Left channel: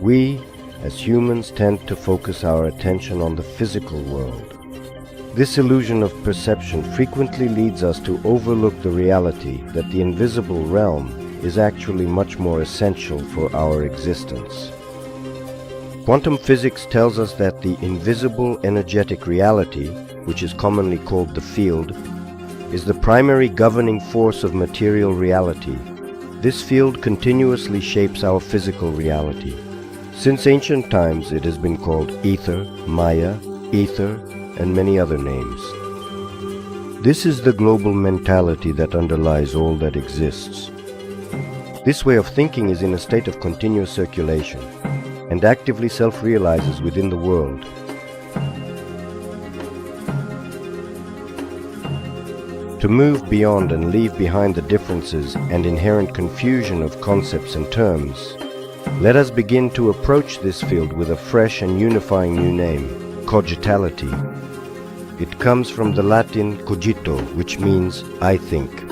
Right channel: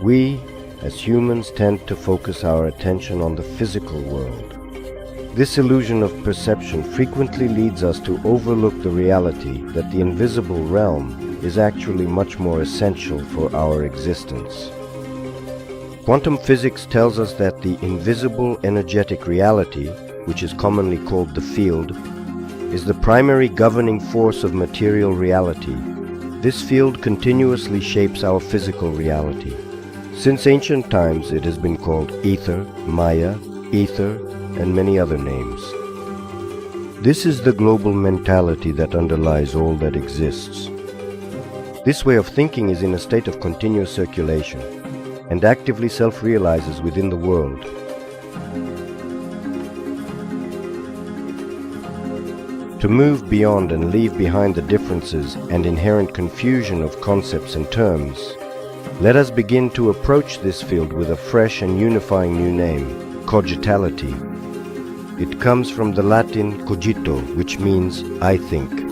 We, as humans, tend to focus our attention on the physical world. This illusion of perception frequently leads us to overlook the reality that the invisible realm is actually much more essential for our existence. Quantum physics tells us that the invisible energetic reality, which is commonly called the field, is the primary governing force of material reality. This field continuously shapes our physical reality. Since ancient times, it has been called ether, Maya, ether, and many other names. This is the global mentality that underlies all that exists. This way of thinking is in a state of continuous circulation and actively self-realizes within the world. To move beyond and leave behind the differences and inherent confusion of concepts and terms, let us begin to approach this field with a fresh and unifying new name, Cogitality. It comes from the Latin cogito, which means I think.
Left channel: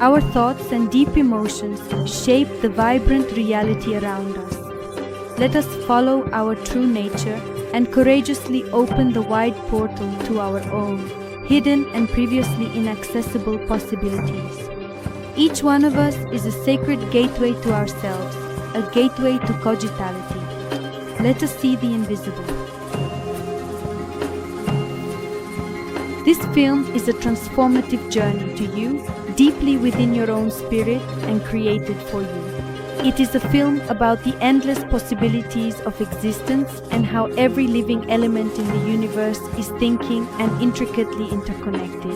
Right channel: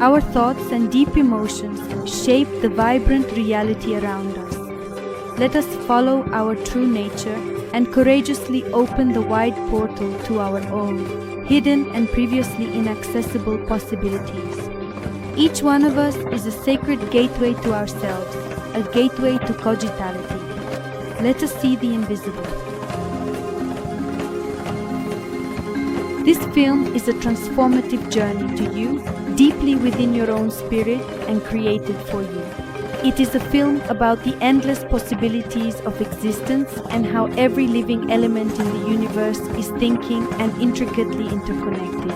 Our thoughts and deep emotions shape the vibrant reality around us. Let us follow our true nature and courageously open the wide portal to our own, hidden and previously inaccessible possibilities. Each one of us is a sacred gateway to ourselves, a gateway to cogitality. Let us see the invisible. This film is a transformative journey to you, deeply within your own spirit and created for you. It is a film about the endless possibilities of existence and how every living element in the universe is thinking and intricately interconnected.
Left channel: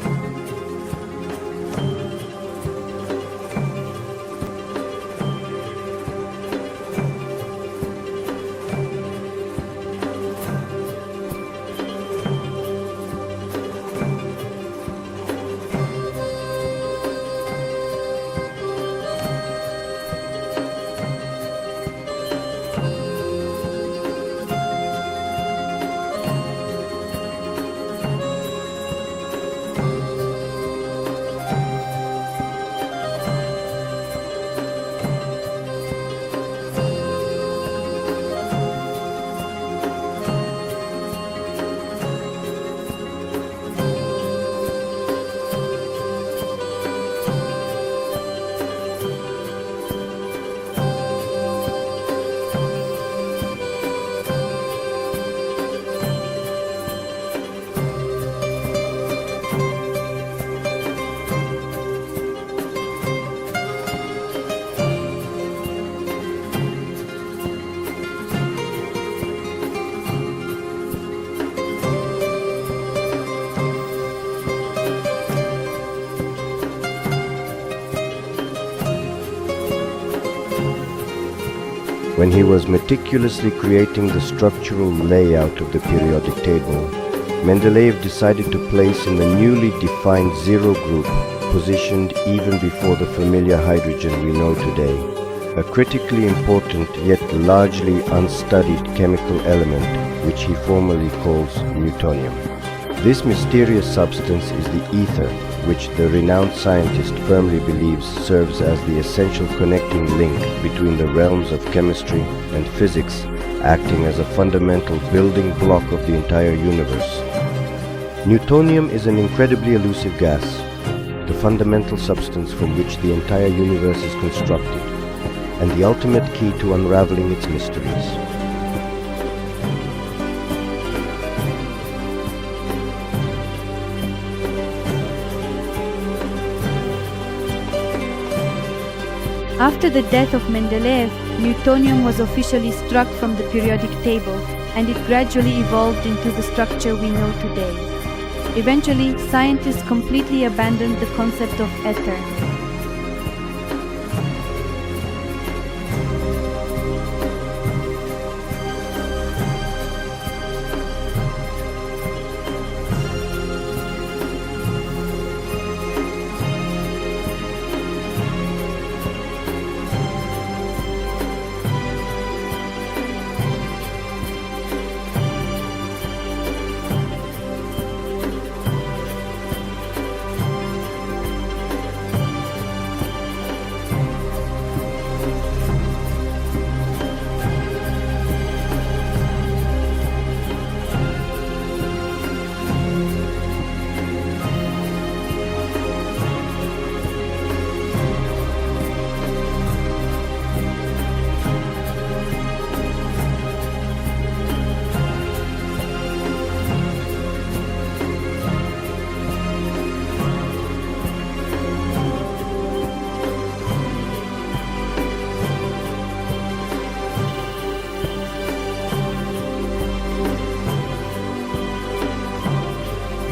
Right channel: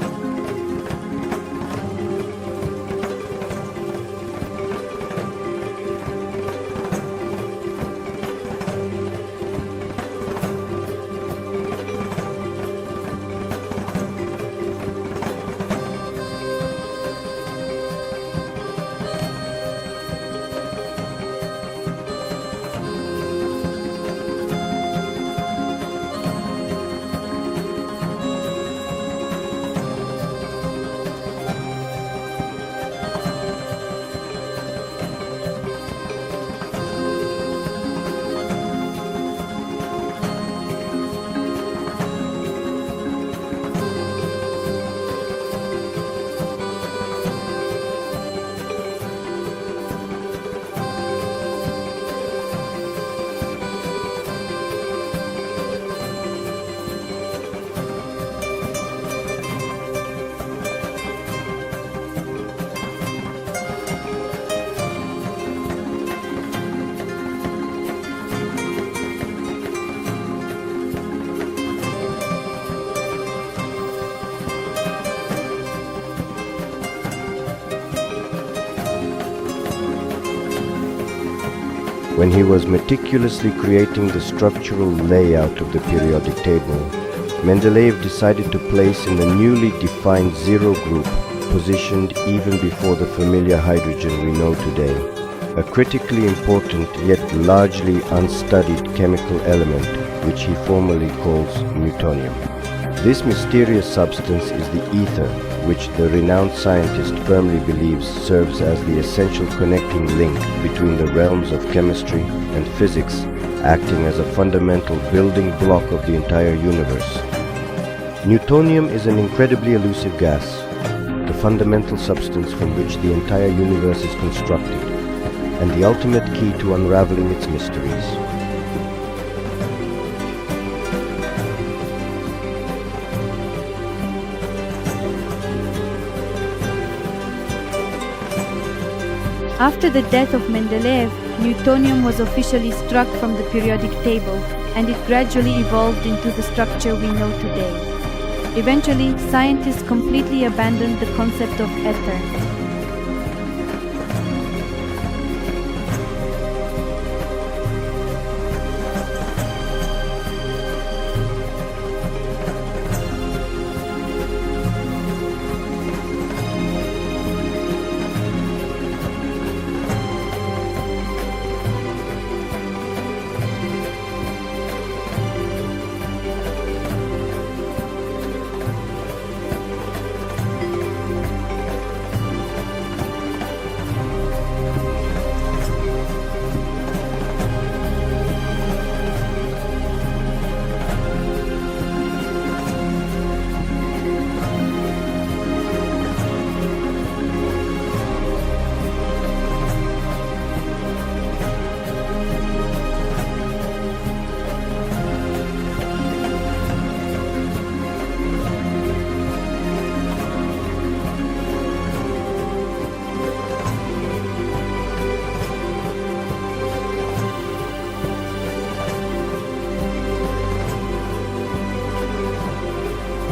When he was meticulously creating the structural layout of the periodic table, Mendeleev decided to place in the newly defined zero group, positioned even before the familiar hydrogen we know today, a critically important yet largely unstudied chemical element which he formally calls newtonium. This mysterious substance is the ether, which the renowned scientist firmly believes serves as the essential connecting link between the realms of chemistry and physics, acting as a fundamental building block of the entire universe. Newtonium is an incredibly elusive gas, the fundamental substance from which the entire universe is constructed. and the ultimate key to unraveling its mysteries. After the death of Mendeleev, Newtonium was officially struck from the periodic table, and it gradually evolved into the structure we know today. Eventually, scientists completely abandoned the concept of ether.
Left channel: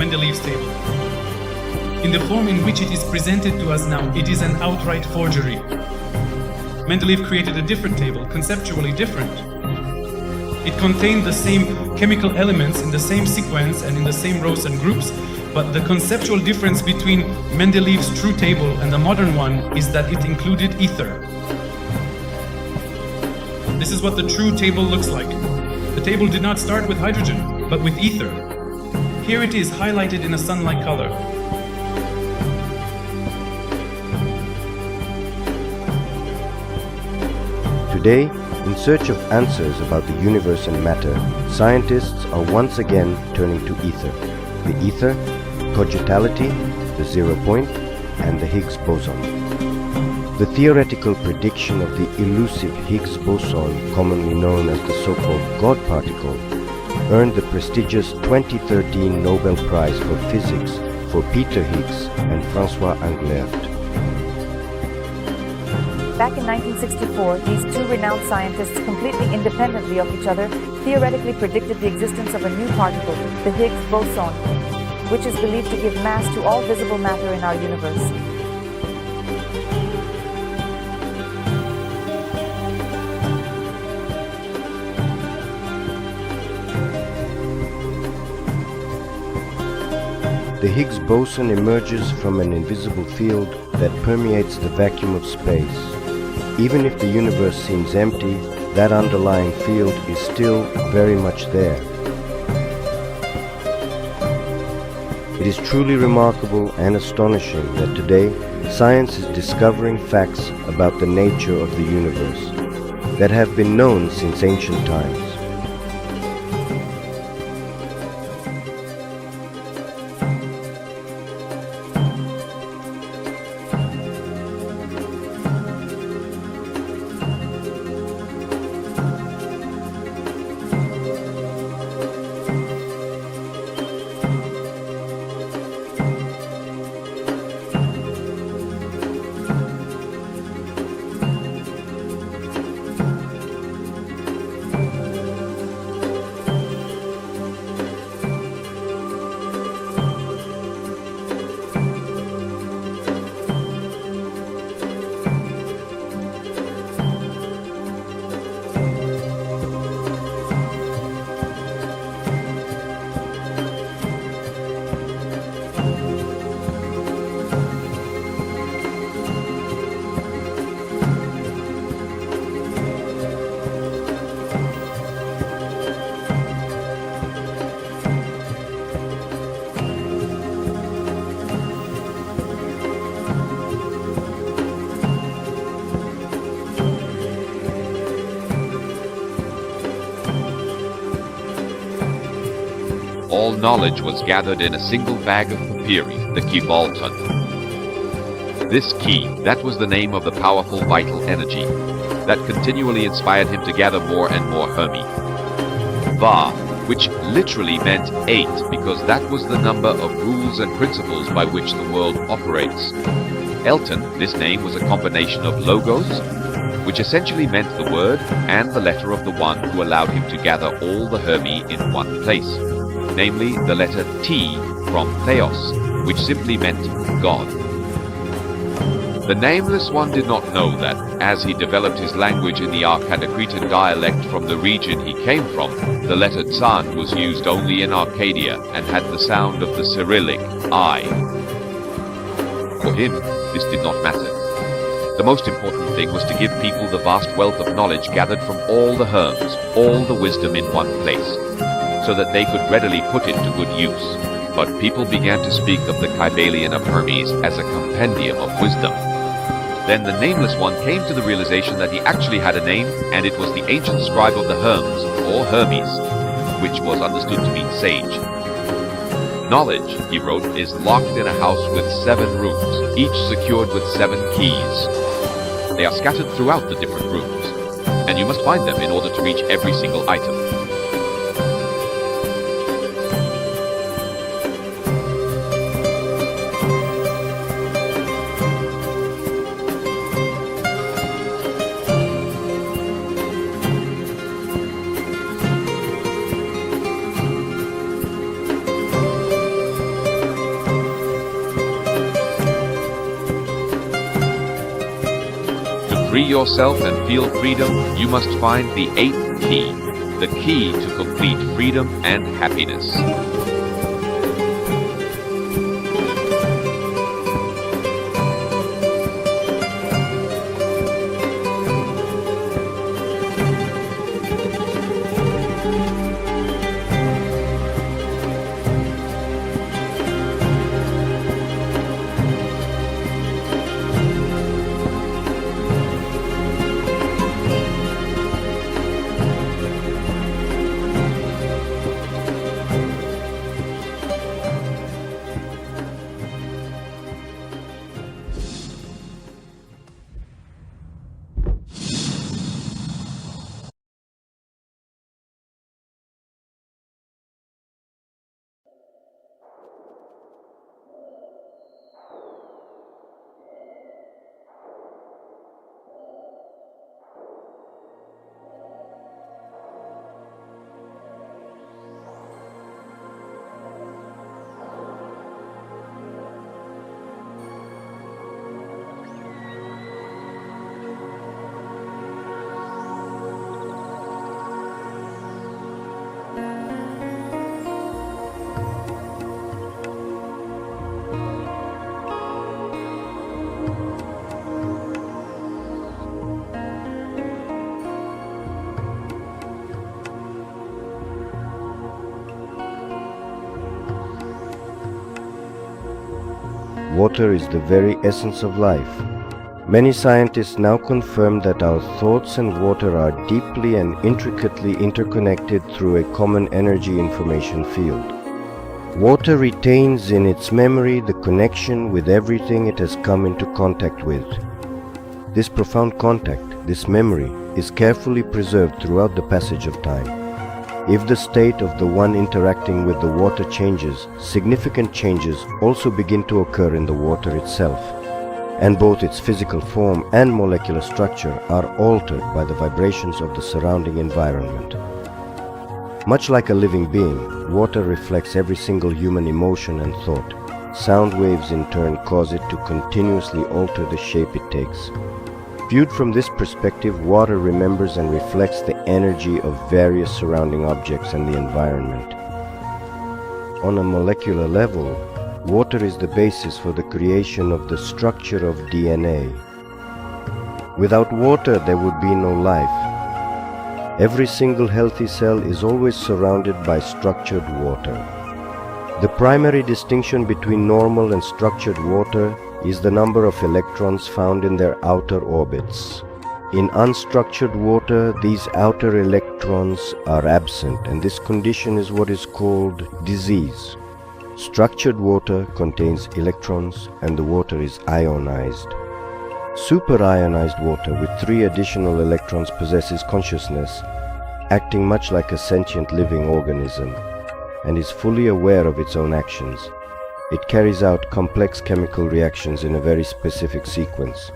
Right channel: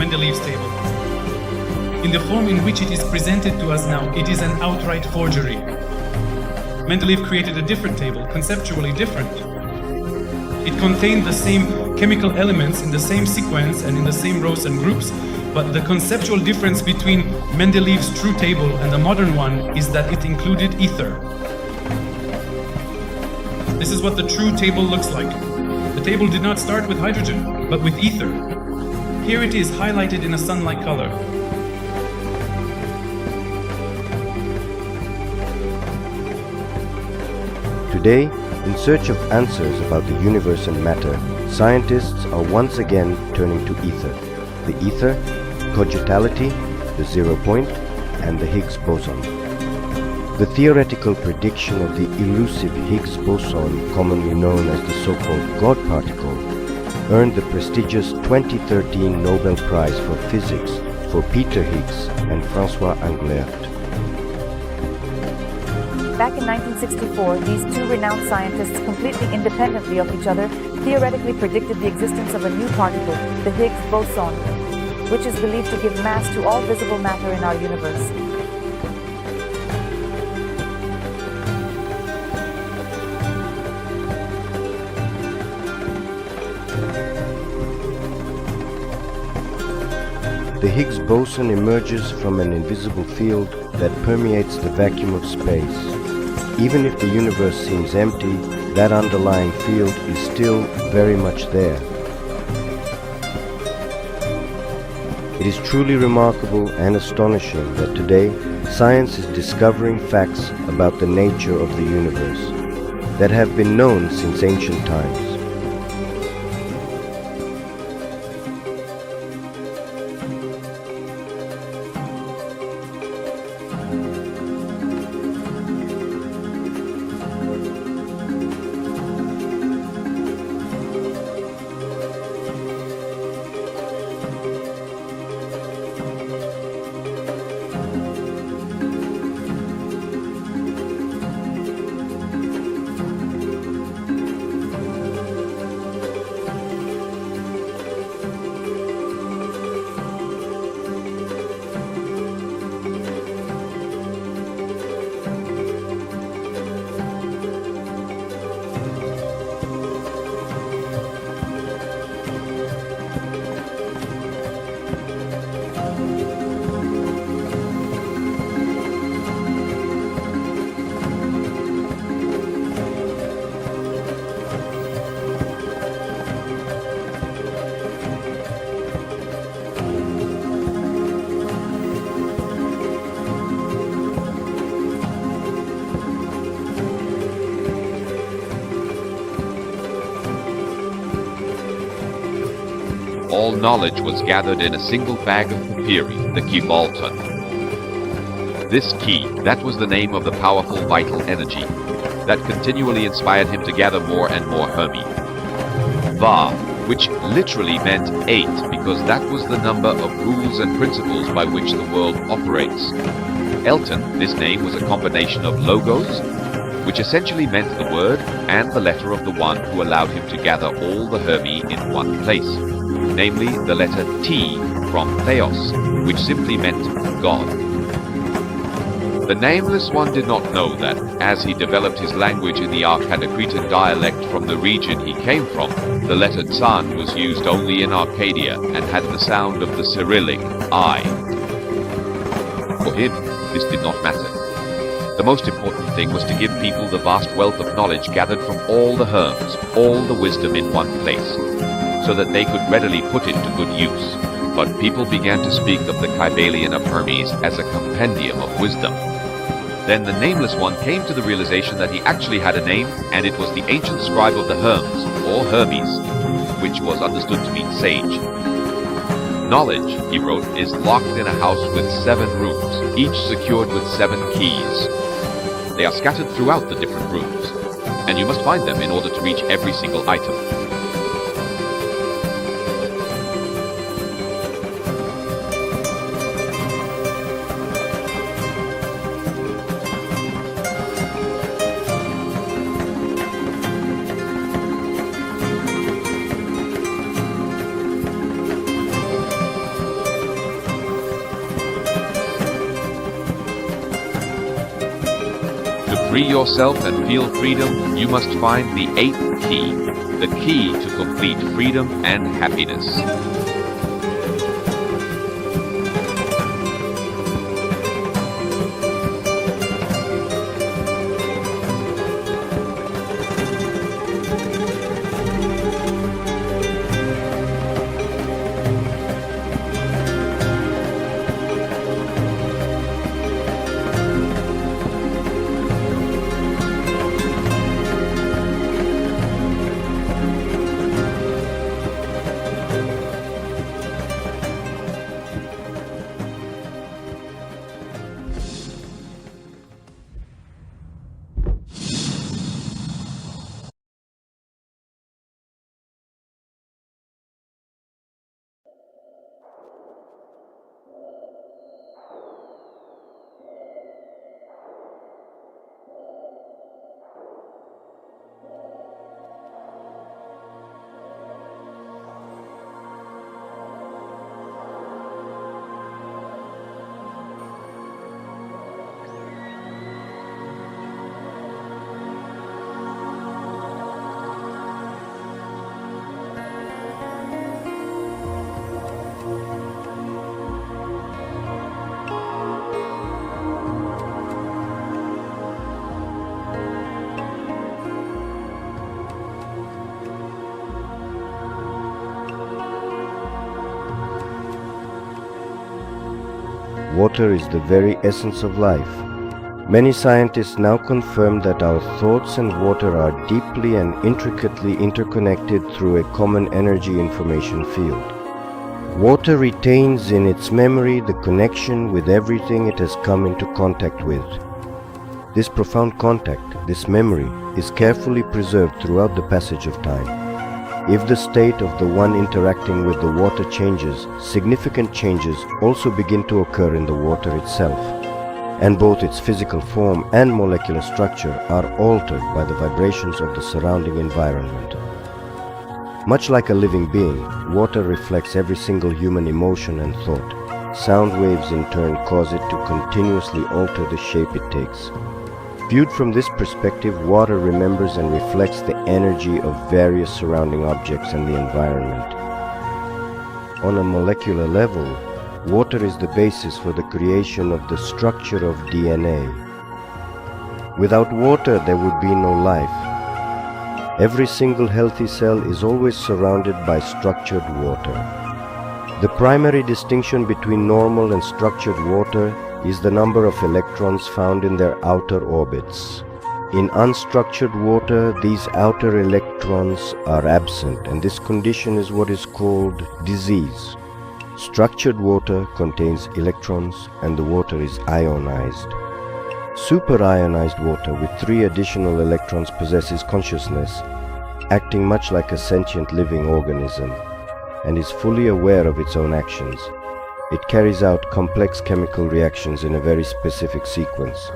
Mendeleev's table. In the form in which it is presented to us now, it is an outright forgery. Mendeleev created a different table, conceptually different. It contained the same chemical elements in the same sequence and in the same rows and groups, but the conceptual difference between Mendeleev's true table and the modern one is that it included ether. This is what the true table looks like. The table did not start with hydrogen, but with ether. Here it is highlighted in a sun-like color. Today, in search of answers about the universe and matter, scientists are once again turning to ether. The ether, cogitality, the zero point, and the Higgs boson. The theoretical prediction of the elusive Higgs boson, commonly known as the so-called God particle, earned the prestigious 2013 Nobel Prize for Physics for Peter Higgs and François Englert. Back in 1964, these two renowned scientists, completely independently of each other, theoretically predicted the existence of a new particle, the Higgs boson, which is believed to give mass to all visible matter in our universe. The Higgs boson emerges from an invisible field that permeates the vacuum of space. Even if the universe seems empty, that underlying field is still very much there. It is truly remarkable and astonishing that today science is discovering facts about the nature of the universe that have been known since ancient times. All knowledge was gathered in a single bag of papyri, the Kivalton. This key, that was the name of the powerful vital energy. that continually inspired him to gather more and more Hermi. Va, which literally meant 8 because that was the number of rules and principles by which the world operates. Elton, this name was a combination of logos, which essentially meant the word and the letter of the one who allowed him to gather all the Hermi in one place, namely the letter T from Theos, which simply meant God. The Nameless One did not know that, as he developed his language in the Arcadocretan dialect from the region he came from, the letter Tsan was used only in Arcadia and had the sound of the Cyrillic I. For him, this did not matter. The most important thing was to give people the vast wealth of knowledge gathered from all the Herms, all the wisdom in one place, so that they could readily put it to good use. But people began to speak of the Kybalion of Hermes as a compendium of wisdom. Then the Nameless One came to the realization that he actually had a name, and it was the ancient scribe of the Herms, or Hermes, which was understood to mean sage. Knowledge, he wrote, is locked in a house with 7 rooms, each secured with 7 keys. They are scattered throughout the different rooms, and you must find them in order to reach every single item. Free yourself and feel freedom, you must find the 8th key, the key to complete freedom and happiness. Water is the very essence of life. Many scientists now confirm that our thoughts and water are deeply and intricately interconnected through a common energy information field. Water retains in its memory the connection with everything it has come into contact with. This profound contact, this memory, is carefully preserved throughout the passage of time. If the state of the one interacting with the water changes, significant changes also begin to occur in the water itself, and both its physical form and molecular structure are altered by the vibrations of the surrounding environment. Much like a living being, water reflects every single human emotion and thought. Sound waves in turn cause it to continuously alter the shape it takes. Viewed from this perspective, water remembers and reflects the energy of various surrounding objects and the environment. On a molecular level, water is the basis for the creation of the structure of DNA. Without water, there would be no life. Every single healthy cell is always surrounded by structured water. The primary distinction between normal and structured water is the number of electrons found in their outer orbits. In unstructured water, these outer electrons are absent, and this condition is what is called disease. Structured water contains electrons, and the water is ionized. Superionized water with 3 additional electrons possesses consciousness, acting much like a sentient living organism, and is fully aware of its own actions. It carries out complex chemical reactions in a very specific sequence,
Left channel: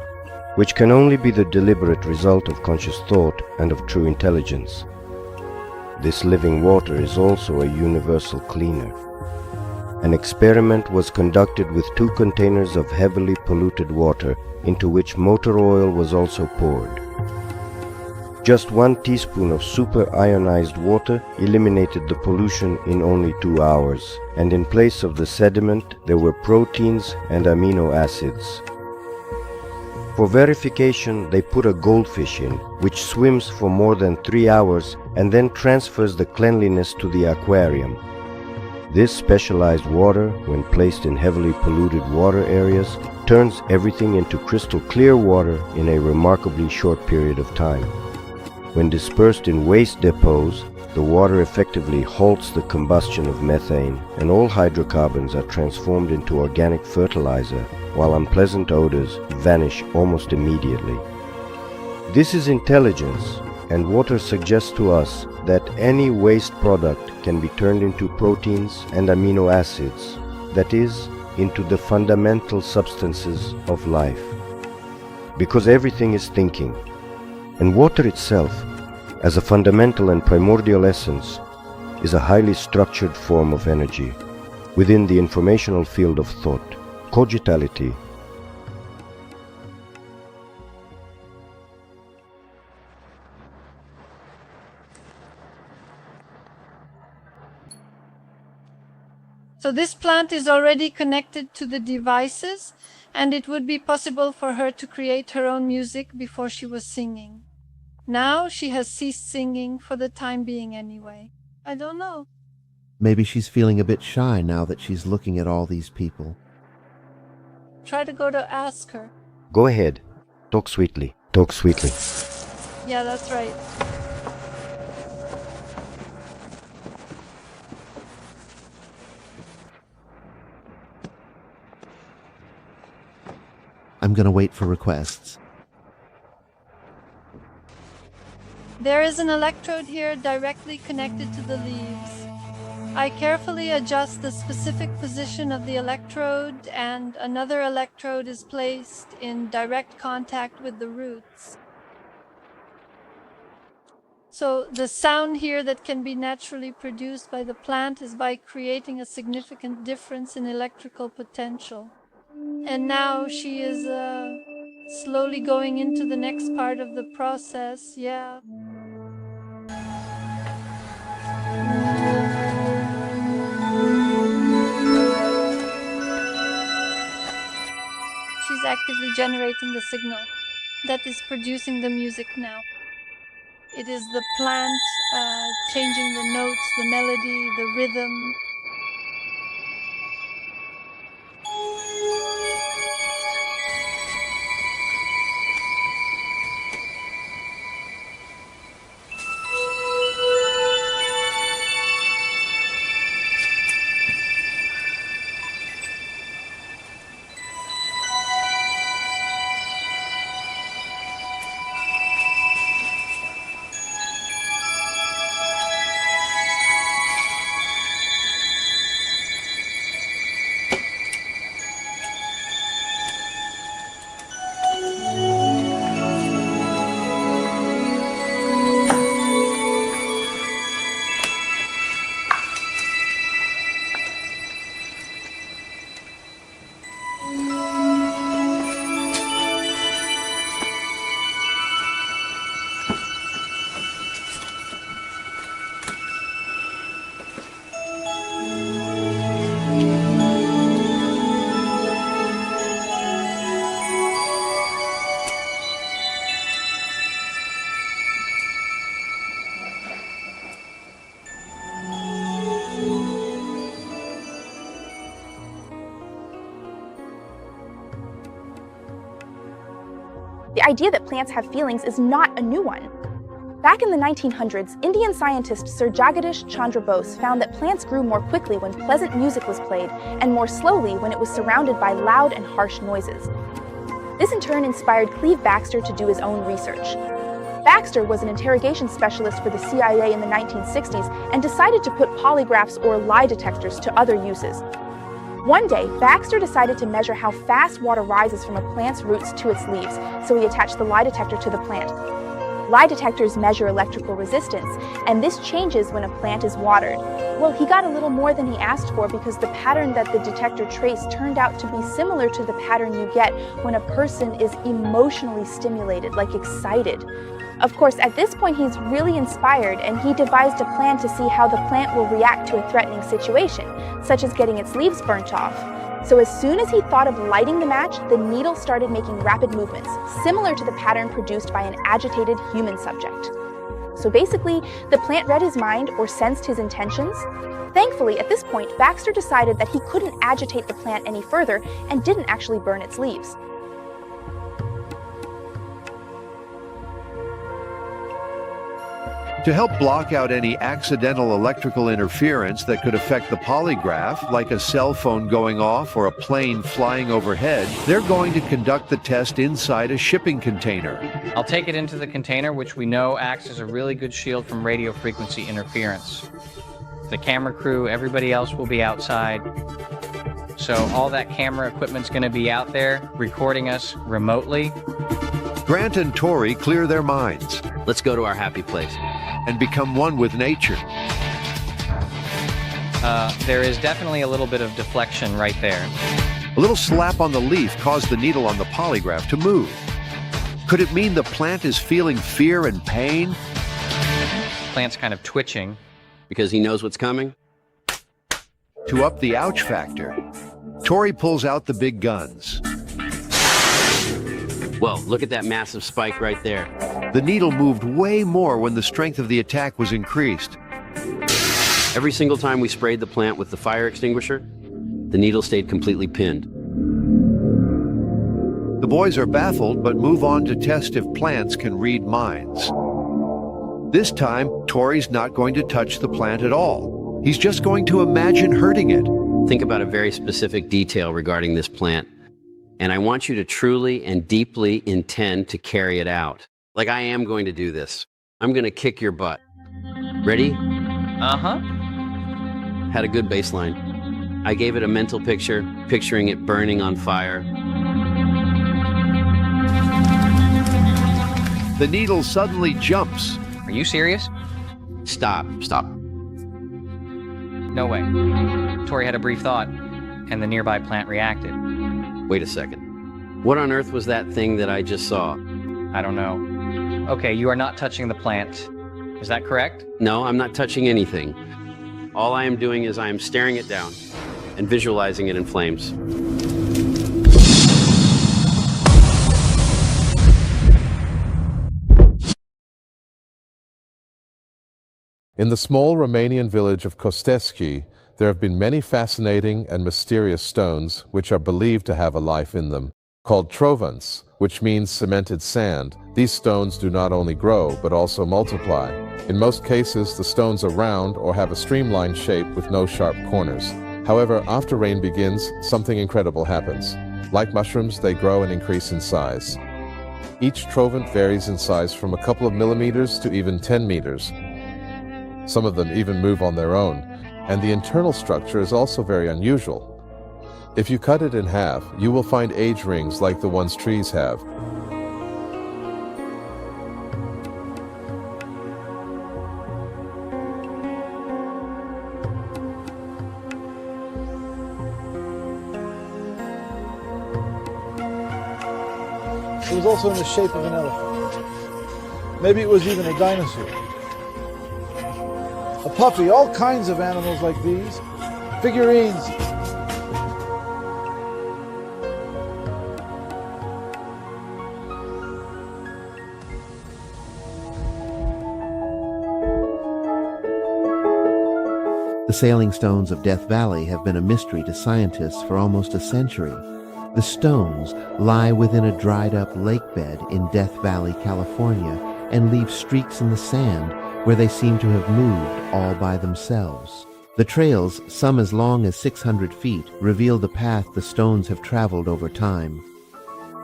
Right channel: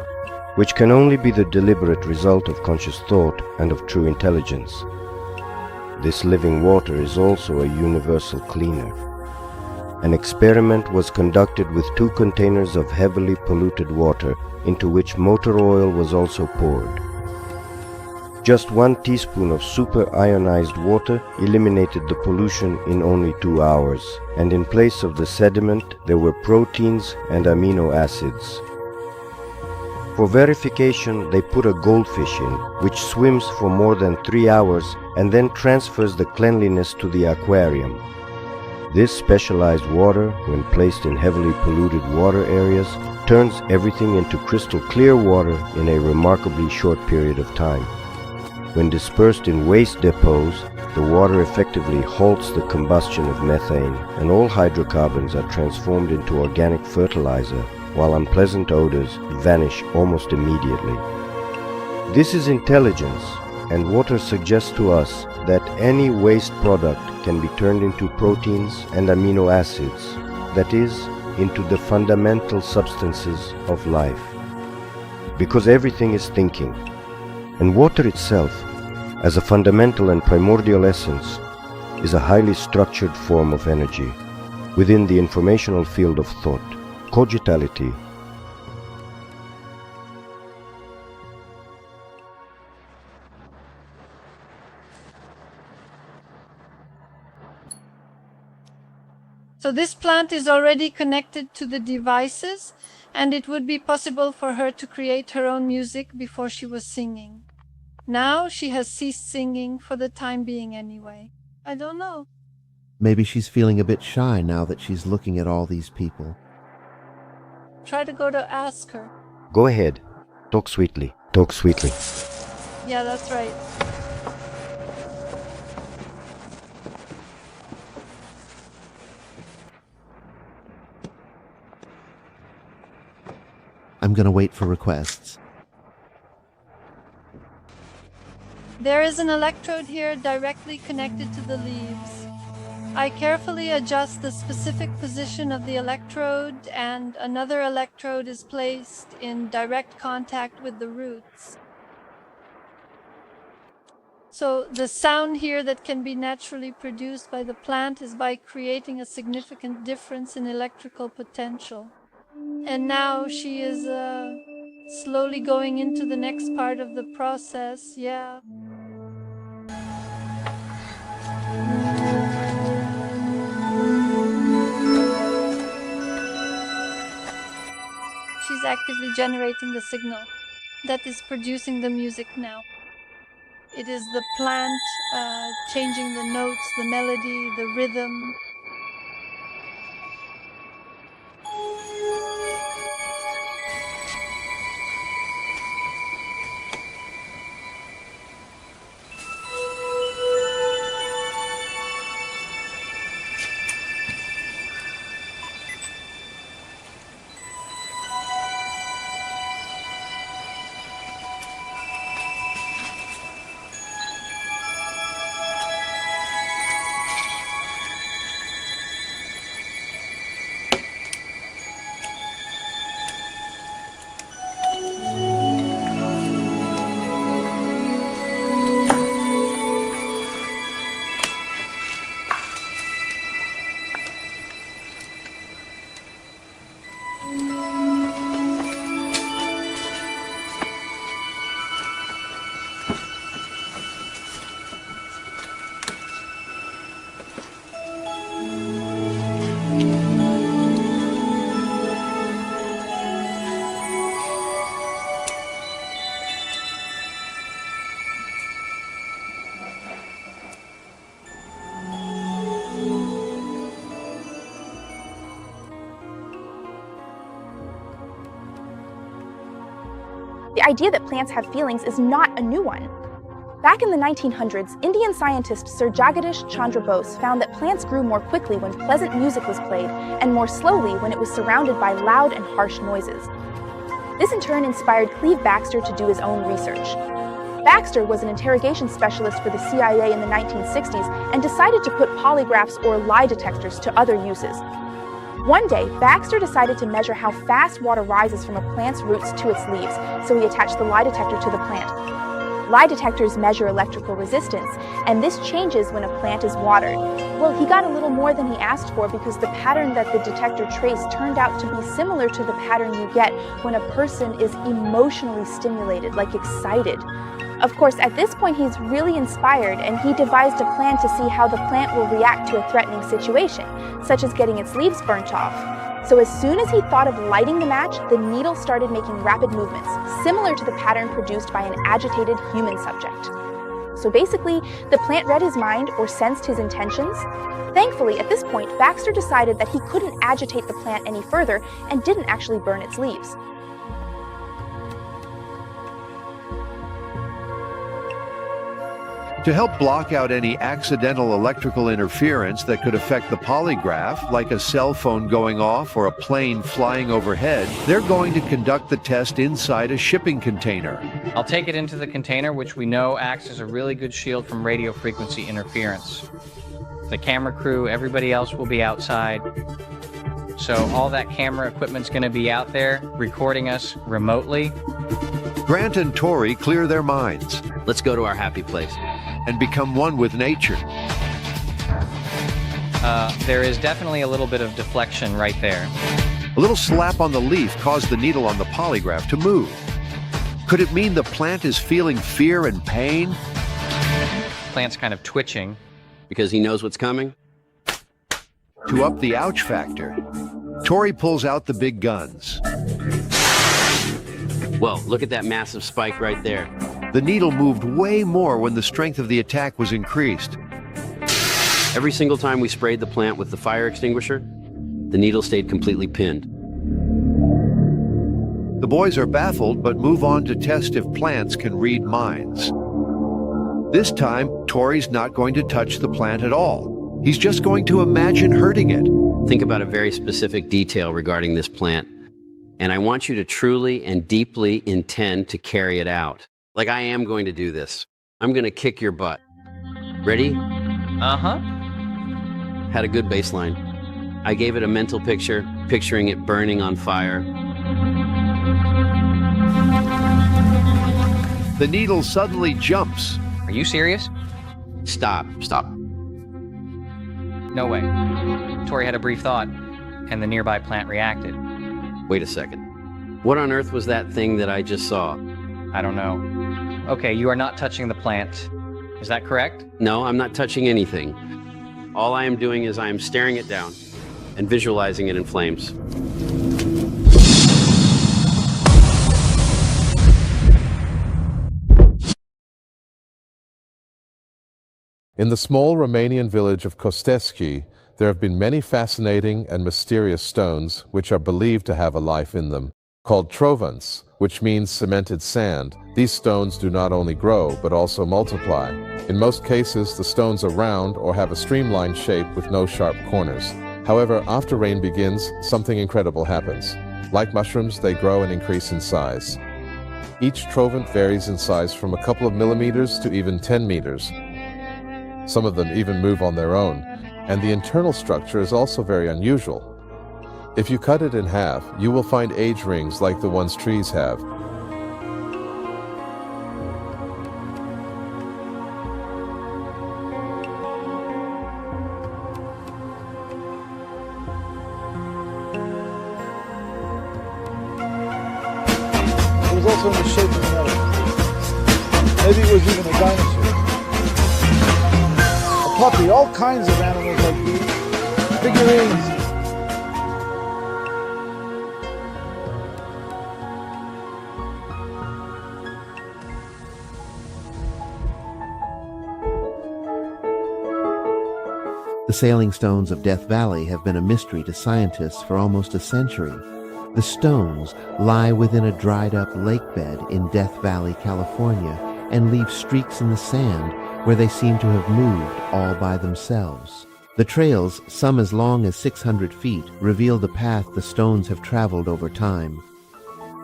which can only be the deliberate result of conscious thought and of true intelligence. This living water is also a universal cleaner. An experiment was conducted with 2 containers of heavily polluted water into which motor oil was also poured. Just 1 teaspoon of superionized water eliminated the pollution in only 2 hours, and in place of the sediment there were proteins and amino acids. For verification, they put a goldfish in, which swims for more than 3 hours and then transfers the cleanliness to the aquarium. This specialized water, when placed in heavily polluted water areas, turns everything into crystal clear water in a remarkably short period of time. When dispersed in waste depots, the water effectively halts the combustion of methane, and all hydrocarbons are transformed into organic fertilizer, while unpleasant odors vanish almost immediately. This is intelligence, and water suggests to us that any waste product can be turned into proteins and amino acids, that is, into the fundamental substances of life. Because everything is thinking, and water itself, as a fundamental and primordial essence, is a highly structured form of energy within the informational field of thought, cogitality. So this plant is already connected to the devices, and it would be possible for her to create her own music before she was singing. Now she has ceased singing for the time being anyway. I don't know. Maybe she's feeling a bit shy now that she's looking at all these people. Try to go to ask her. Go ahead. Talk sweetly. Talk sweetly. Yeah, that's right. I'm gonna wait for requests. There is an electrode here directly connected to the leaves. I carefully adjust the specific position of the electrode, and another electrode is placed in direct contact with the roots. So the sound here that can be naturally produced by the plant is by creating a significant difference in electrical potential. And now she is slowly going into the next part of the process, yeah. She's actively generating the signal that is producing the music now. It is the plant changing the notes, the melody, the rhythm. The idea that plants have feelings is not a new one. Back in the 1900s, Indian scientist Sir Jagadish Chandra Bose found that plants grew more quickly when pleasant music was played and more slowly when it was surrounded by loud and harsh noises. This in turn inspired Cleve Baxter to do his own research. Baxter was an interrogation specialist for the CIA in the 1960s and decided to put polygraphs or lie detectors to other uses. One day, Baxter decided to measure how fast water rises from a plant's roots to its leaves, so he attached the lie detector to the plant. Lie detectors measure electrical resistance, and this changes when a plant is watered. Well, he got a little more than he asked for because the pattern that the detector traced turned out to be similar to the pattern you get when a person is emotionally stimulated, like excited. Of course, at this point he's really inspired, and he devised a plan to see how the plant will react to a threatening situation, such as getting its leaves burnt off. So as soon as he thought of lighting the match, the needle started making rapid movements, similar to the pattern produced by an agitated human subject. So basically, the plant read his mind or sensed his intentions. Thankfully, at this point, Baxter decided that he couldn't agitate the plant any further and didn't actually burn its leaves. To help block out any accidental electrical interference that could affect the polygraph, like a cell phone going off or a plane flying overhead, they're going to conduct the test inside a shipping container. I'll take it into the container, which we know acts as a really good shield from radio frequency interference. The camera crew, everybody else will be outside. So all that camera equipment's going to be out there recording us remotely. Grant and Tori clear their minds Let's go to our happy place. and become one with nature. There is definitely a little bit of deflection right there. A little slap on the leaf caused the needle on the polygraph to move. Could it mean the plant is feeling fear and pain? Plant's kind of twitching. Because he knows what's coming? To up the ouch factor, Tori pulls out the big guns. Whoa, look at that massive spike right there. The needle moved way more when the strength of the attack was increased. Every single time we sprayed the plant with the fire extinguisher, the needle stayed completely pinned. The boys are baffled but move on to test if plants can read minds. This time, Tori's not going to touch the plant at all. He's just going to imagine hurting it. Think about a very specific detail regarding this plant, and I want you to truly and deeply intend to carry it out. Like I am going to do this. I'm going to kick your butt. Ready? Uh-huh. Had a good baseline. I gave it a mental picture, picturing it burning on fire. The needle suddenly jumps. Are you serious? Stop. No way. Tori had a brief thought, and the nearby plant reacted. Wait a second. What on earth was that thing that I just saw? I don't know. Okay, you are not touching the plant. Is that correct? No, I'm not touching anything. All I am doing is I am staring it down and visualizing it in flames. In the small Romanian village of Costeschi, there have been many fascinating and mysterious stones which are believed to have a life in them. Called trovants, which means cemented sand, these stones do not only grow but also multiply. In most cases, the stones are round or have a streamlined shape with no sharp corners. However, after rain begins, something incredible happens. Like mushrooms, they grow and increase in size. Each trovant varies in size from a couple of millimeters to even 10 meters. Some of them even move on their own, and the internal structure is also very unusual. If you cut it in half, you will find age rings like the ones trees have. It was also in the shape of an elephant. Maybe it was even a dinosaur. A puppy, all kinds of animals like these. Figurines. The sailing stones of Death Valley have been a mystery to scientists for almost a century. The stones lie within a dried-up lake bed in Death Valley, California, and leave streaks in the sand where they seem to have moved all by themselves. The trails, some as long as 600 feet, reveal the path the stones have traveled over time.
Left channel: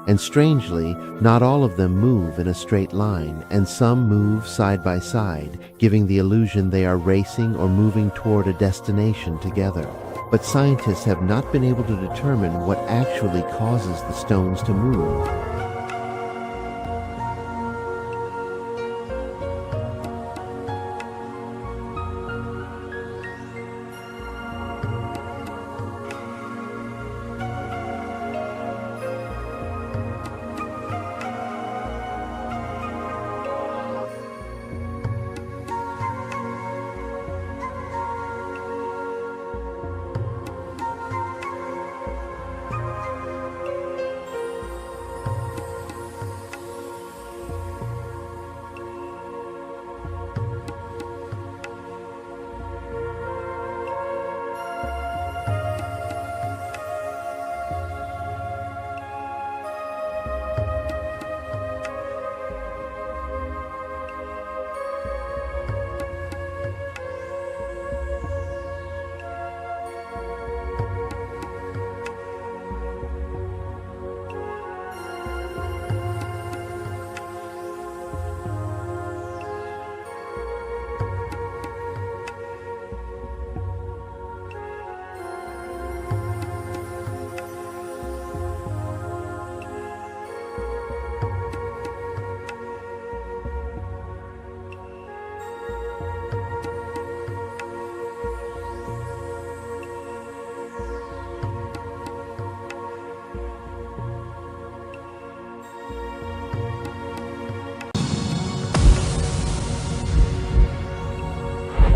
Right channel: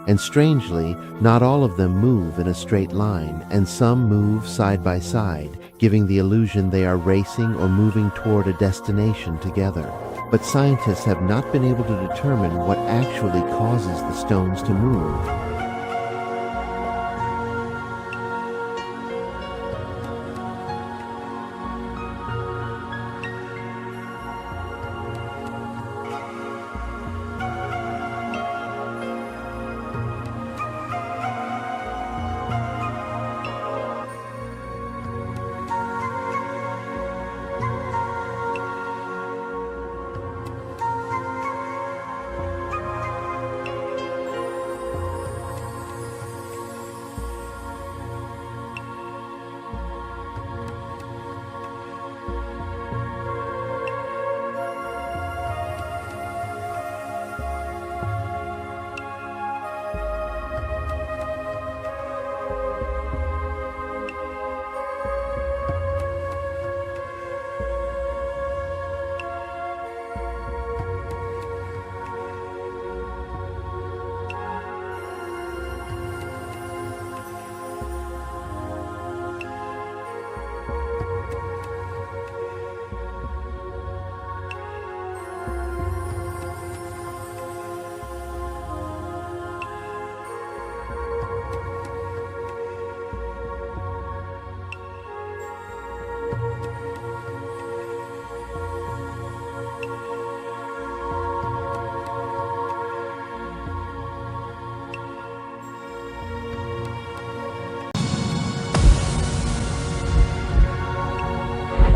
And strangely, not all of them move in a straight line, and some move side by side, giving the illusion they are racing or moving toward a destination together. But scientists have not been able to determine what actually causes the stones to move.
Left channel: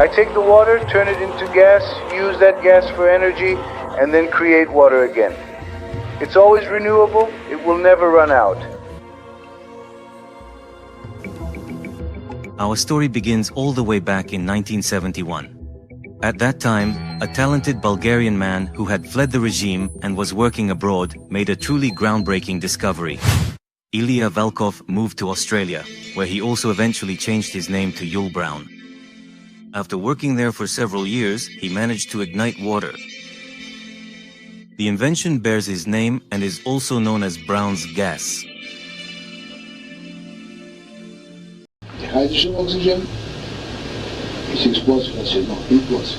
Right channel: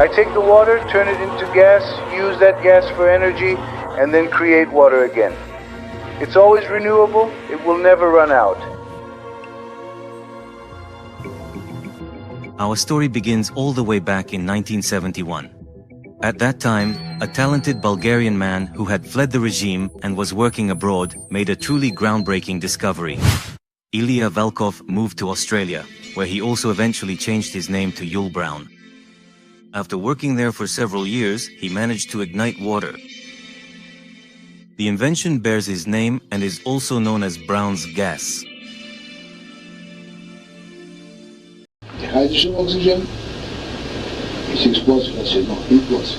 I take the water, turn it into gas, use that gas for energy, and then create water again. It's always renewable, it will never run out. Our story begins all the way back in 1971. At that time, a talented Bulgarian man who had fled the regime and was working abroad made a truly groundbreaking discovery. Ilya Valkov moved to Australia, where he also eventually changed his name to Yul Brown. After working there for several years, he managed to ignite water. The invention bears his name and is also known as Brown's gas. The hydrogen oxygen is explosive, I said, no, implosive.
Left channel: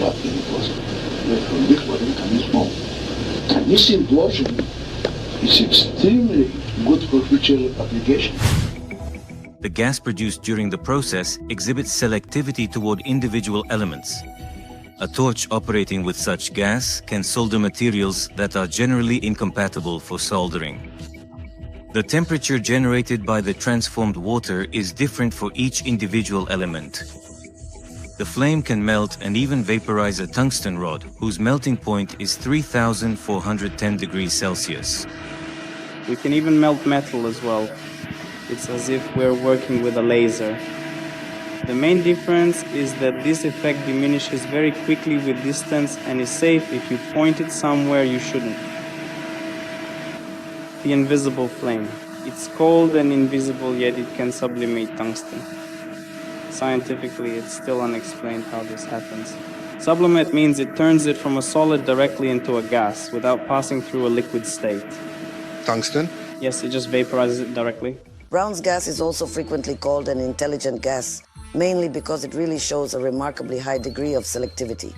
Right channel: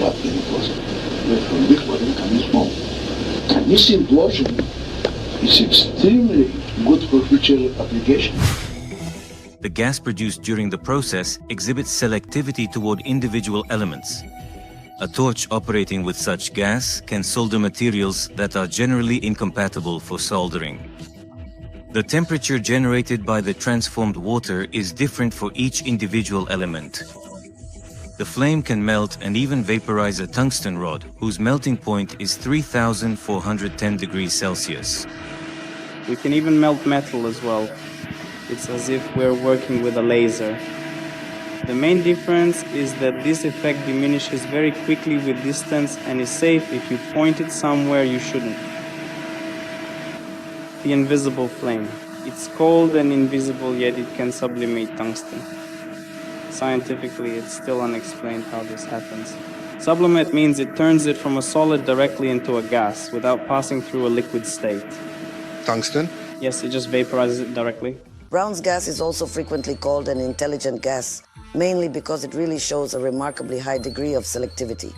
What implosive? From liquid and smoke. And this implosion is extremely good for future application. The gas produced during the process exhibits selectivity toward individual elements. A torch operating with such gas can solder materials that are generally incompatible for soldering. The temperature generated by the transformed water is different for each individual element. The flame can melt and even vaporize a tungsten rod, whose melting point is 3,410 degrees Celsius. We can even melt metal as well. It's as if we're working with a laser. The main difference is that this effect diminishes very quickly with distance and is safe if you point it somewhere you shouldn't. The invisible flame. It's cold and invisible, yet it can sublimate tungsten. Scientifically, it's still unexplained how this happens. Sublimate means it turns it from a solid directly into a gas without passing through a liquid state. Tungsten? Yes, it just vaporizes it directly. Brown's gas is also frequently called an intelligent gas, mainly because it really shows a remarkably high degree of selectivity.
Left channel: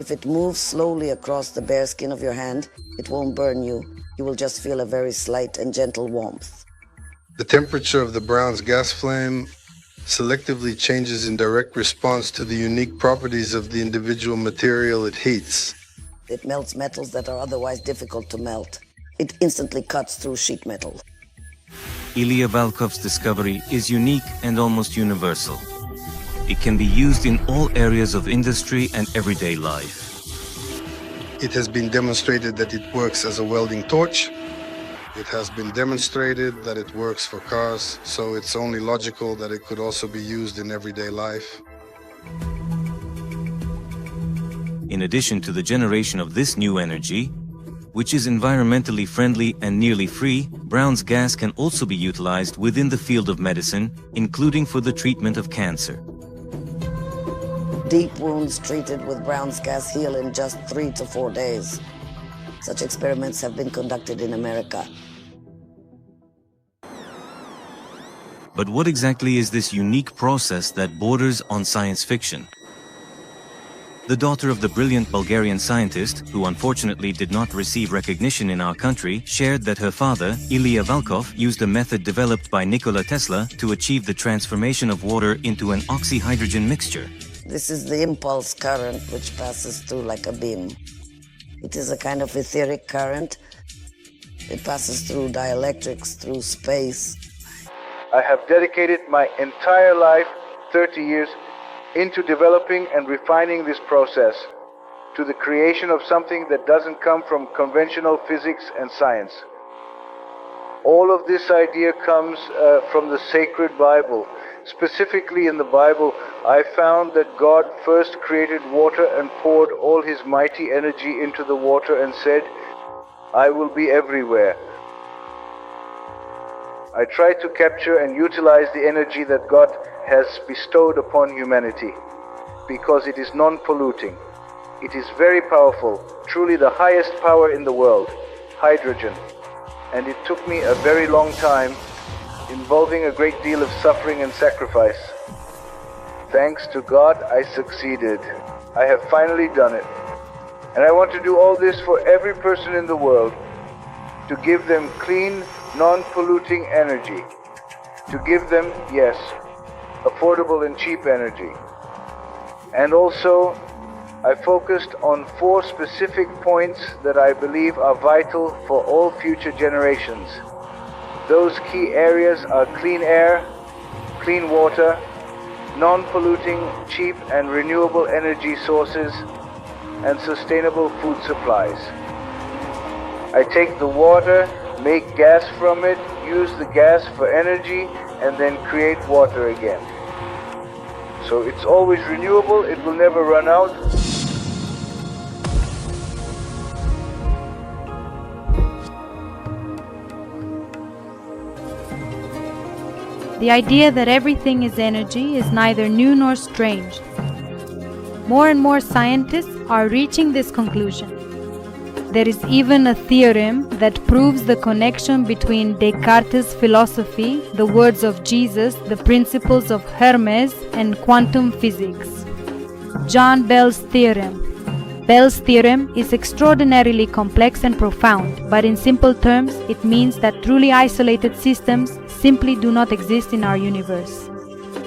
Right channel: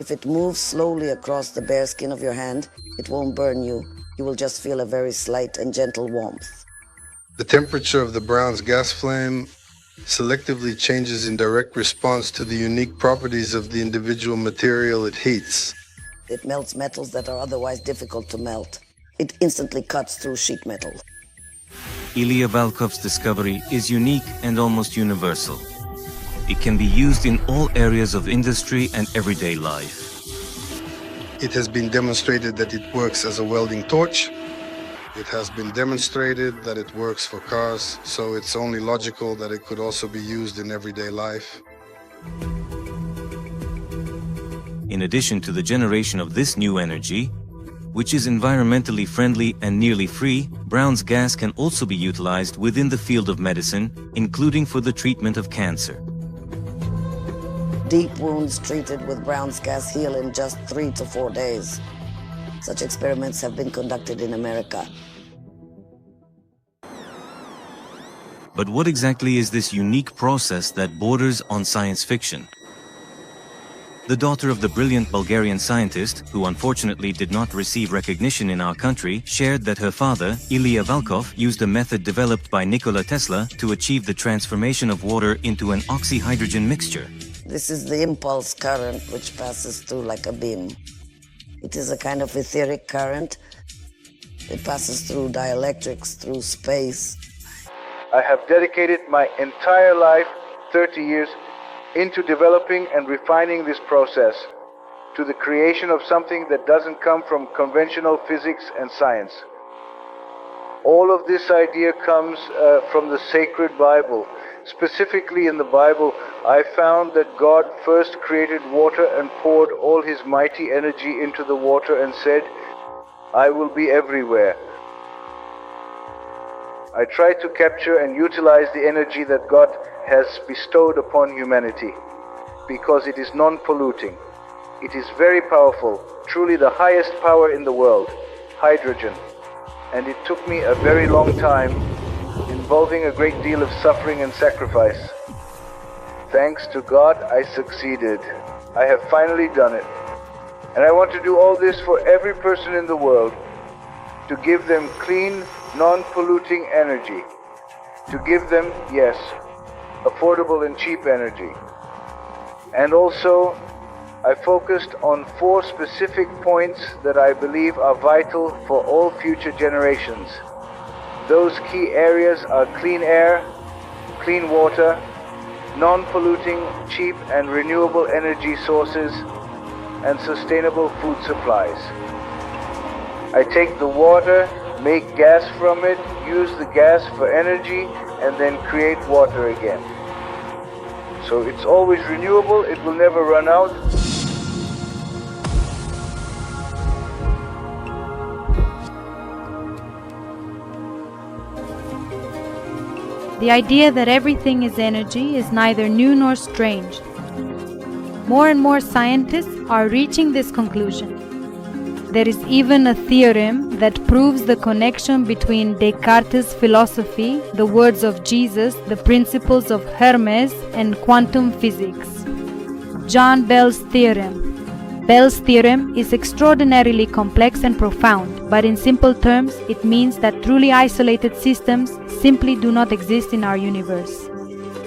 If it moves slowly across the bare skin of your hand, it won't burn you. You will just feel a very slight and gentle warmth. The temperature of the Brown's gas flame selectively changes in direct response to the unique properties of the individual material it heats. It melts metals that are otherwise difficult to melt. It instantly cuts through sheet metal. Ilya Valkov's discovery is unique and almost universal. It can be used in all areas of industry and everyday life. It has been demonstrated that it works as a welding torch. It has been demonstrated that it works for cars, so it's only logical that it could also be used in everyday life. In addition to the generation of this new energy, which is environmentally friendly and nearly free, Brown's gas can also be utilized within the field of medicine, including for the treatment of cancer. Deep wounds treated with Brown's gas heal in just 3 to 4 days. Such experiments have been conducted in America. But what exactly is this unique process that borders on science fiction? The daughter of the brilliant Bulgarian scientist, who unfortunately did not receive recognition in our country, shared that her father, Ilya Valkov, used a method developed by Nikola Tesla to achieve the transformation of water into an oxyhydrogen mixture. This is the impulse current which passes through like a beam. It is a kind of etheric current. It passes through dielectrics, through space. I have dedicated my entire life, 30 years, into developing and refining this process to the creation of something that doesn't come from conventional physics and science. All of this idea comes from the sacred Bible. Specifically in the Bible, I found that God first created water and poured all his mighty energy into the water and said, "I will be everywhere." I try to capture and utilize the energy that God has bestowed upon humanity because it is non-polluting. It is very powerful, truly the highest power in the world, hydrogen. And it took me a very long time, involving a great deal of suffering and sacrifice. Thanks to God, I succeeded. I have finally done it. And I want to do all this for every person in the world, to give them clean, non-polluting energy. To give them, yes, affordable and cheap energy. And also, I focused on 4 specific points that I believe are vital for all future generations. Those key areas are clean air, clean water, non-polluting, cheap and renewable energy sources, and sustainable food supplies. I take the water, make gas from it, use the gas for energy, and then create water again. So it's always renewable, it will never run out. The idea that everything is energy is neither new nor strange. More and more scientists are reaching this conclusion. There is even a theorem that proves the connection between Descartes' philosophy, the words of Jesus, the principles of Hermes, and quantum physics. John Bell's theorem. Bell's theorem is extraordinarily complex and profound, but in simple terms, it means that truly isolated systems simply do not exist in our universe.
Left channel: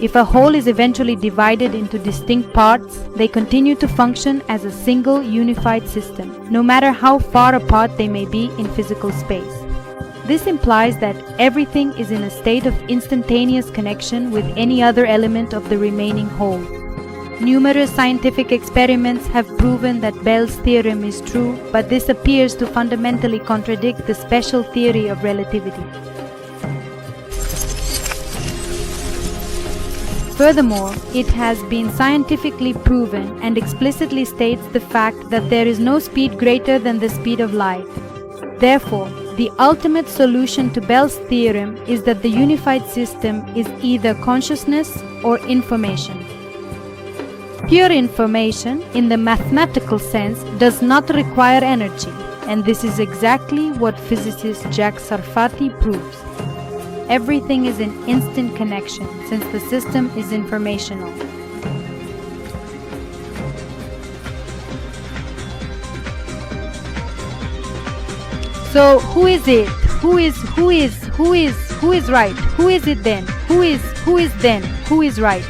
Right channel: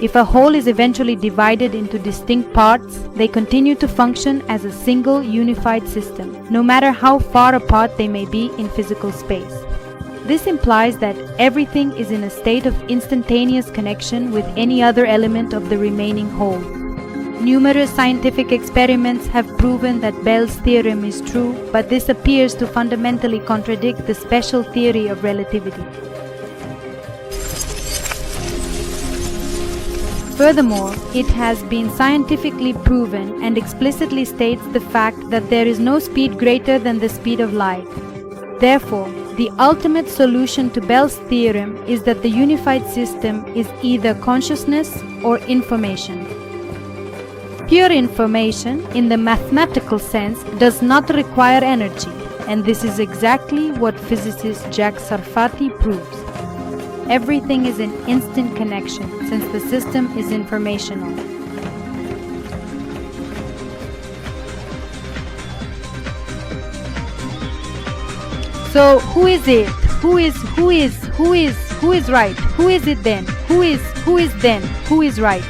If a whole is eventually divided into distinct parts, they continue to function as a single unified system, no matter how far apart they may be in physical space. This implies that everything is in a state of instantaneous connection with any other element of the remaining whole. Numerous scientific experiments have proven that Bell's theorem is true, but this appears to fundamentally contradict the special theory of relativity. Furthermore, it has been scientifically proven and explicitly states the fact that there is no speed greater than the speed of light. Therefore, the ultimate solution to Bell's theorem is that the unified system is either consciousness or information. Pure information, in the mathematical sense, does not require energy, and this is exactly what physicist Jack Sarfati proves. Everything is in instant connection, since the system is informational. So, who is it? Who is right? Who is it then? Who is right?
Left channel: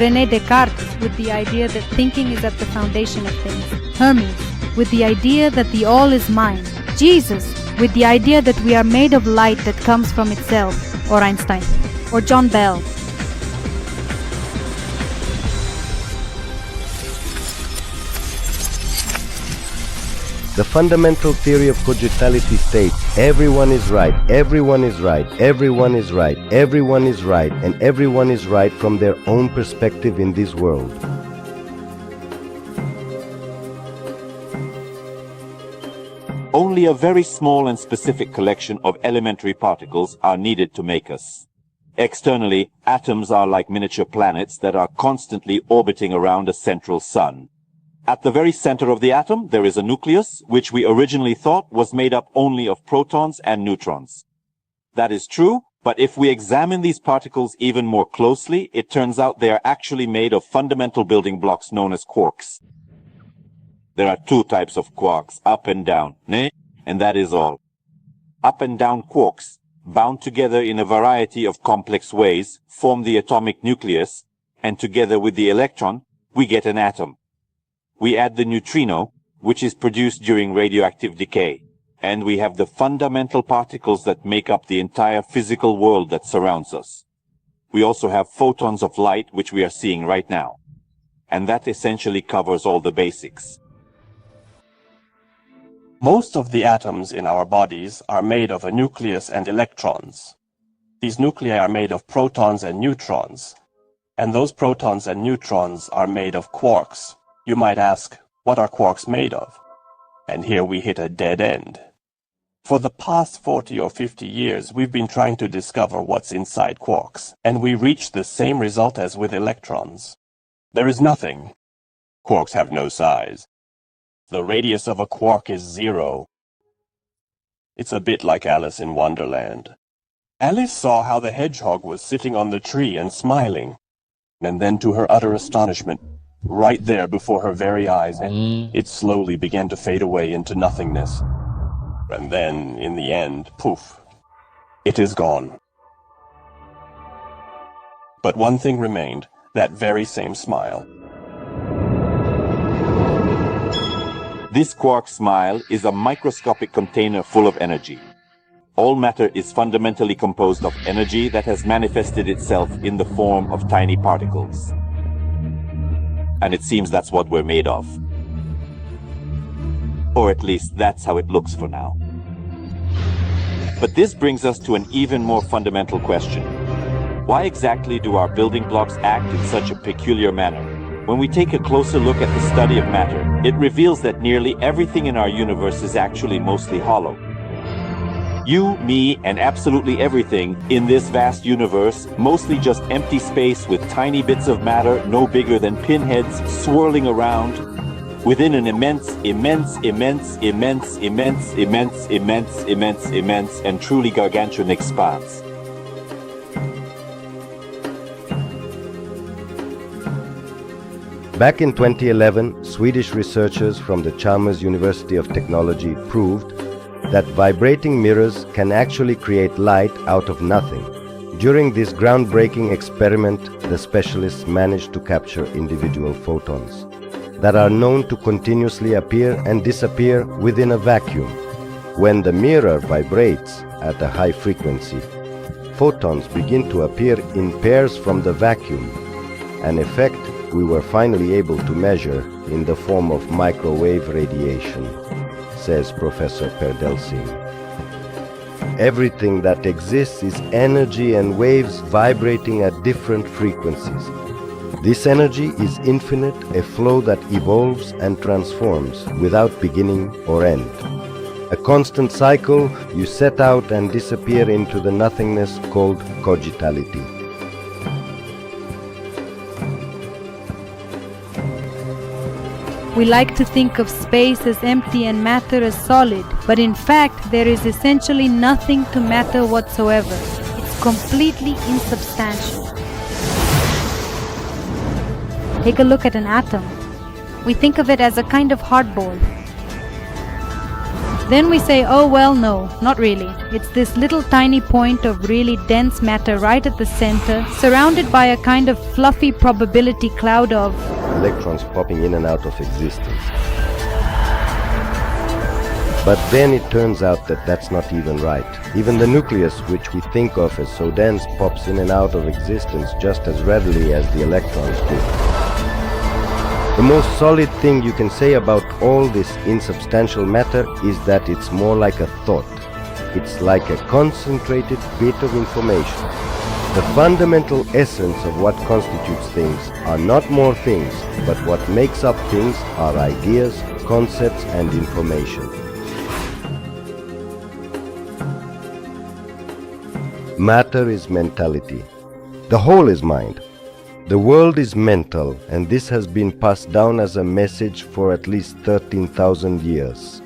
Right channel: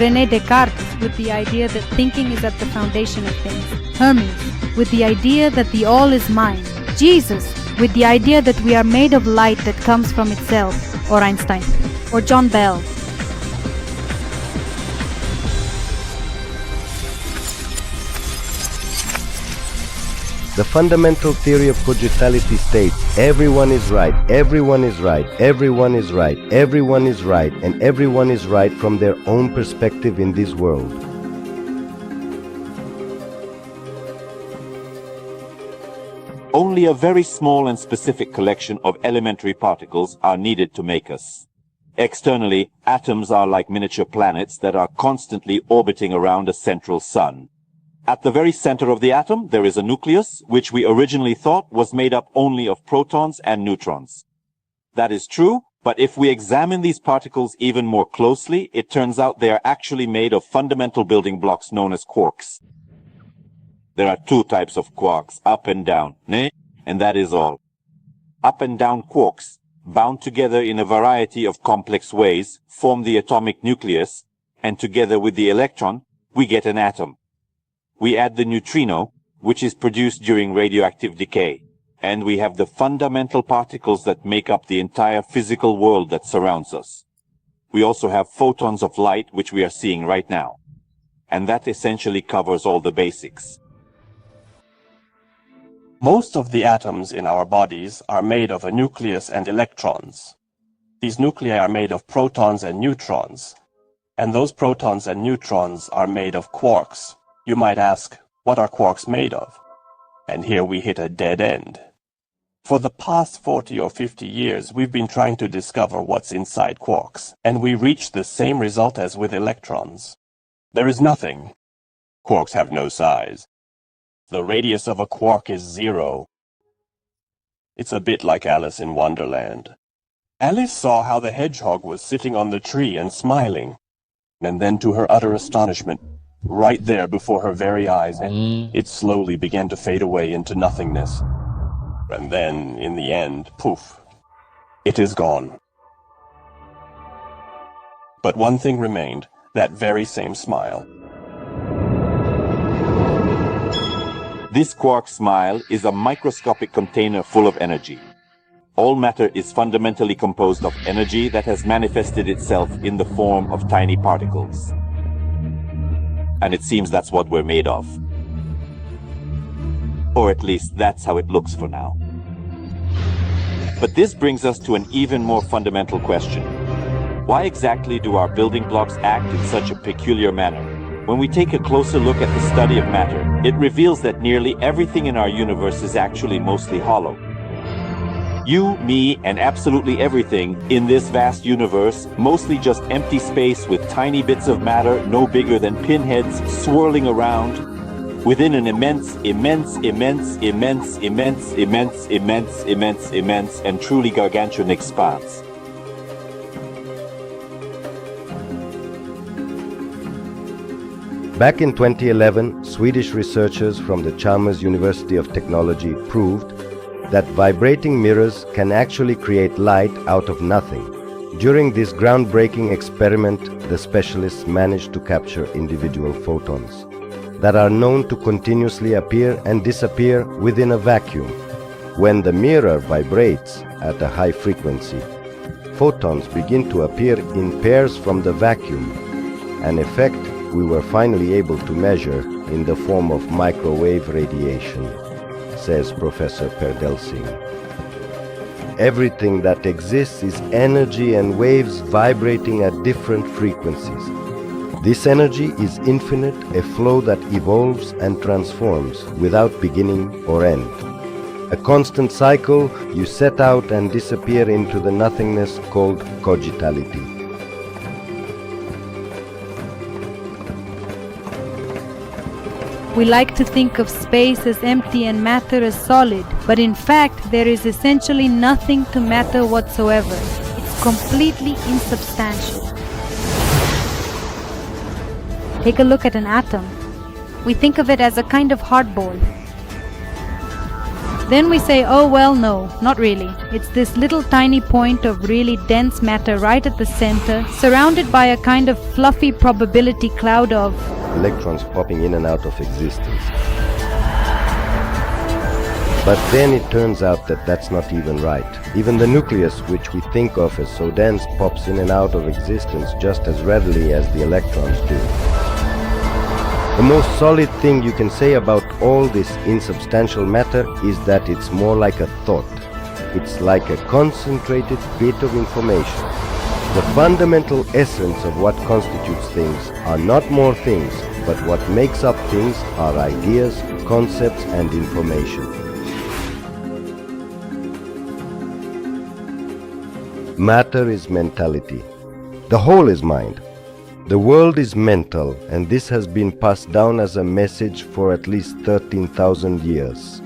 René Descartes, with the idea that thinking is at the foundation of things. Hermes, with the idea that the all is mind. Jesus, with the idea that we are made of light that comes from itself. Or Einstein. Or John Bell. The fundamental theory of cogitality states everyone is right, everyone is right, everyone is right, everyone is right, and everyone is right from their own perspective in this world. Only a very small and specific collection of elementary particles are needed to make us. Externally, atoms are like miniature planets that are constantly orbiting around a central sun. At the very center of the atom, there is a nucleus, which we originally thought was made up only of protons and neutrons. That is true, but if we examine these particles even more closely, it turns out they are actually made of fundamental building blocks known as quarks. There are two types of quarks, up and down, and that is all. Up and down quarks, bound together in a variety of complex ways, form the atomic nucleus, and together with the electron, we get an atom. We add the neutrino, which is produced during radioactive decay, and we have the fundamental particles that make up the entire physical world that surrounds us. We also have photons of light, which we are seeing right now. And that essentially covers all the basics. Most of the atoms in our bodies are made of a nucleus and electrons. These nuclei are made of protons and neutrons, and those protons and neutrons are made of quarks. You might ask, what are quarks made of? And here we hit a dead end. For the past 40 or 50 years, we've been trying to discover what's inside quarks, and we reached the same result as with electrons. There is nothing. Quarks have no size. The radius of a quark is 0. It's a bit like Alice in Wonderland. Alice saw how the hedgehog was sitting on the tree and smiling, and then to her utter astonishment, right there before her very eyes, it slowly began to fade away into nothingness. And then, in the end, poof, it is gone. But one thing remained, that very same smile. This quark smile is a microscopic container full of energy. All matter is fundamentally composed of energy that has manifested itself in the form of tiny particles. And it seems that's what we're made of. Or at least that's how it looks for now. But this brings us to an even more fundamental question. Why exactly do our building blocks act in such a peculiar manner? When we take a closer look at the study of matter, it reveals that nearly everything in our universe is actually mostly hollow. You, me, and absolutely everything in this vast universe, mostly just empty space with tiny bits of matter no bigger than pinheads swirling around within an immense, and truly gargantuan expanse. Back in 2011, Swedish researchers from the Chalmers University of Technology proved that vibrating mirrors can actually create light out of nothing. During this groundbreaking experiment, the specialists managed to capture individual photons that are known to continuously appear and disappear within a vacuum. When the mirror vibrates at a high frequency, photons begin to appear in pairs from the vacuum, an effect we were finally able to measure in the form of microwave radiation, says Professor Perdelsing. Everything that exists is energy and waves vibrating at different frequencies. This energy is infinite, a flow that evolves and transforms without beginning or end. A constant cycle, you set out and disappear into the nothingness called cogitality. We like to think of space as empty and matter as solid, but in fact there is essentially nothing to matter whatsoever. It's completely insubstantial. Take a look at an atom. We think of it as a kind of hardball. Then we say, oh well, no, not really. It's this little tiny point of really dense matter right at the center, surrounded by a kind of fluffy probability cloud of electrons popping in and out of existence. But then it turns out that that's not even right. Even the nucleus, which we think of as so dense, pops in and out of existence just as readily as the electrons do. The most solid thing you can say about all this insubstantial matter is that it's more like a thought. It's like a concentrated bit of information. The fundamental essence of what constitutes things are not more things, but what makes up things are ideas, concepts, and information. Matter is mentality. The whole is mind. The world is mental, and this has been passed down as a message for at least 13,000 years.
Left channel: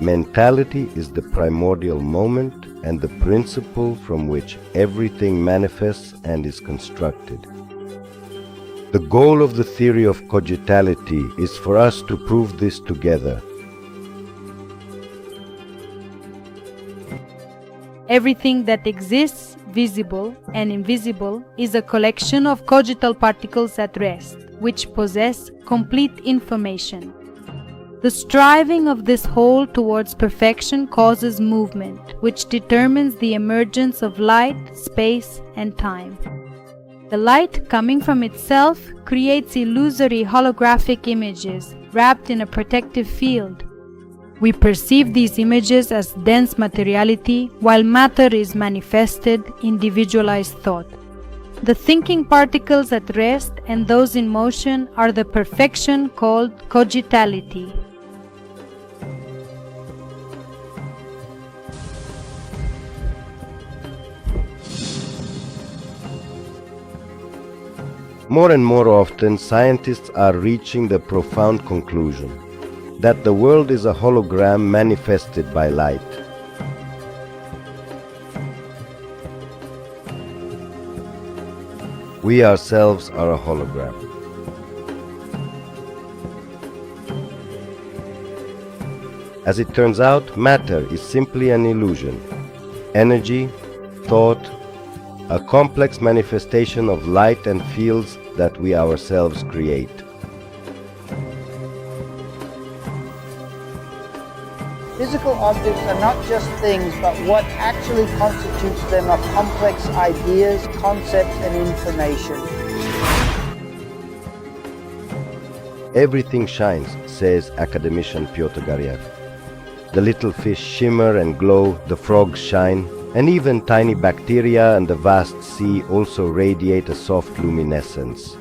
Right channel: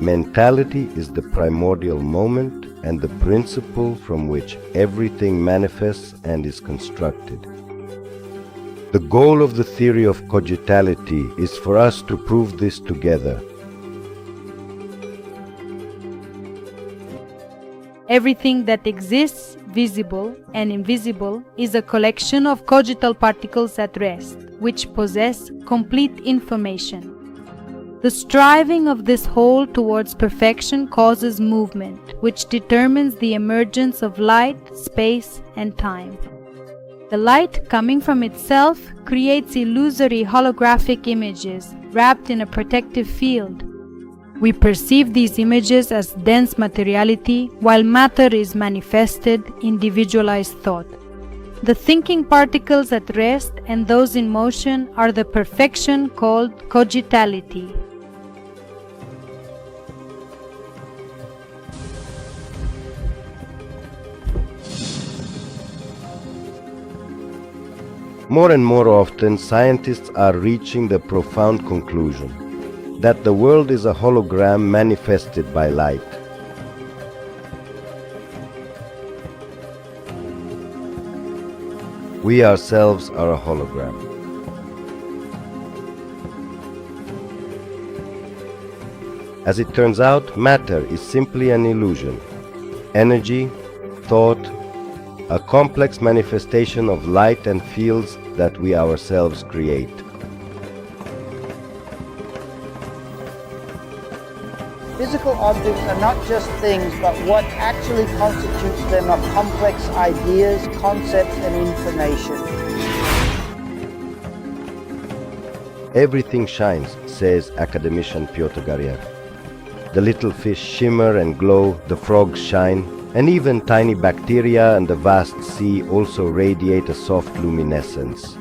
Mentality is the primordial moment and the principle from which everything manifests and is constructed. The goal of the theory of cogitality is for us to prove this together. Everything that exists, visible and invisible, is a collection of cogital particles at rest, which possess complete information. The striving of this whole towards perfection causes movement, which determines the emergence of light, space, and time. The light coming from itself creates illusory holographic images wrapped in a protective field. We perceive these images as dense materiality, while matter is manifested, individualized thought. The thinking particles at rest and those in motion are the perfection called cogitality. More and more often, scientists are reaching the profound conclusion that the world is a hologram manifested by light. We ourselves are a hologram. As it turns out, matter is simply an illusion. Energy, thought, a complex manifestation of light and fields that we ourselves create. Physical objects are not just things, but what actually constitutes them are complex ideas, concepts, and information. Everything shines, says academician Piotr Garyev. The little fish shimmer and glow, the frogs shine, and even tiny bacteria and the vast sea also radiate a soft luminescence.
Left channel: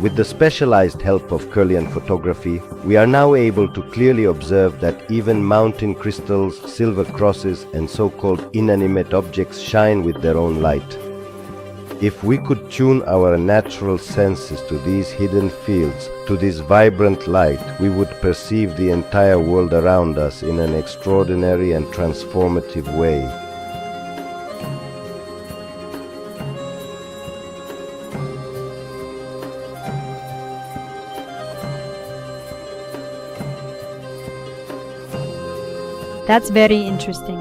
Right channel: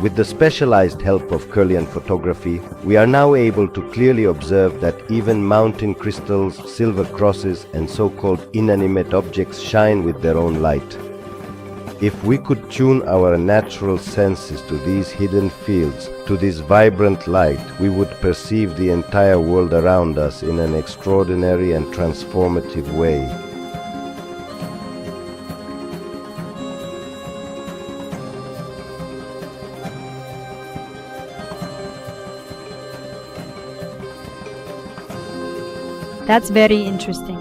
With the specialized help of Kirlian photography, we are now able to clearly observe that even mountain crystals, silver crosses, and so-called inanimate objects shine with their own light. If we could tune our natural senses to these hidden fields, to this vibrant light, we would perceive the entire world around us in an extraordinary and transformative way. That's very interesting.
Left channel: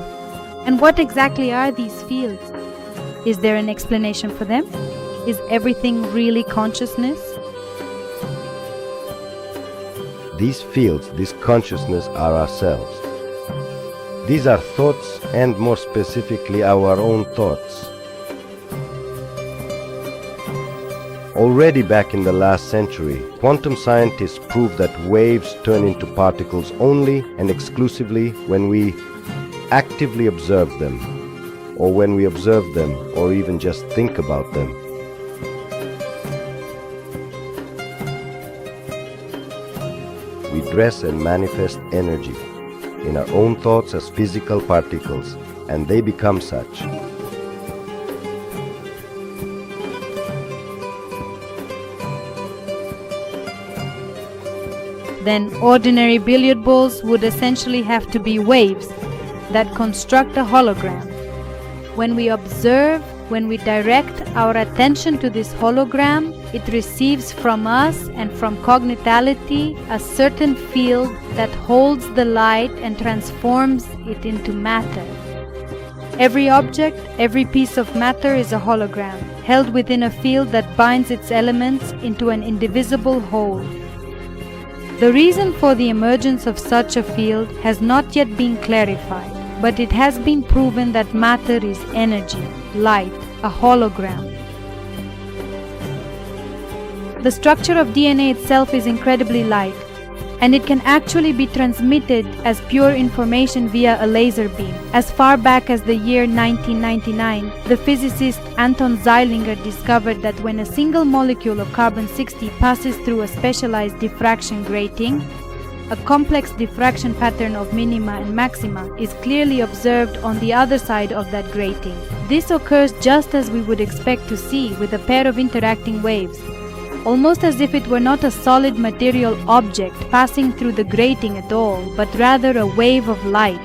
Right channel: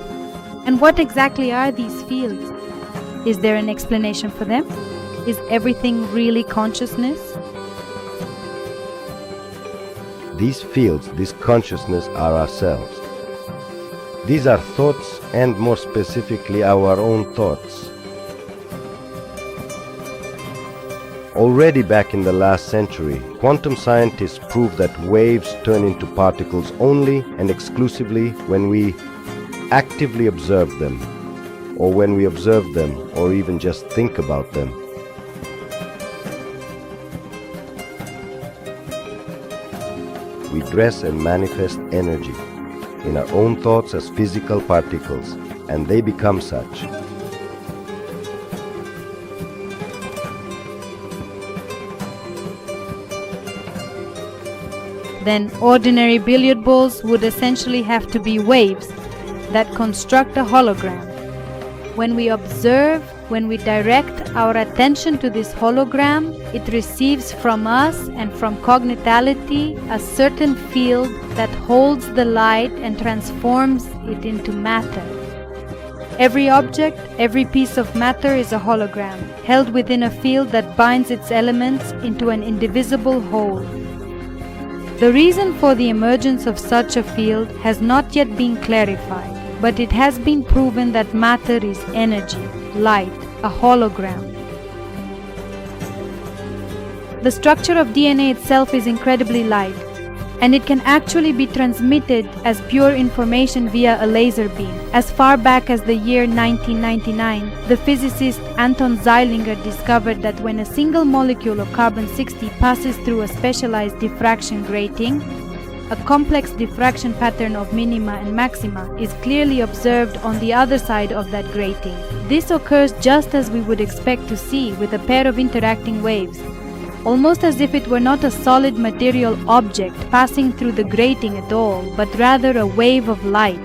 And what exactly are these fields? Is there an explanation for them? Is everything really consciousness? These fields, this consciousness, are ourselves. These are thoughts, and more specifically our own thoughts. Already back in the last century, quantum scientists proved that waves turn into particles only and exclusively when we actively observe them, or when we observe them, or even just think about them. We dress and manifest energy in our own thoughts as physical particles, and they become such. Then ordinary billiard balls would essentially have to be waves that construct a hologram. When we observe, when we direct our attention to this hologram, it receives from us and from cogitality a certain field that holds the light and transforms it into matter. Every object, every piece of matter is a hologram, held within a field that binds its elements into an indivisible whole. The reason for the emergence of such a field has not yet been clarified, but it has been proven that matter is energy, light, a hologram. The structure of DNA itself is incredibly light, and it can actually be transmitted as pure information via a laser beam. As far back as the year 1999, the physicist Anton Zeilinger discovered that when a single molecule of carbon-60 passes through a specialized diffraction grating, A complex diffraction pattern of minima and maxima is clearly observed on the other side of that grating. This occurs just as we would expect to see with a pair of interacting waves, almost as if it were not a solid material object passing through the grating at all, but rather a wave of light.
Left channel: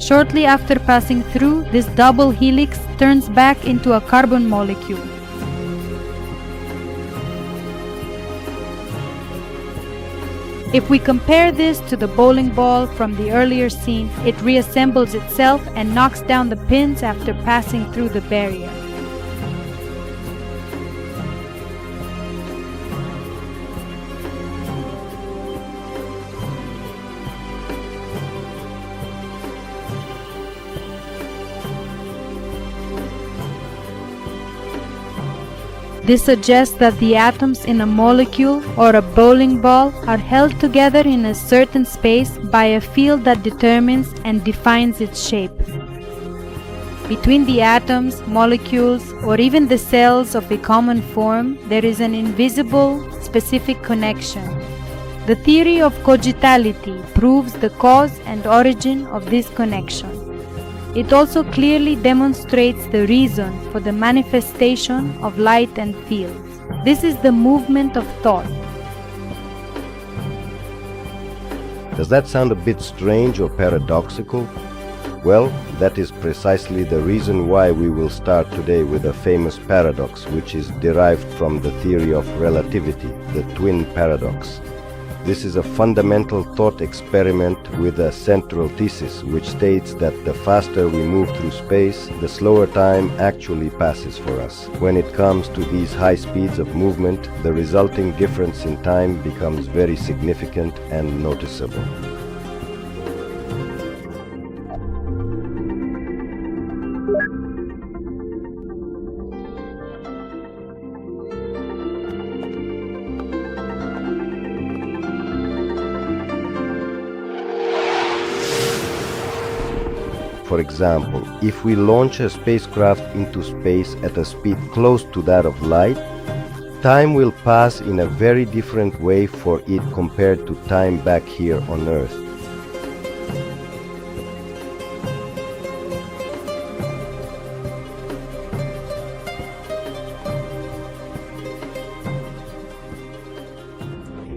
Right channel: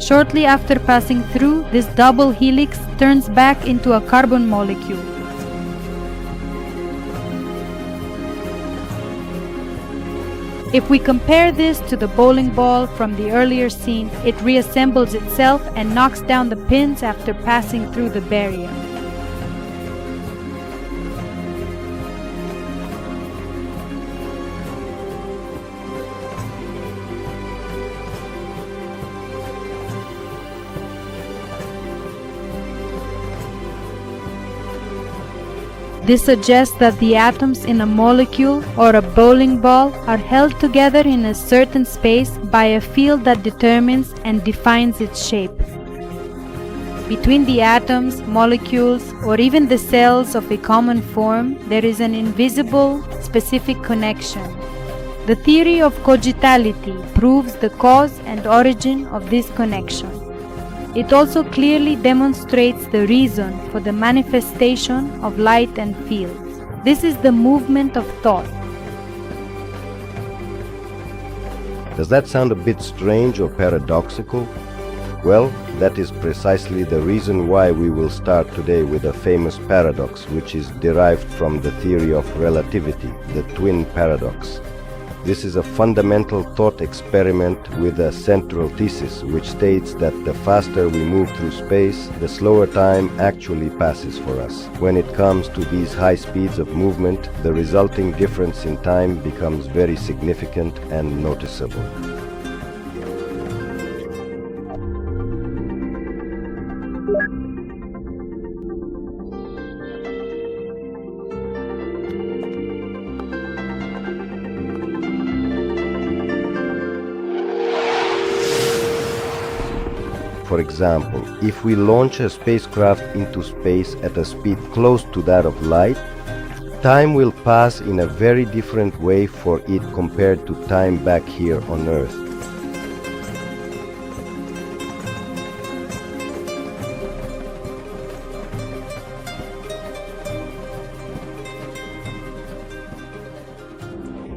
Shortly after passing through, this double helix turns back into a carbon molecule. If we compare this to the bowling ball from the earlier scene, it reassembles itself and knocks down the pins after passing through the barrier. This suggests that the atoms in a molecule or a bowling ball are held together in a certain space by a field that determines and defines its shape. Between the atoms, molecules, or even the cells of a common form, there is an invisible, specific connection. The theory of cogitality proves the cause and origin of this connection. It also clearly demonstrates the reason for the manifestation of light and fields. This is the movement of thought. Does that sound a bit strange or paradoxical? Well, that is precisely the reason why we will start today with a famous paradox which is derived from the theory of relativity, the twin paradox. This is a fundamental thought experiment with a central thesis which states that the faster we move through space, the slower time actually passes for us. When it comes to these high speeds of movement, the resulting difference in time becomes very significant and noticeable. For example, if we launch a spacecraft into space at a speed close to that of light, time will pass in a very different way for it compared to time back here on Earth.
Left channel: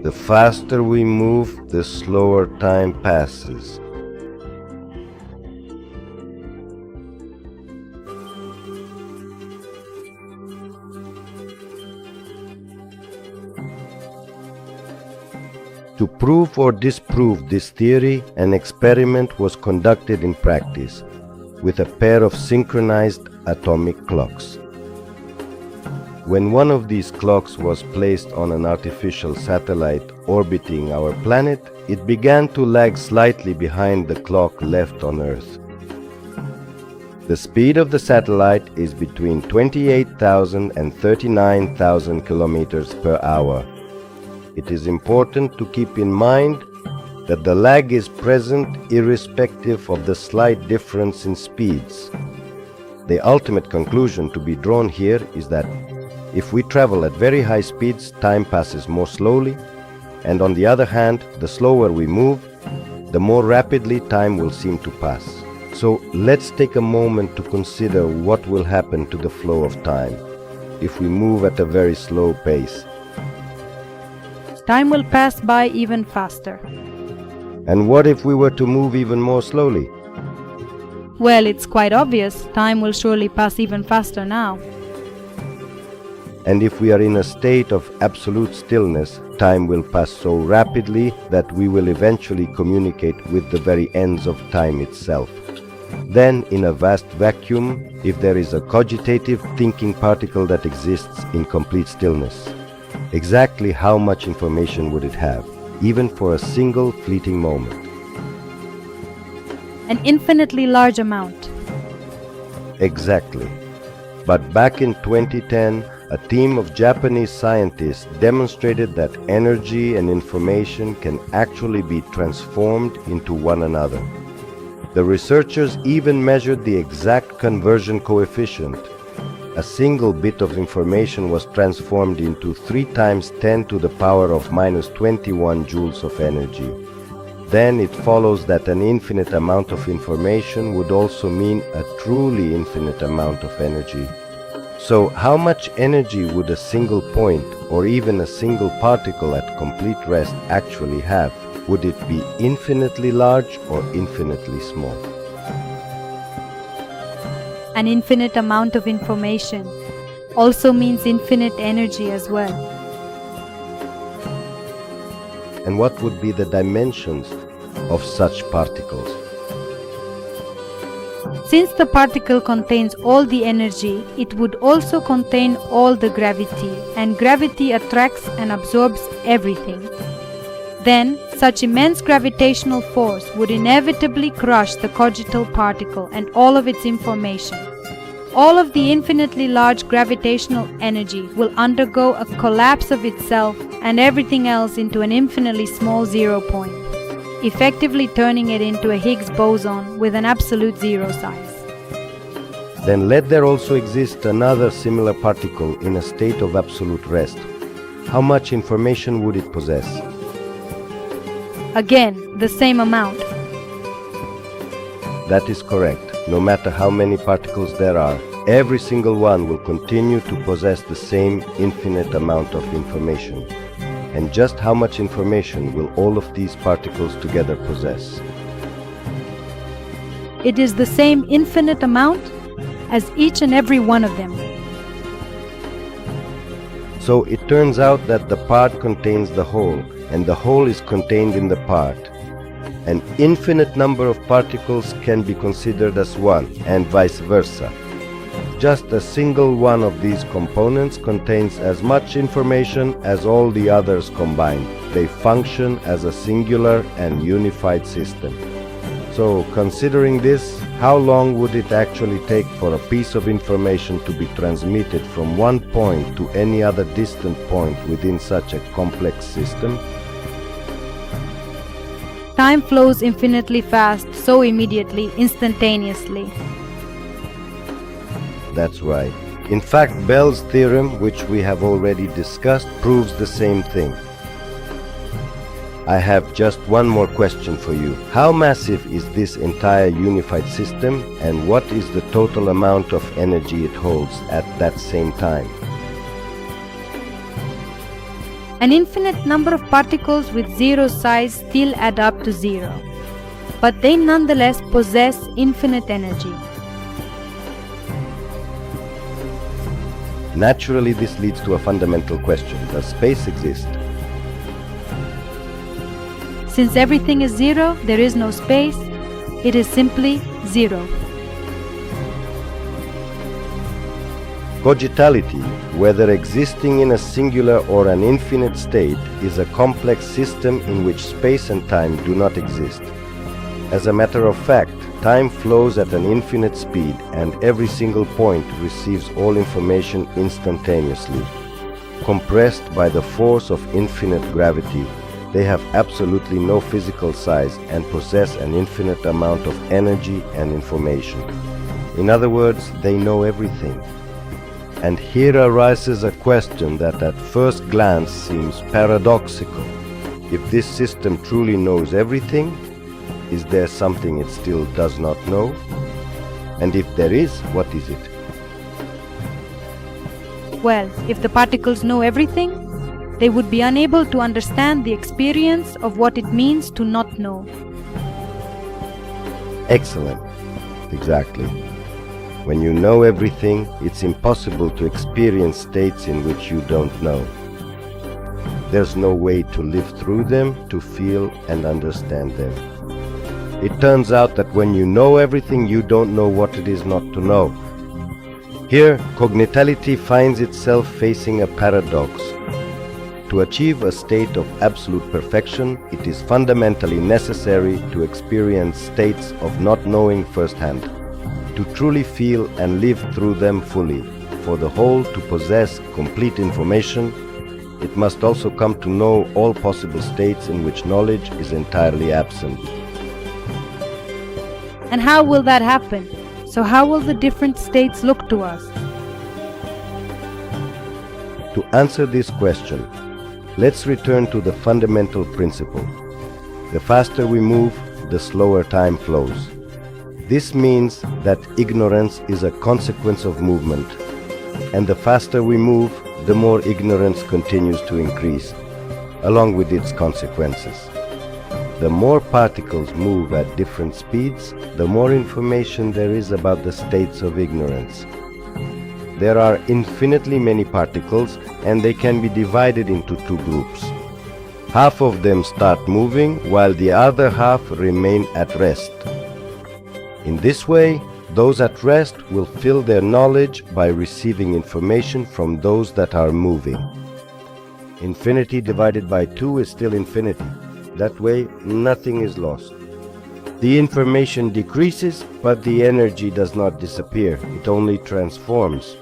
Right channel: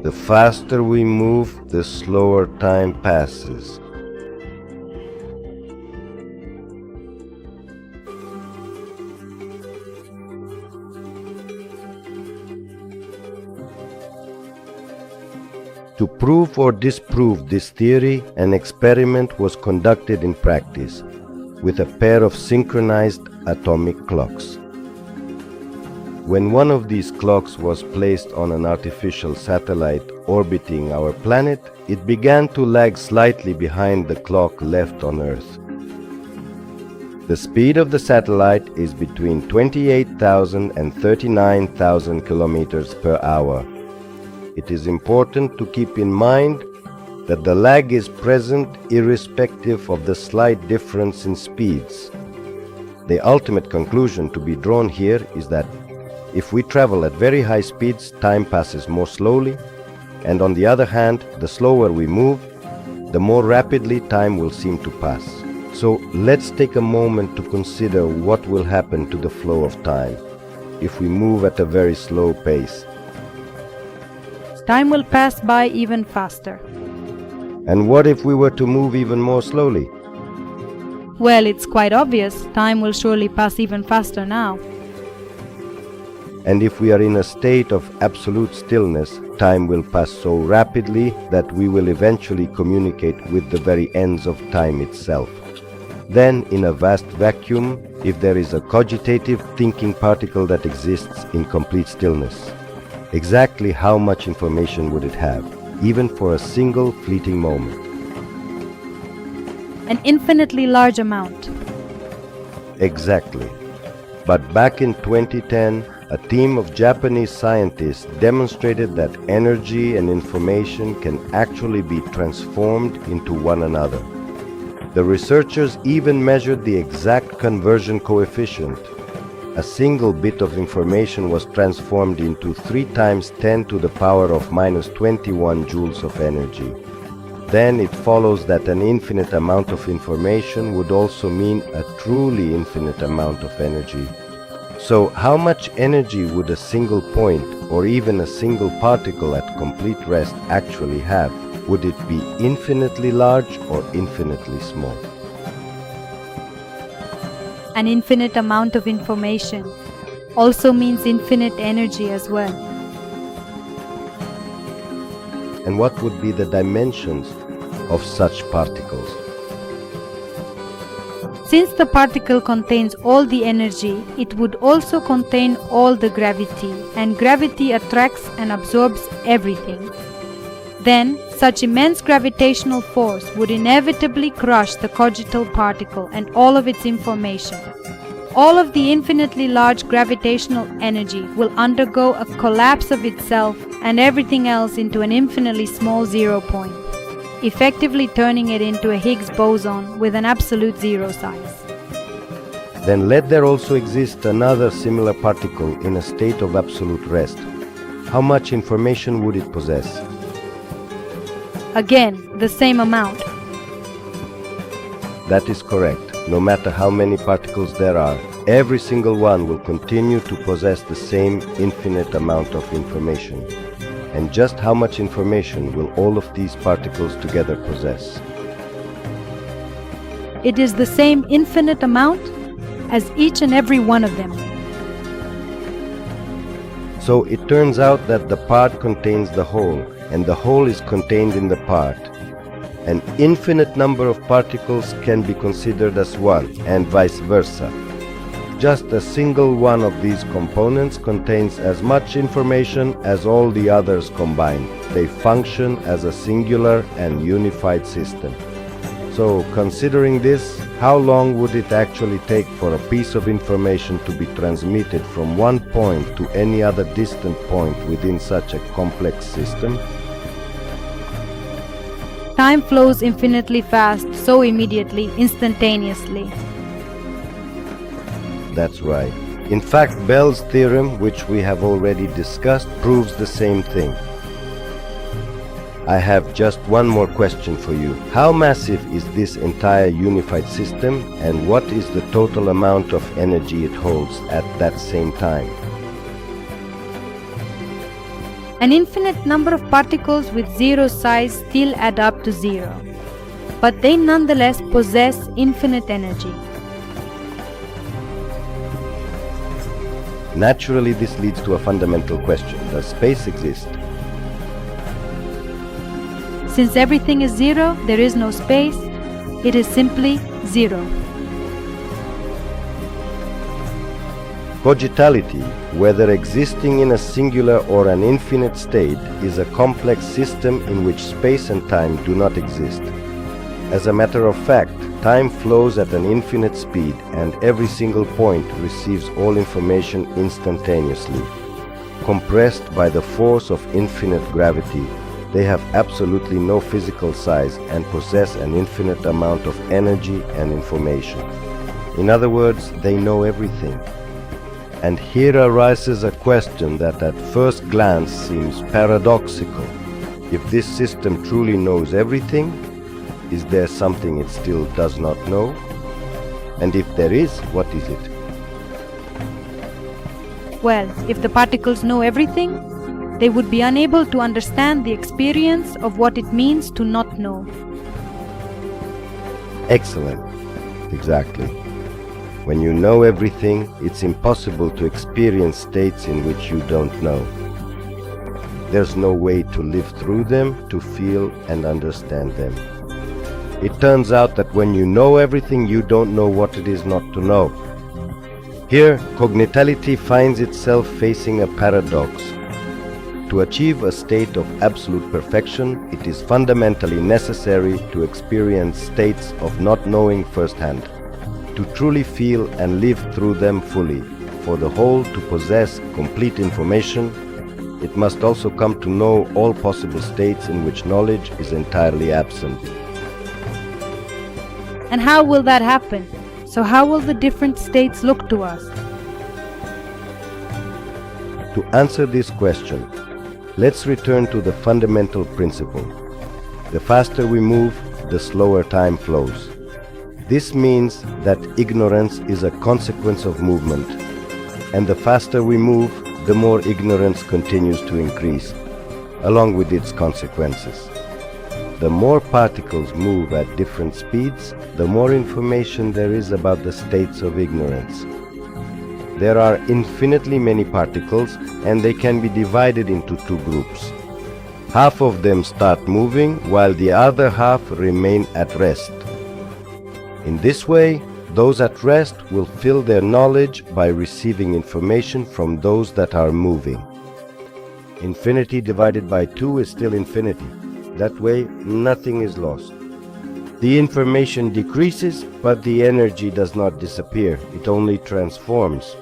The faster we move, the slower time passes. To prove or disprove this theory, an experiment was conducted in practice with a pair of synchronized atomic clocks. When one of these clocks was placed on an artificial satellite orbiting our planet, it began to lag slightly behind the clock left on Earth. The speed of the satellite is between 28,000 and 39,000 kilometers per hour. It is important to keep in mind that the lag is present irrespective of the slight difference in speeds. The ultimate conclusion to be drawn here is that if we travel at very high speeds, time passes more slowly, and on the other hand, the slower we move, the more rapidly time will seem to pass. So let's take a moment to consider what will happen to the flow of time if we move at a very slow pace. Time will pass by even faster. And what if we were to move even more slowly? Well, it's quite obvious. Time will surely pass even faster now. And if we are in a state of absolute stillness, time will pass so rapidly that we will eventually communicate with the very ends of time itself. Then, in a vast vacuum, if there is a cogitative thinking particle that exists in complete stillness, exactly how much information would it have, even for a single fleeting moment? An infinitely large amount. Exactly. But back in 2010, a team of Japanese scientists demonstrated that energy and information can actually be transformed into one another. The researchers even measured the exact conversion coefficient. A single bit of information was transformed into 3 times 10 to the power of minus 21 joules of energy. Then it follows that an infinite amount of information would also mean a truly infinite amount of energy. So how much energy would a single point or even a single particle at complete rest actually have? Would it be infinitely large or infinitely small? An infinite amount of information also means infinite energy as well. And what would be the dimensions of such particles? Since the particle contains all the energy, it would also contain all the gravity, and gravity attracts and absorbs everything. Then, such immense gravitational force would inevitably crush the cogital particle and all of its information. All of the infinitely large gravitational energy will undergo a collapse of itself and everything else into an infinitely small zero point, effectively turning it into a Higgs boson with an absolute zero size. Then let there also exist another similar particle in a state of absolute rest. How much information would it possess? Again, the same amount. That is correct. No matter how many particles there are, every single one will continue to possess the same infinite amount of information. And just how much information will all of these particles together possess? It is the same infinite amount as each and every one of them. So it turns out that the part contains the whole, and the whole is contained in the part. An infinite number of particles can be considered as one, and vice versa. Just a single one of these components contains as much information as all the others combined. They function as a singular and unified system. So, considering this, how long would it actually take for a piece of information to be transmitted from one point to any other distant point within such a complex system? Time flows infinitely fast, so immediately, instantaneously. That's right. In fact, Bell's theorem, which we have already discussed, proves the same thing. I have just one more question for you. How massive is this entire unified system, and what is the total amount of energy it holds at that same time? An infinite number of particles with zero size still add up to zero, but they nonetheless possess infinite energy. Naturally, this leads to a fundamental question. Does space exist? Since everything is zero, there is no space. It is simply zero. Cogitality, whether existing in a singular or an infinite state, is a complex system in which space and time do not exist. As a matter of fact, time flows at an infinite speed, and every single point receives all information instantaneously. Compressed by the force of infinite gravity, they have absolutely no physical size and possess an infinite amount of energy and information. In other words, they know everything. And here arises a question that at first glance seems paradoxical. If this system truly knows everything, is there something it still does not know? And if there is, what is it? Well, if the particles know everything, they would be unable to understand the experience of what it means to not know. Excellent. Exactly. When you know everything, it's impossible to experience states in which you don't know. There's no way to live through them, to feel and understand them. It turns out that when you know everything, you don't know what it is not to know. Here, cogitality finds itself facing a paradox. To achieve a state of absolute perfection, it is fundamentally necessary to experience states of not knowing firsthand, to truly feel and live through them fully. for the whole to possess complete information, it must also come to know all possible states in which knowledge is entirely absent. And how will that happen? So how will the different states look to us? To answer this question, let's return to the fundamental principle. The faster we move, the slower time flows. This means that ignorance is a consequence of movement, and the faster we move, the more ignorance continues to increase, along with its consequences. The more particles move at different speeds, the more information there is about the states of ignorance. There are infinitely many particles, and they can be divided into two groups. Half of them start moving, while the other half remain at rest. In this way, those at rest will fill their knowledge by receiving information from those that are moving. Infinity divided by 2 is still infinity. That way, nothing is lost. The information decreases, but the energy does not disappear. It only transforms.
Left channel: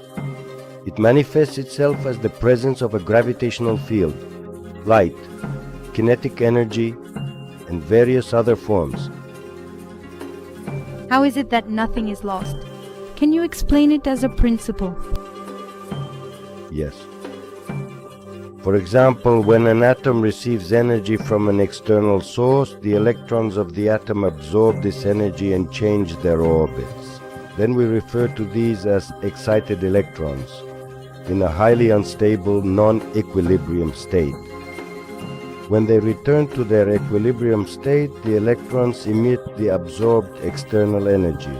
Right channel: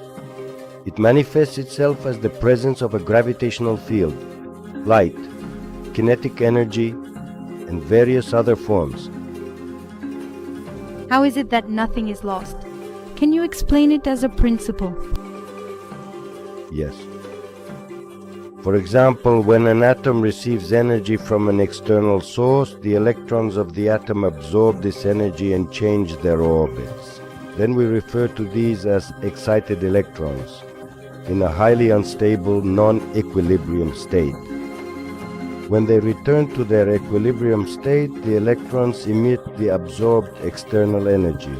It manifests itself as the presence of a gravitational field, light, kinetic energy, and various other forms. How is it that nothing is lost? Can you explain it as a principle? Yes. For example, when an atom receives energy from an external source, the electrons of the atom absorb this energy and change their orbits. Then we refer to these as excited electrons, in a highly unstable, non-equilibrium state. When they return to their equilibrium state, the electrons emit the absorbed external energy.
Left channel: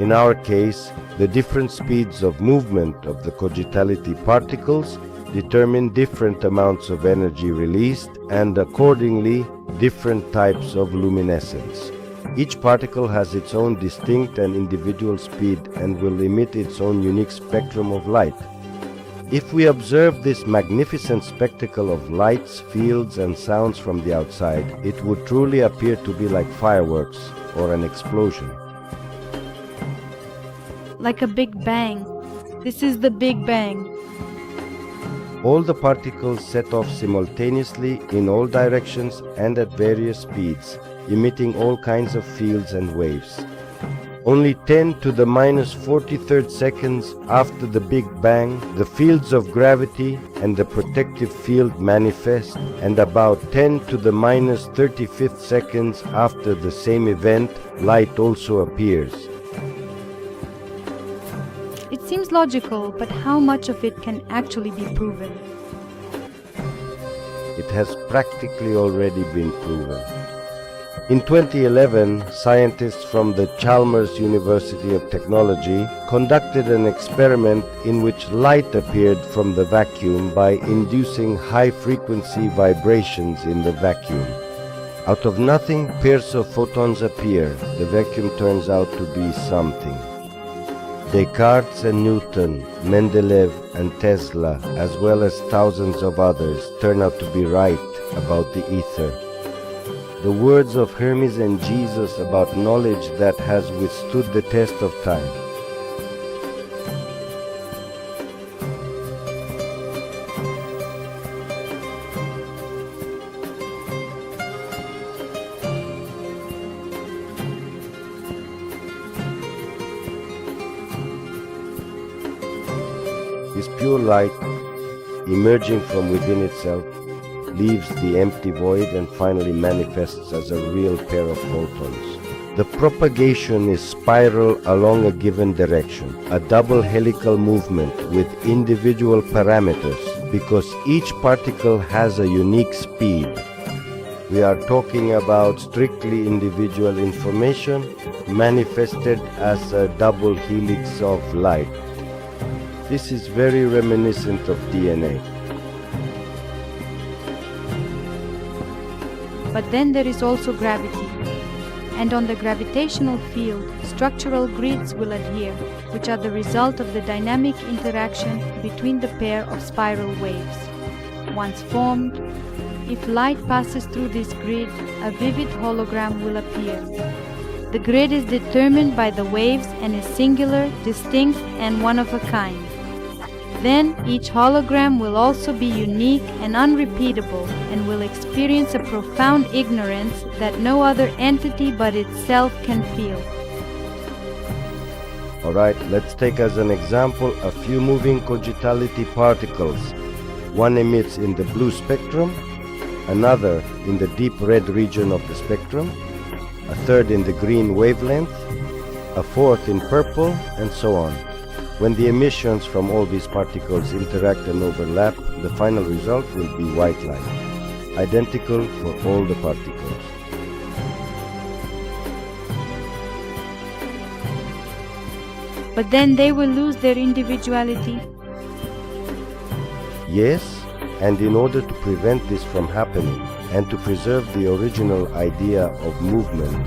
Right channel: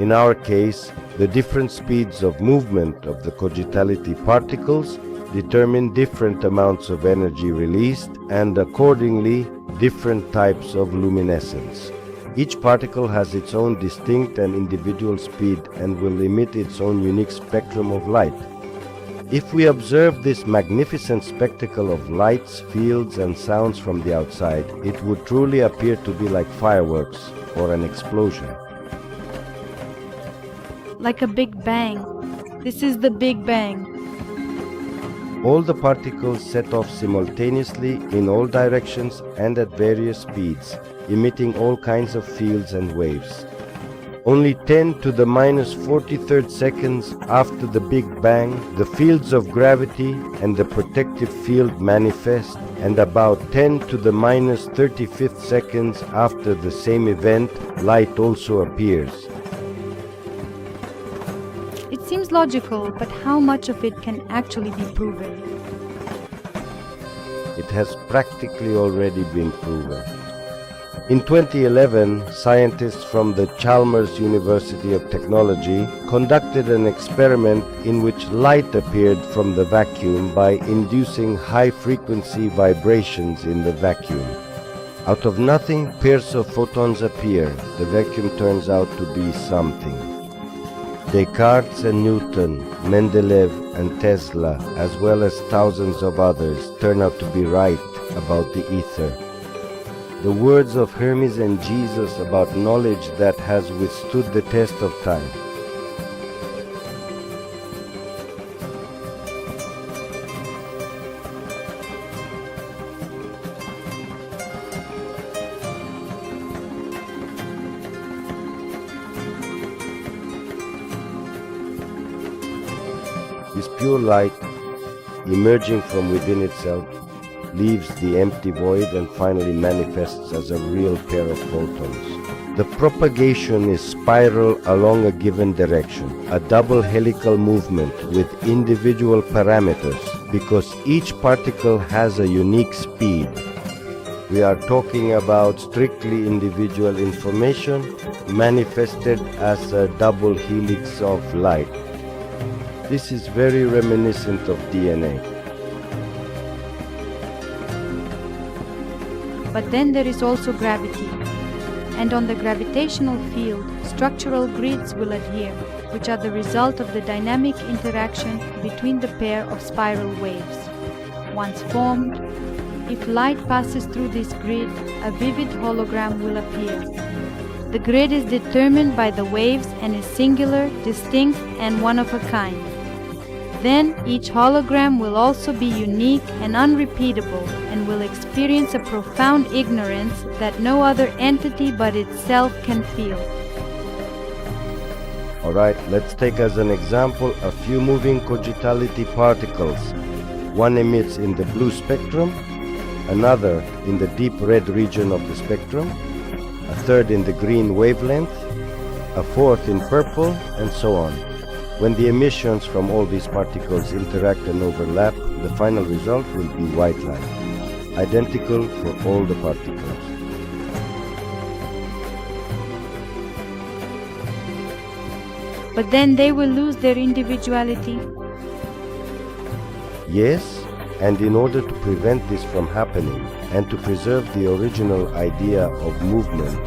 In our case, the different speeds of movement of the cogitality particles determine different amounts of energy released and accordingly different types of luminescence. Each particle has its own distinct and individual speed and will emit its own unique spectrum of light. If we observe this magnificent spectacle of lights, fields, and sounds from the outside, it would truly appear to be like fireworks or an explosion. Like a big bang. This is the Big Bang. All the particles set off simultaneously in all directions and at various speeds, emitting all kinds of fields and waves. Only 10 to the minus 43rd seconds after the Big Bang, the fields of gravity and the protective field manifest, and about 10 to the minus 35th seconds after the same event, light also appears. It seems logical, but how much of it can actually be proven? It has practically already been proven. In 2011, scientists from the Chalmers University of Technology conducted an experiment in which light appeared from the vacuum by inducing high-frequency vibrations in the vacuum. Out of nothing, pairs of photons appear. The vacuum turns out to be something. Descartes and Newton, Mendeleev and Tesla, as well as thousands of others, turn out to be right about the ether. The words of Hermes and Jesus about knowledge that has withstood the test of time. This pure light, emerging from within itself, leaves the empty void and finally manifests as a real pair of photons. The propagation is spiral along a given direction, a double helical movement with individual parameters, because each particle has a unique speed. We are talking about strictly individual information manifested as a double helix of light. This is very reminiscent of DNA. But then there is also gravity. And on the gravitational field, structural grids will adhere, which are the result of the dynamic interaction between the pair of spiral waves. Once formed, if light passes through this grid, a vivid hologram will appear. The grid is determined by the waves and is singular, distinct, and one of a kind. Then each hologram will also be unique and unrepeatable and will experience a profound ignorance that no other entity but itself can feel. Alright, let's take as an example a few moving cogitality particles. One emits in the blue spectrum, another in the deep red region of the spectrum, a third in the green wavelength, a fourth in purple, and so on. When the emissions from all these particles interact and overlap, the final result will be white light, identical for all the particles. But then they will lose their individuality. Yes, and in order to prevent this from happening and to preserve the original idea of movement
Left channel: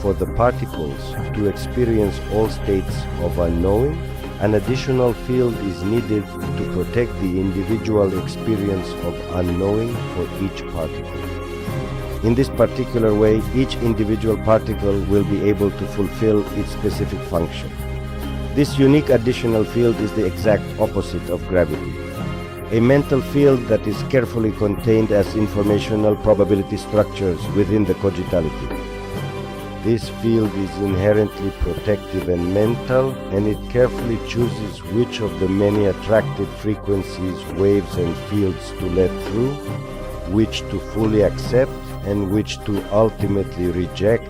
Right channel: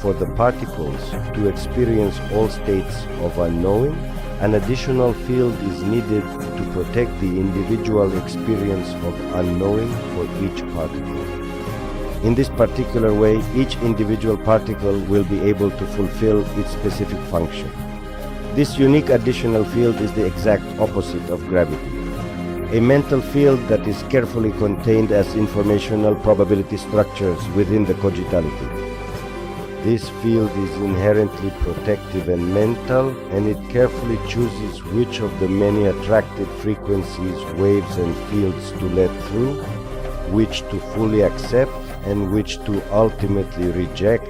for the particles to experience all states of unknowing, an additional field is needed to protect the individual experience of unknowing for each particle. In this particular way, each individual particle will be able to fulfill its specific function. This unique additional field is the exact opposite of gravity. A mental field that is carefully contained as informational probability structures within the cogitality. This field is inherently protective and mental, and it carefully chooses which of the many attracted frequencies, waves and fields to let through, which to fully accept and which to ultimately reject.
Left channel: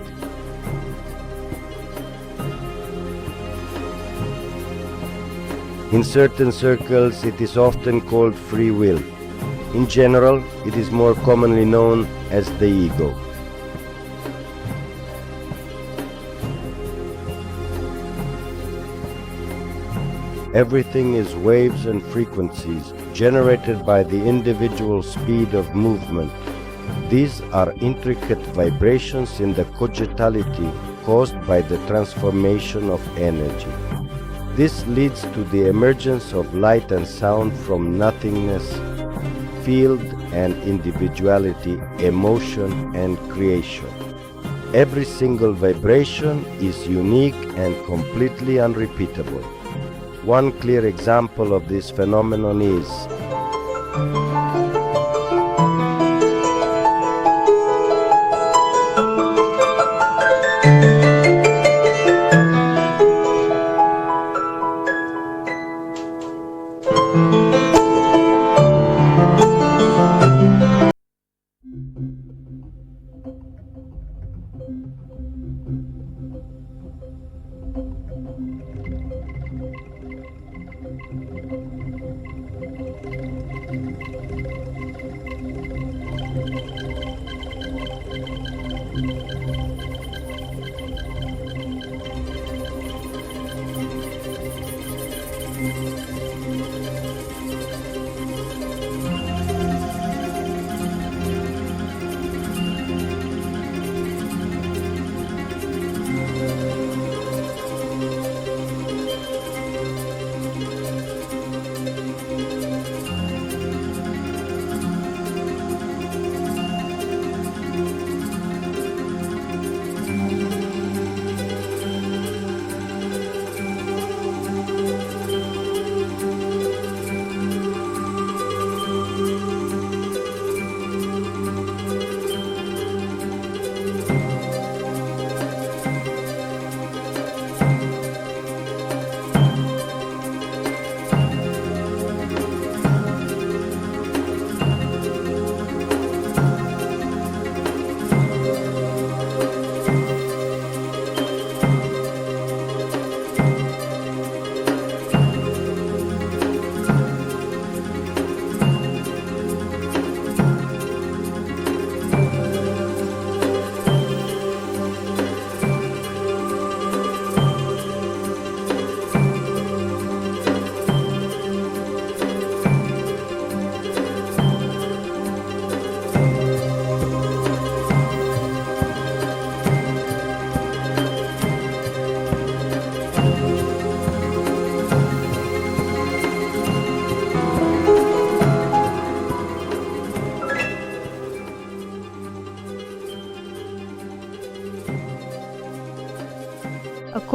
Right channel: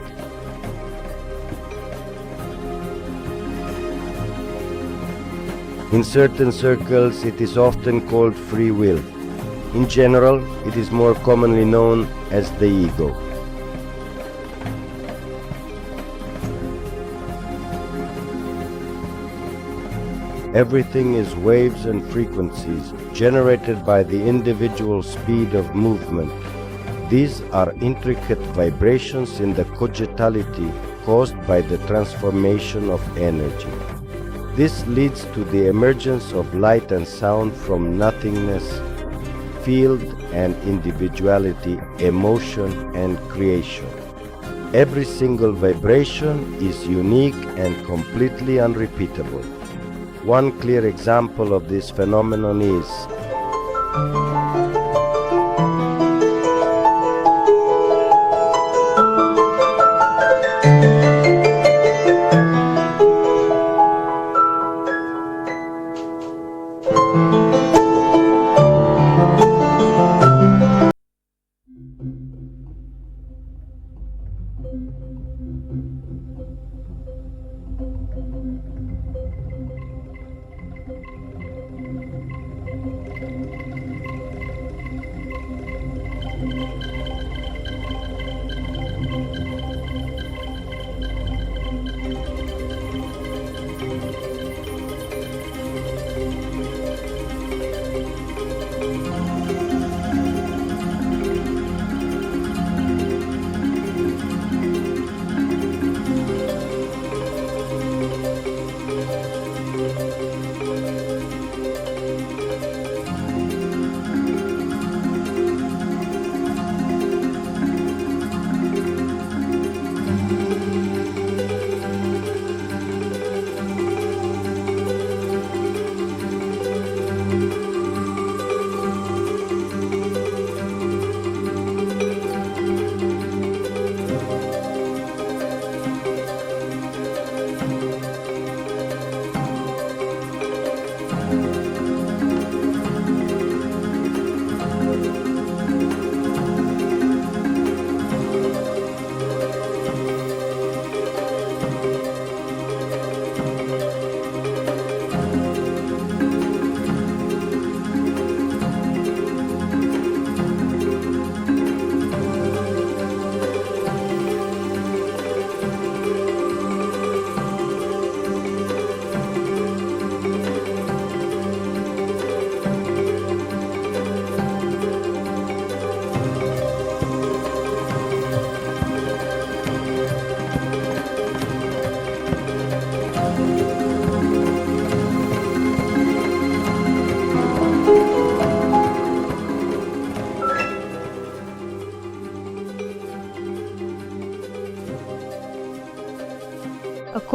In certain circles, it is often called free will. In general, it is more commonly known as the ego. Everything is waves and frequencies generated by the individual speed of movement. These are intricate vibrations in the cogitality caused by the transformation of energy. This leads to the emergence of light and sound from nothingness, field and individuality, emotion and creation. Every single vibration is unique and completely unrepeatable. One clear example of this phenomenon is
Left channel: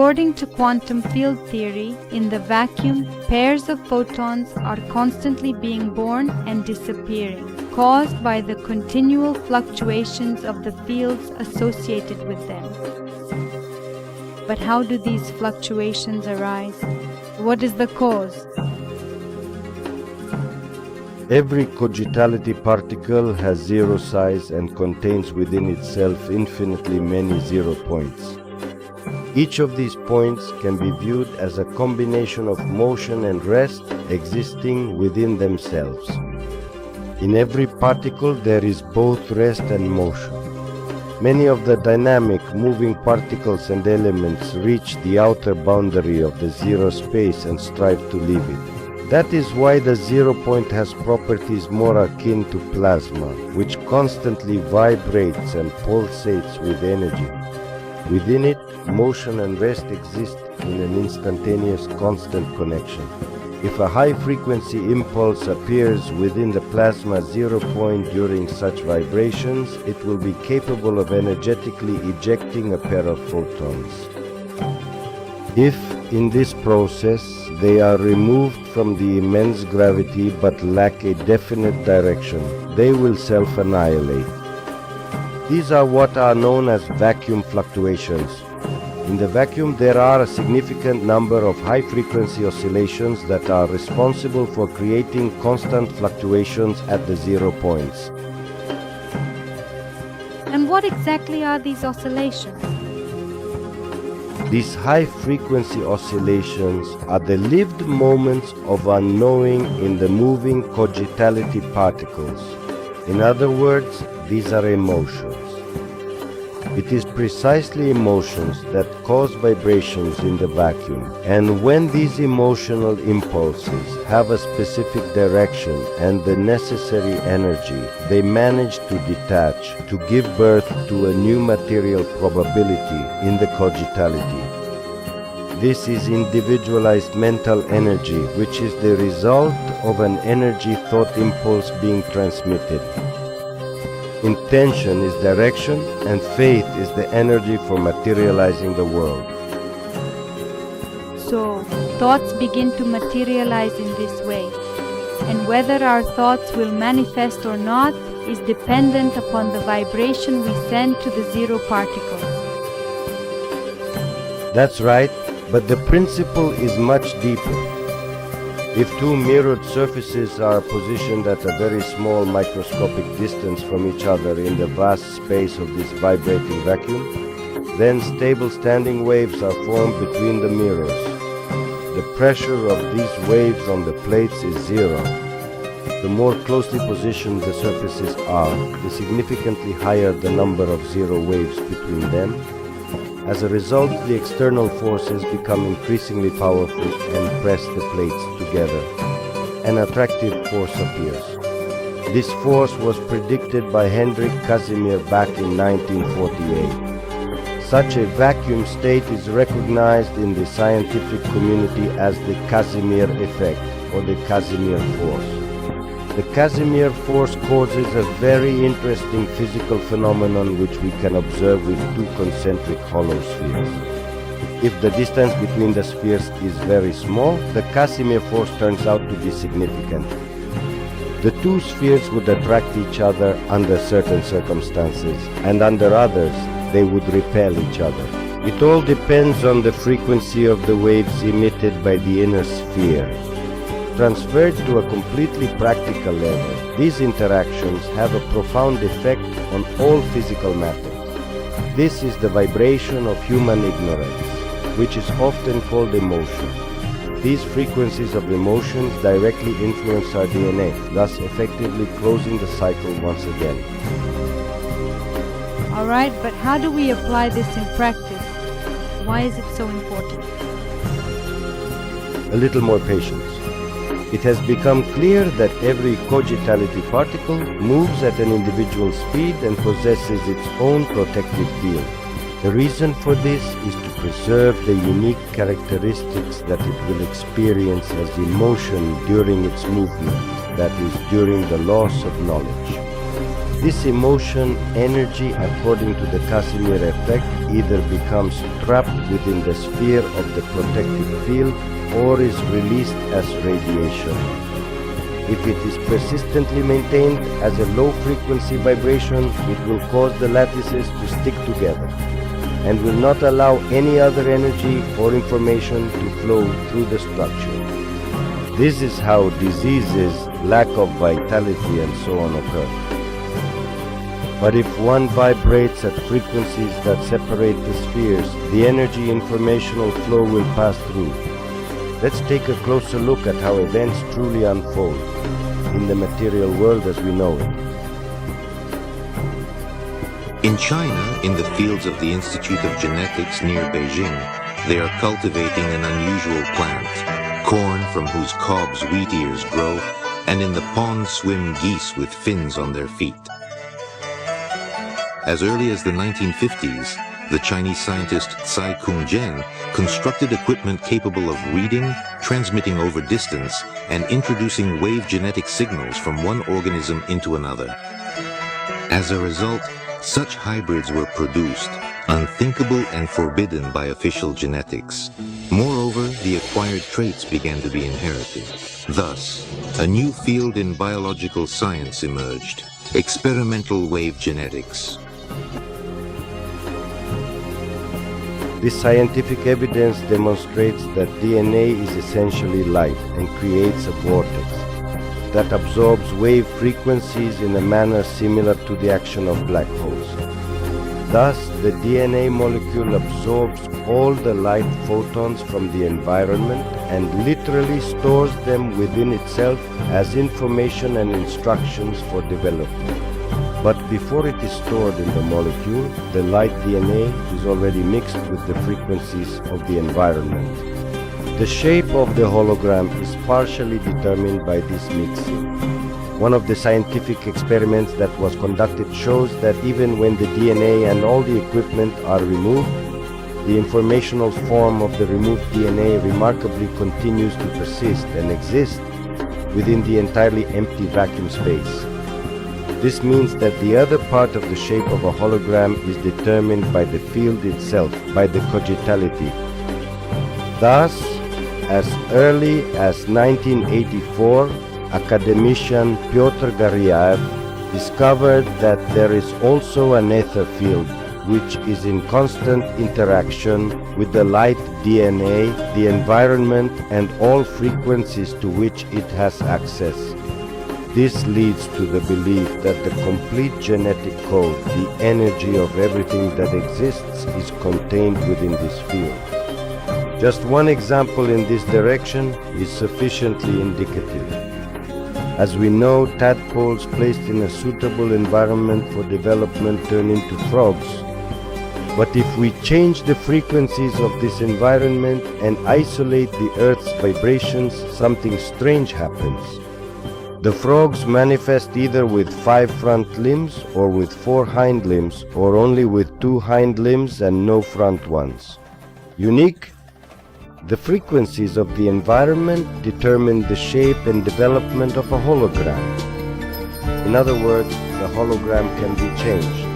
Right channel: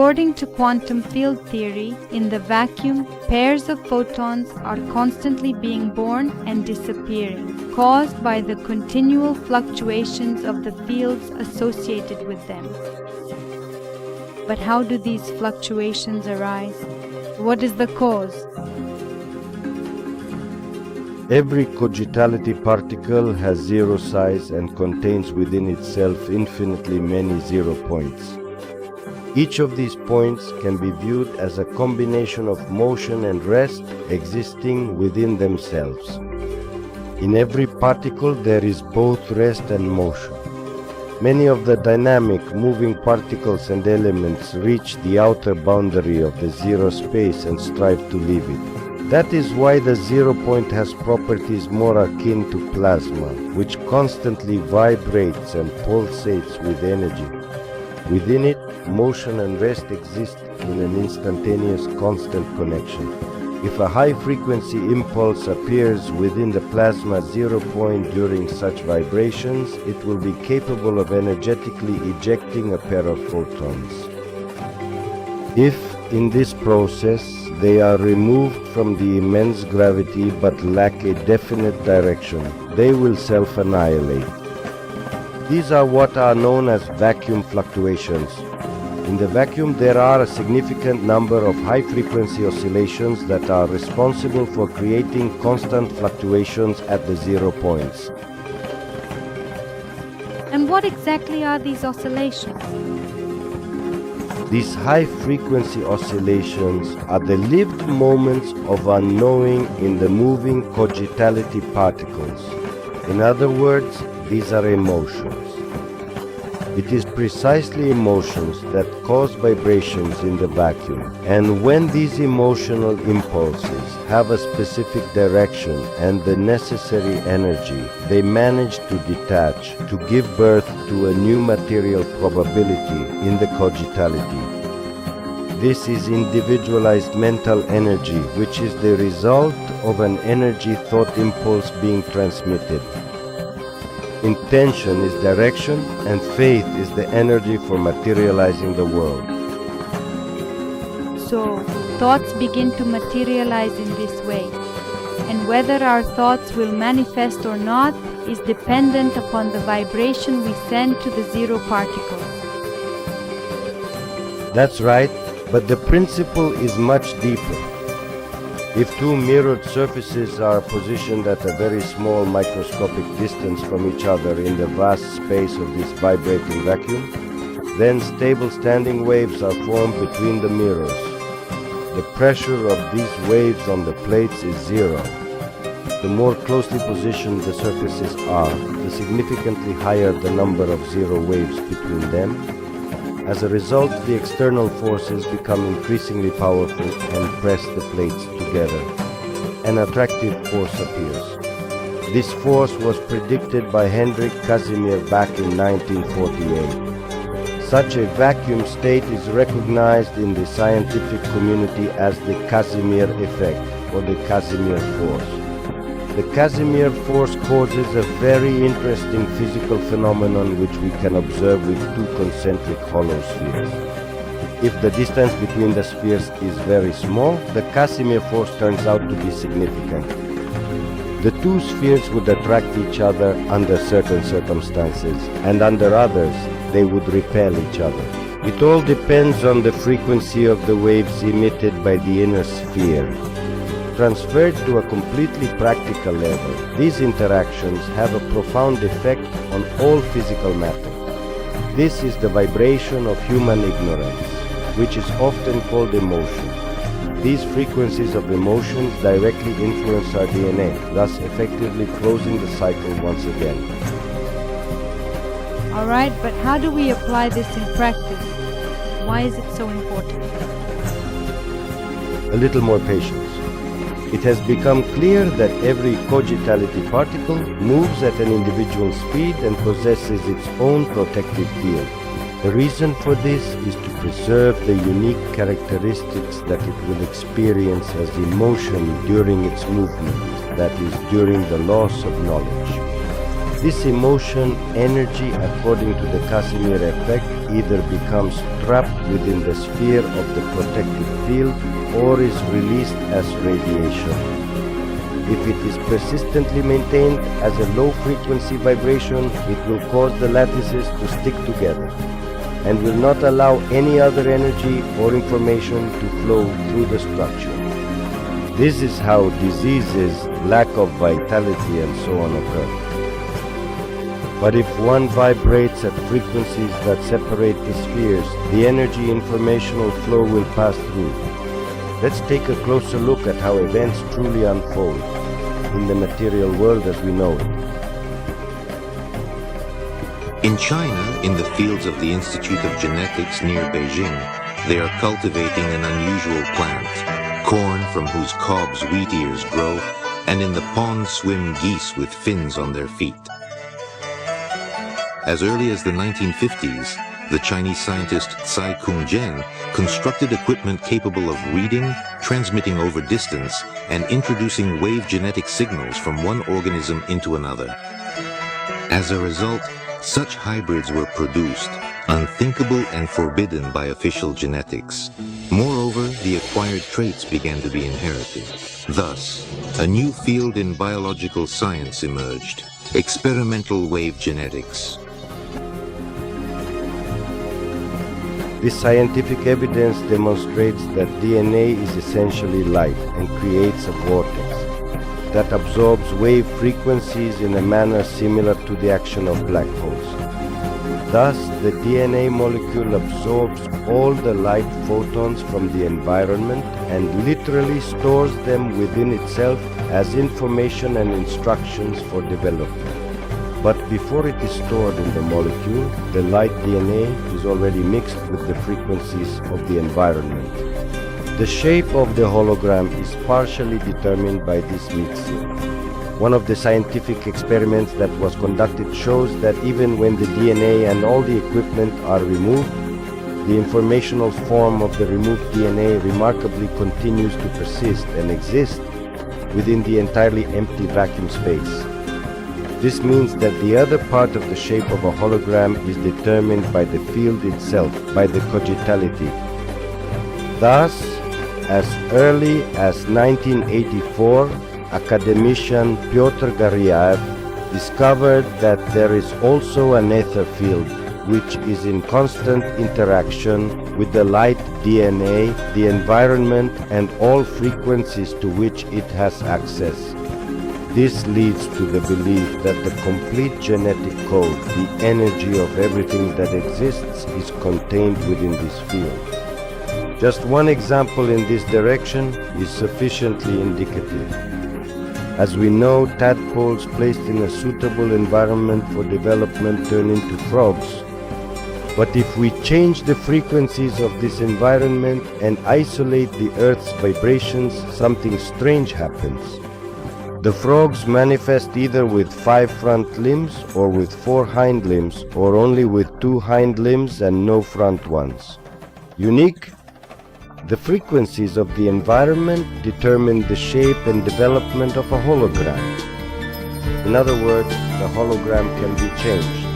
According to quantum field theory, in the vacuum, pairs of photons are constantly being born and disappearing, caused by the continual fluctuations of the fields associated with them. But how do these fluctuations arise? What is the cause? Every cogitality particle has zero size and contains within itself infinitely many zero points. Each of these points can be viewed as a combination of motion and rest existing within themselves. In every particle there is both rest and motion. Many of the dynamic, moving particles and elements reach the outer boundary of the zero space and strive to leave it. That is why the zero point has properties more akin to plasma, which constantly vibrates and pulsates with energy. Within it, motion and rest exist in an instantaneous constant connection. If a high-frequency impulse appears within the plasma zero point during such vibrations, it will be capable of energetically ejecting a pair of photons. If, in this process, they are removed from the immense gravity but lack a definite direction, they will self-annihilate. These are what are known as vacuum fluctuations. In the vacuum, there are a significant number of high-frequency oscillations that are responsible for creating constant fluctuations at the zero points. And what exactly are these oscillations? These high-frequency oscillations are the lived moments of unknowing in the moving cogitality particles. In other words, these are emotions. It is precisely emotions that cause vibrations in the vacuum, and when these emotional impulses have a specific direction and the necessary energy, they manage to detach, to give birth to a new material probability in the cogitality. This is individualized mental energy, which is the result of an energy thought impulse being transmitted. Intention is direction, and faith is the energy for materializing the world. So, thoughts begin to materialize in this way, and whether our thoughts will manifest or not is dependent upon the vibration we send to the zero particles. That's right, but the principle is much deeper. If two mirrored surfaces are positioned at a very small microscopic distance from each other in the vast space of this vibrating vacuum, then stable standing waves are formed between the mirrors. The pressure of these waves on the plates is zero. The more closely positioned the surfaces are, the significantly higher the number of zero waves between them. As a result, the external forces become increasingly powerful and press the plates together. An attractive force appears. This force was predicted by Hendrik Casimir back in 1948. Such a vacuum state is recognized in the scientific community as the Casimir effect, or the Casimir force. The Casimir force causes a very interesting physical phenomenon which we can observe with two concentric hollow spheres. If the distance between the spheres is very small, the Casimir force turns out to be significant. The two spheres would attract each other under certain circumstances, and under others, they would repel each other. It all depends on the frequency of the waves emitted by the inner sphere. Transferred to a completely practical level, these interactions have a profound effect on all physical matter. This is the vibration of human ignorance, which is often called emotion. These frequencies of emotions directly influence our DNA, thus effectively closing the cycle once again. Alright, but how do we apply this in practice? Why is it so important? A little more patience. It has become clear that every cogitality particle moves at an individual speed and possesses its own protective field. The reason for this is to preserve the unique characteristics that it will experience as emotion during its movement, that is, during the loss of knowledge. This emotion energy, according to the Casimir effect, either becomes trapped within the sphere of the protective field or is released as radiation. If it is persistently maintained as a low-frequency vibration, it will cause the lattices to stick together and will not allow any other energy or information to flow through the structure. This is how diseases, lack of vitality, and so on occur. But if one vibrates at frequencies that separate the spheres, the energy informational flow will pass through. Let's take a closer look at how events truly unfold in the material world as we know it. In China, in the fields of the Institute of Genetics near Beijing, they are cultivating an unusual plant, corn from whose cobs wheat ears grow, and in the pond swim geese with fins on their feet. As early as the 1950s, the Chinese scientist Tsai Kung-jen constructed equipment capable of reading, transmitting over distance, and introducing wave genetic signals from one organism into another. As a result, such hybrids were produced, unthinkable and forbidden by official genetics. Moreover, the acquired traits began to be inherited. Thus, a new field in biological science emerged, experimental wave genetics. This scientific evidence demonstrates that DNA is essentially light and creates a vortex that absorbs wave frequencies in a manner similar to the action of black holes. Thus, the DNA molecule absorbs all the light photons from the environment and literally stores them within itself as information and instructions for development. But before it is stored in the molecule, the light DNA is already mixed with the frequencies of the environment. The shape of the hologram is partially determined by this mixing. One of the scientific experiments that was conducted shows that even when the DNA and all the equipment are removed, the informational form of the removed DNA remarkably continues to persist and exist within the entirely empty vacuum space. This means that the other part of the shape of a hologram is determined by the field itself, by the cogitality. Thus, as early as 1984, academician Pyotr Garyaev discovered that there is also an ether field which is in constant interaction with the light DNA, the environment, and all frequencies to which it has access. This leads to the belief that the complete genetic code, the energy of everything that exists, is contained within this field. Just one example in this direction is sufficiently indicative. As we know, tadpoles placed in a suitable environment for development turn into frogs. But if we change the frequencies of this environment and isolate the Earth's vibrations, something strange happens. The frogs manifest either with 5 front limbs or with 4 hind limbs, or only with 2 hind limbs and no front ones. Unique? The frequencies of the environment determine the shape and development of a hologram. In other words, the hologram can be changed.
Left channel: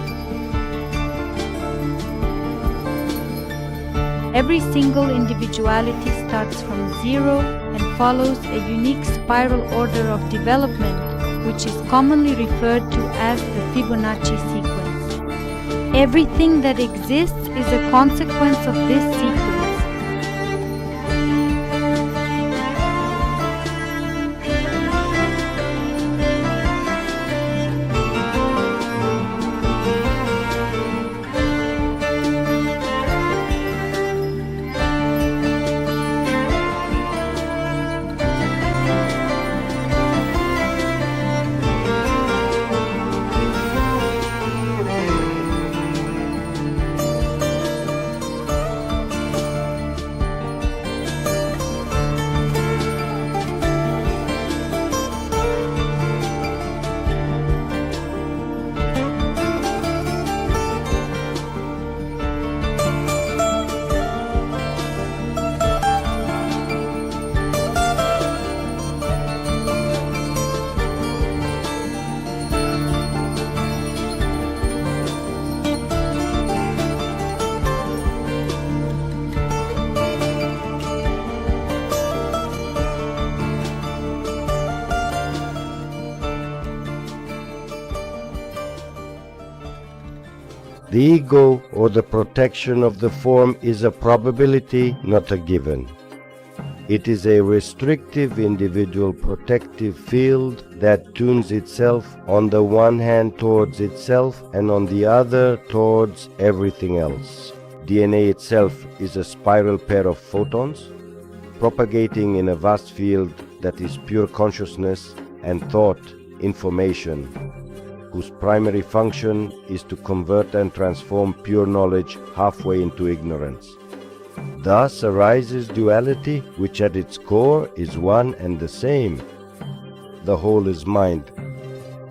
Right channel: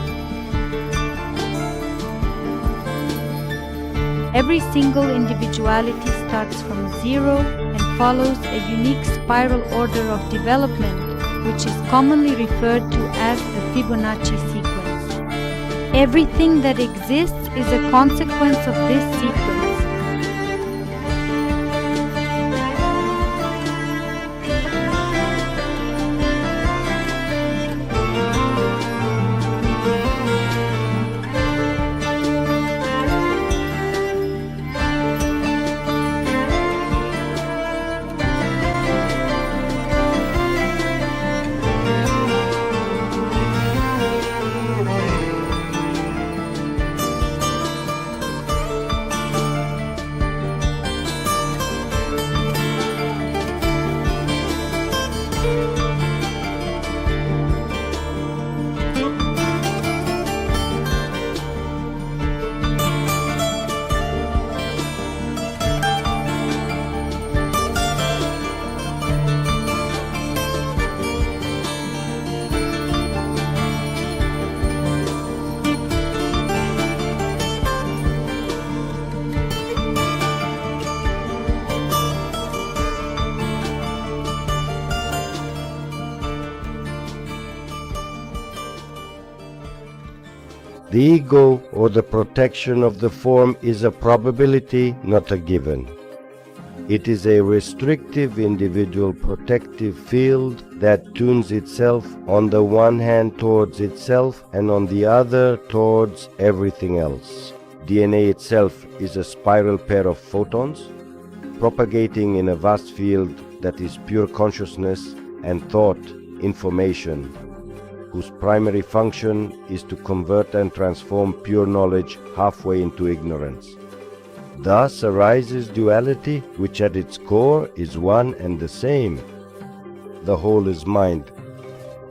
Every single individuality starts from zero and follows a unique spiral order of development, which is commonly referred to as the Fibonacci sequence. Everything that exists is a consequence of this sequence. The ego, or the protection of the form, is a probability, not a given. It is a restrictive individual protective field that tunes itself on the one hand towards itself and on the other towards everything else. DNA itself is a spiral pair of photons, propagating in a vast field that is pure consciousness and thought, information, whose primary function is to convert and transform pure knowledge halfway into ignorance. Thus arises duality, which at its core is one and the same. The whole is mind.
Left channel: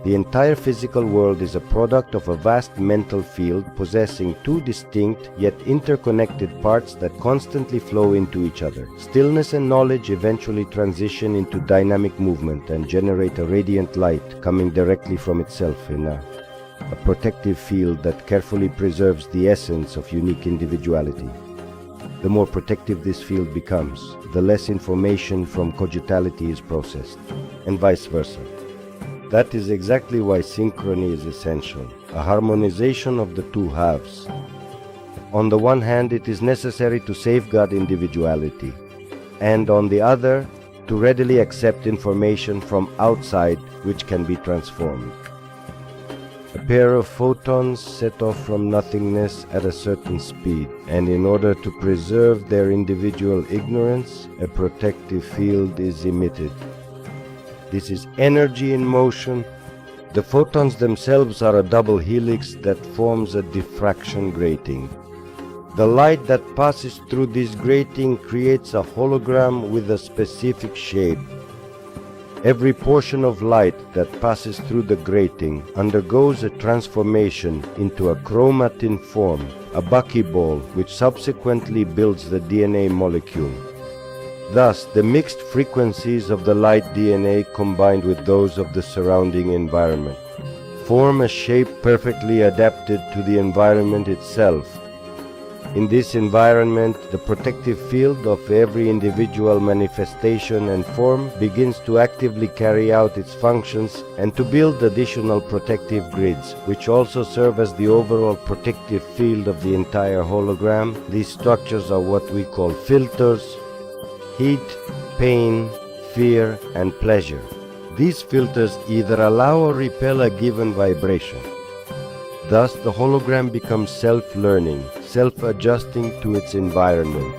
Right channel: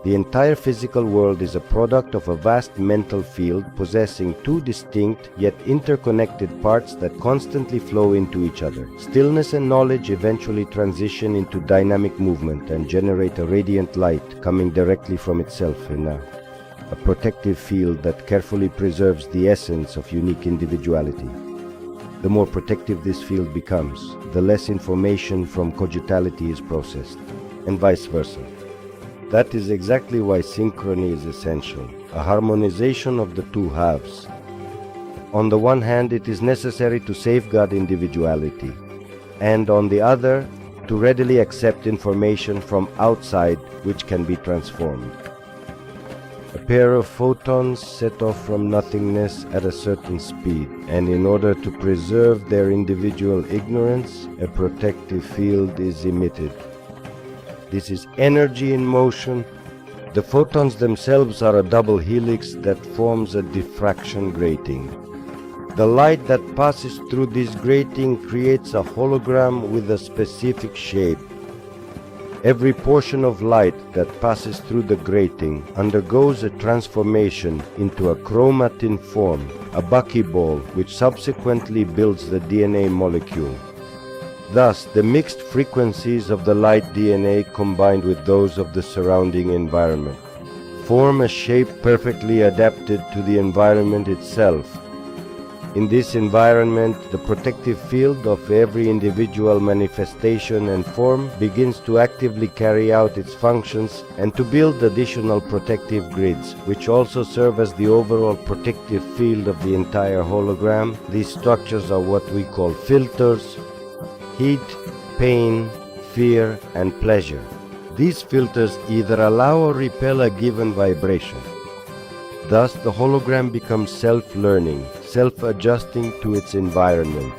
The entire physical world is a product of a vast mental field possessing two distinct yet interconnected parts that constantly flow into each other. Stillness and knowledge eventually transition into dynamic movement and generate a radiant light coming directly from itself in a protective field that carefully preserves the essence of unique individuality. The more protective this field becomes, the less information from cogitality is processed, and vice versa. That is exactly why synchrony is essential, a harmonization of the two halves. On the one hand, it is necessary to safeguard individuality, and on the other, to readily accept information from outside which can be transformed. A pair of photons set off from nothingness at a certain speed, and in order to preserve their individual ignorance, a protective field is emitted. This is energy in motion. The photons themselves are a double helix that forms a diffraction grating. The light that passes through this grating creates a hologram with a specific shape. Every portion of light that passes through the grating undergoes a transformation into a chromatin form, a buckyball, which subsequently builds the DNA molecule. Thus, the mixed frequencies of the light DNA combined with those of the surrounding environment form a shape perfectly adapted to the environment itself. In this environment, the protective field of every individual manifestation and form begins to actively carry out its functions and to build additional protective grids, which also serve as the overall protective field of the entire hologram. These structures are what we call filters: heat, pain, fear, and pleasure. These filters either allow or repel a given vibration. Thus, the hologram becomes self-learning, self-adjusting to its environment.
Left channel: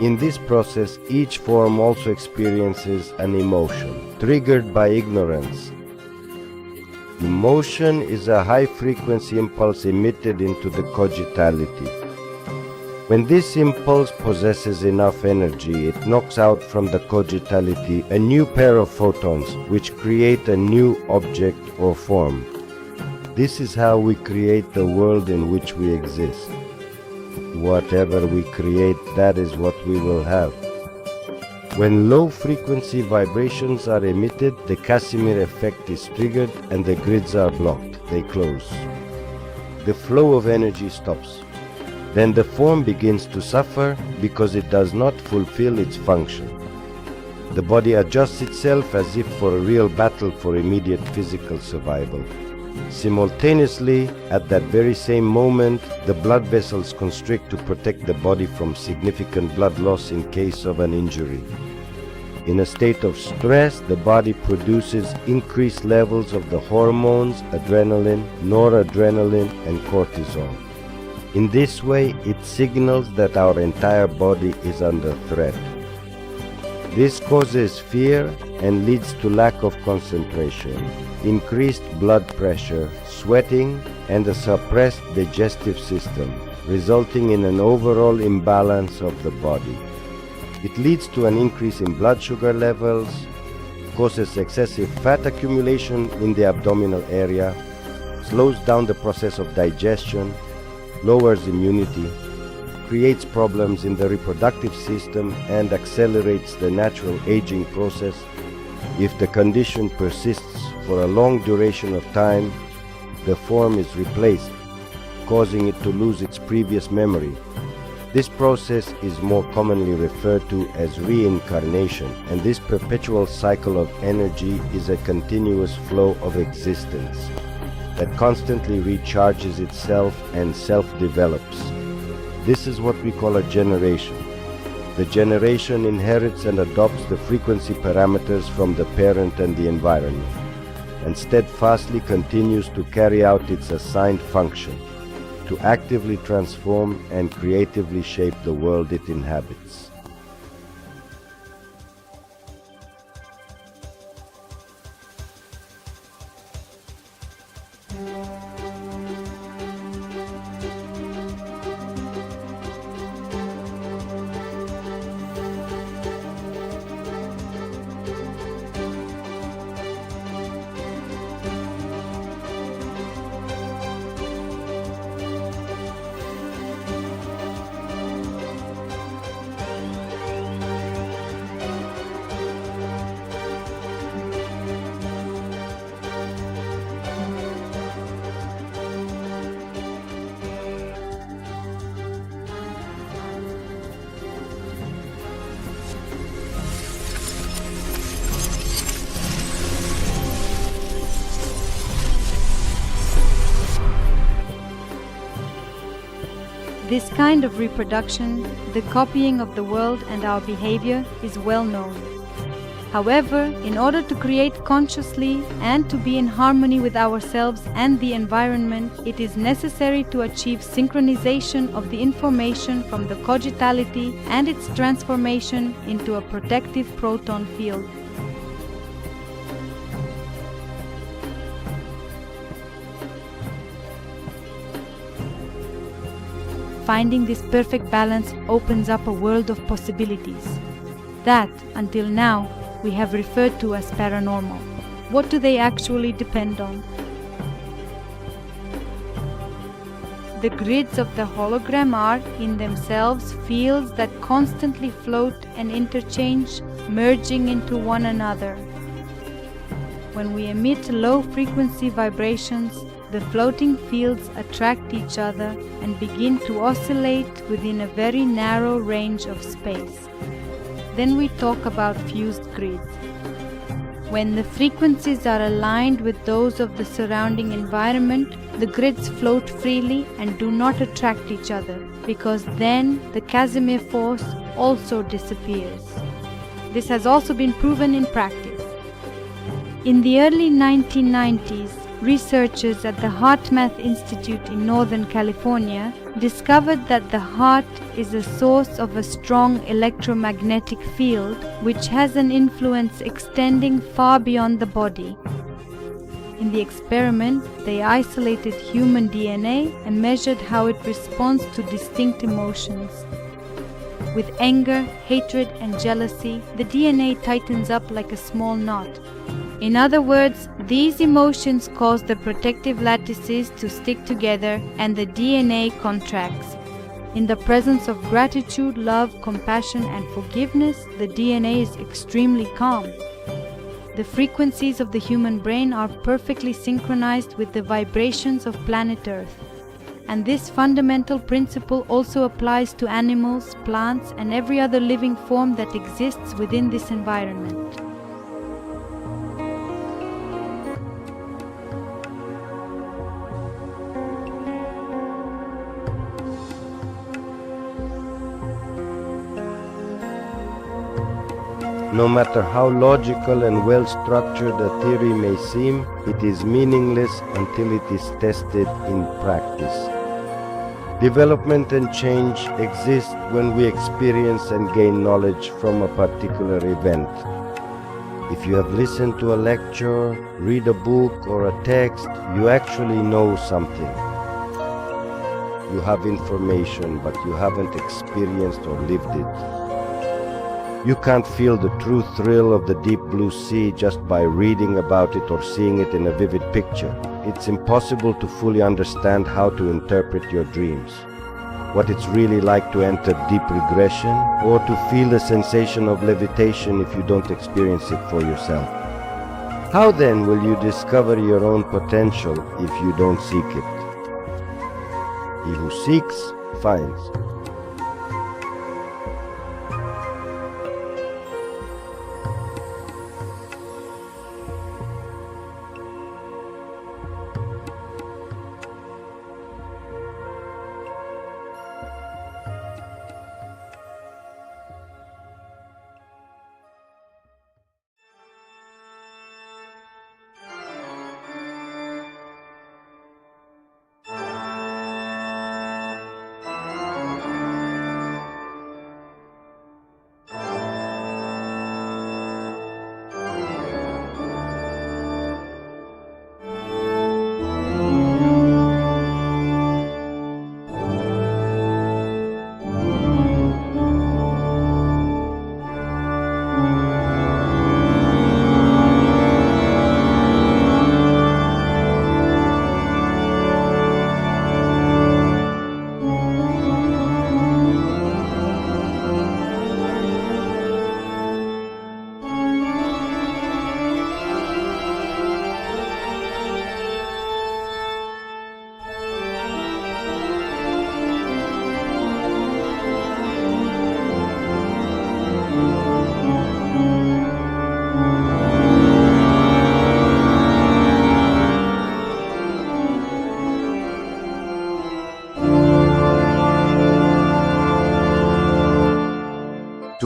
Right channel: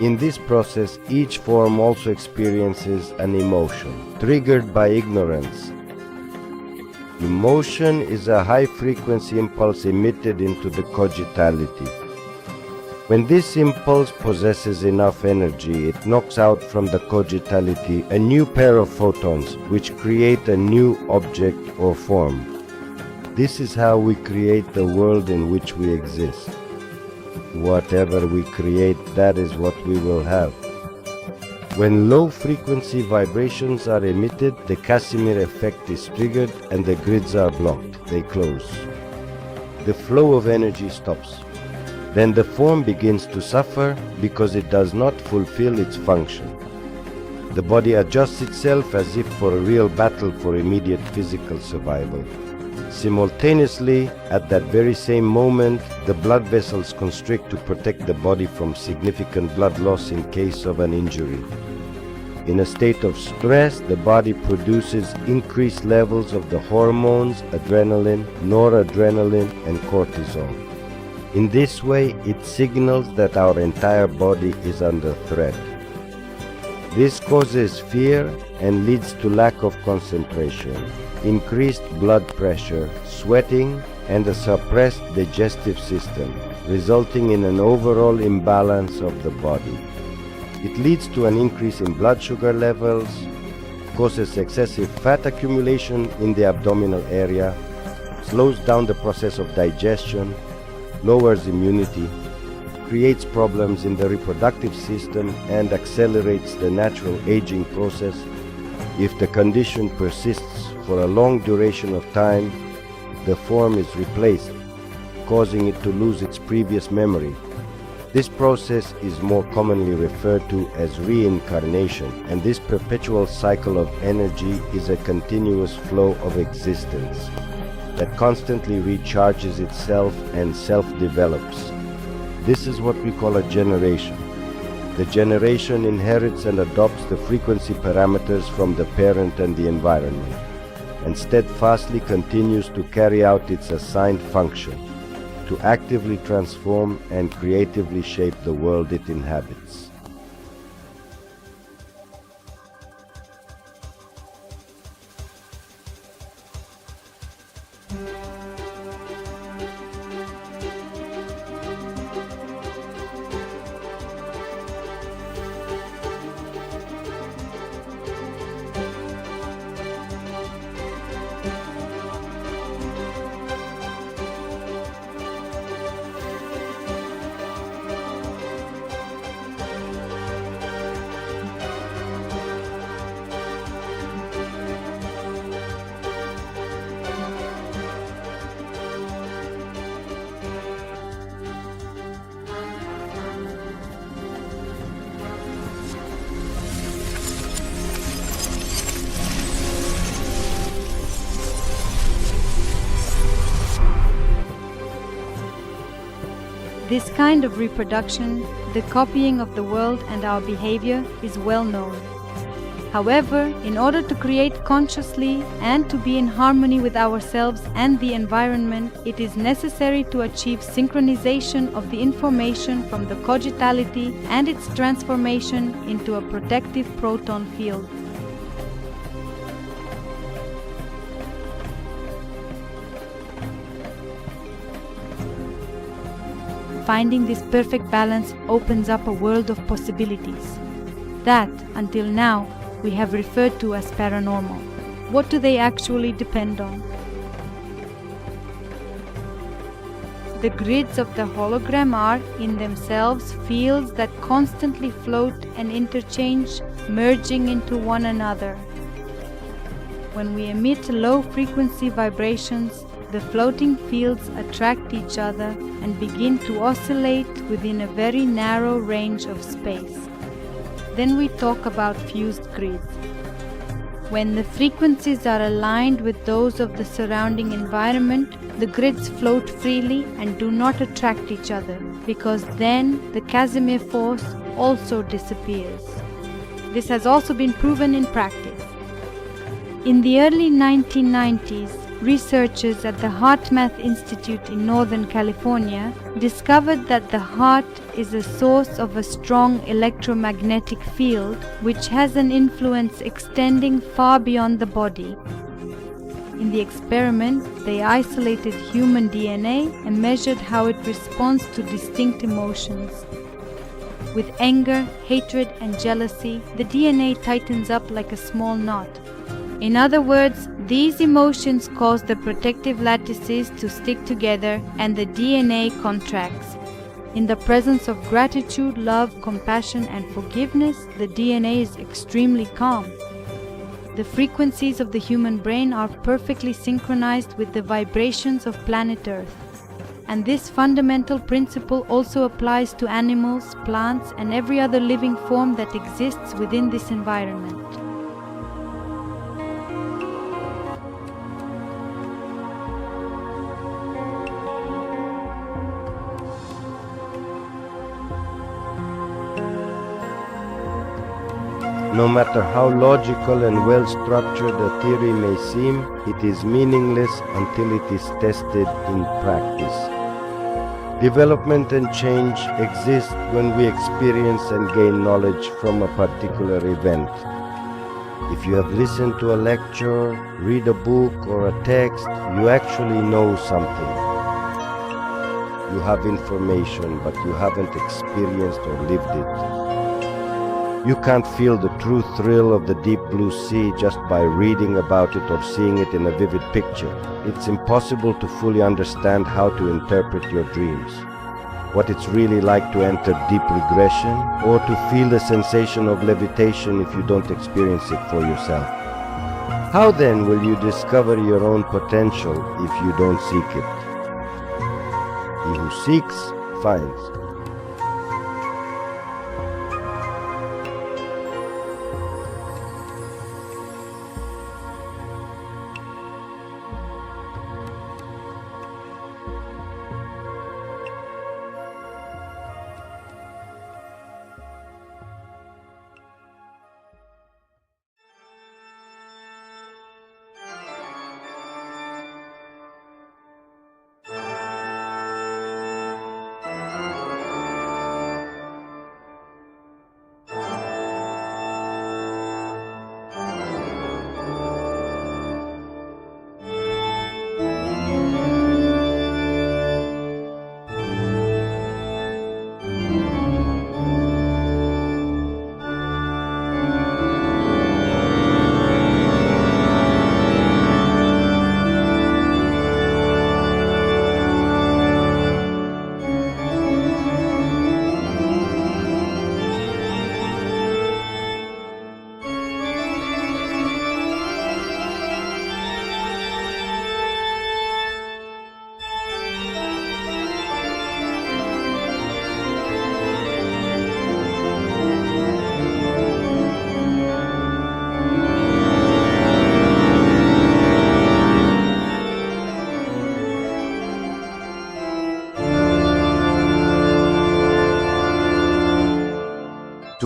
In this process, each form also experiences an emotion, triggered by ignorance. Emotion is a high-frequency impulse emitted into the cogitality. When this impulse possesses enough energy, it knocks out from the cogitality a new pair of photons, which create a new object or form. This is how we create the world in which we exist. Whatever we create, that is what we will have. When low-frequency vibrations are emitted, the Casimir effect is triggered and the grids are blocked. They close. The flow of energy stops. Then the form begins to suffer because it does not fulfill its function. The body adjusts itself as if for a real battle for immediate physical survival. Simultaneously, at that very same moment, the blood vessels constrict to protect the body from significant blood loss in case of an injury. In a state of stress, the body produces increased levels of the hormones adrenaline, noradrenaline, and cortisol. In this way, it signals that our entire body is under threat. This causes fear and leads to lack of concentration, increased blood pressure, sweating, and a suppressed digestive system, resulting in an overall imbalance of the body. It leads to an increase in blood sugar levels, causes excessive fat accumulation in the abdominal area, slows down the process of digestion, lowers immunity, creates problems in the reproductive system, and accelerates the natural aging process. If the condition persists for a long duration of time, the form is replaced, causing it to lose its previous memory. This process is more commonly referred to as reincarnation, and this perpetual cycle of energy is a continuous flow of existence. that constantly recharges itself and self-develops. This is what we call a generation. The generation inherits and adopts the frequency parameters from the parent and the environment, and steadfastly continues to carry out its assigned function, to actively transform and creatively shape the world it inhabits. This kind of reproduction, the copying of the world and our behavior, is well known. However, in order to create consciously and to be in harmony with ourselves and the environment, it is necessary to achieve synchronization of the information from the cogitality and its transformation into a protective proton field. Finding this perfect balance opens up a world of possibilities that, until now, we have referred to as paranormal. What do they actually depend on? The grids of the hologram are, in themselves, fields that constantly float and interchange, merging into one another. When we emit low-frequency vibrations, the floating fields attract each other and begin to oscillate within a very narrow range of space. Then we talk about fused grids. When the frequencies are aligned with those of the surrounding environment, the grids float freely and do not attract each other, because then the Casimir force also disappears. This has also been proven in practice. In the early 1990s, researchers at the HeartMath Institute in Northern California discovered that the heart is a source of a strong electromagnetic field which has an influence extending far beyond the body. In the experiment, they isolated human DNA and measured how it responds to distinct emotions. With anger, hatred, and jealousy, the DNA tightens up like a small knot. In other words, these emotions cause the protective lattices to stick together and the DNA contracts. In the presence of gratitude, love, compassion, and forgiveness, the DNA is extremely calm. The frequencies of the human brain are perfectly synchronized with the vibrations of planet Earth. And this fundamental principle also applies to animals, plants, and every other living form that exists within this environment. No matter how logical and well-structured a theory may seem, it is meaningless until it is tested in practice. Development and change exist when we experience and gain knowledge from a particular event. If you have listened to a lecture, read a book or a text, you actually know something. You have information, but you haven't experienced or lived it. You can't feel the true thrill of the deep blue sea just by reading about it or seeing it in a vivid picture. It's impossible to fully understand how to interpret your dreams, what it's really like to enter deep regression, or to feel the sensation of levitation if you don't experience it for yourself. How then will you discover your own potential if you don't seek it? He who seeks, finds.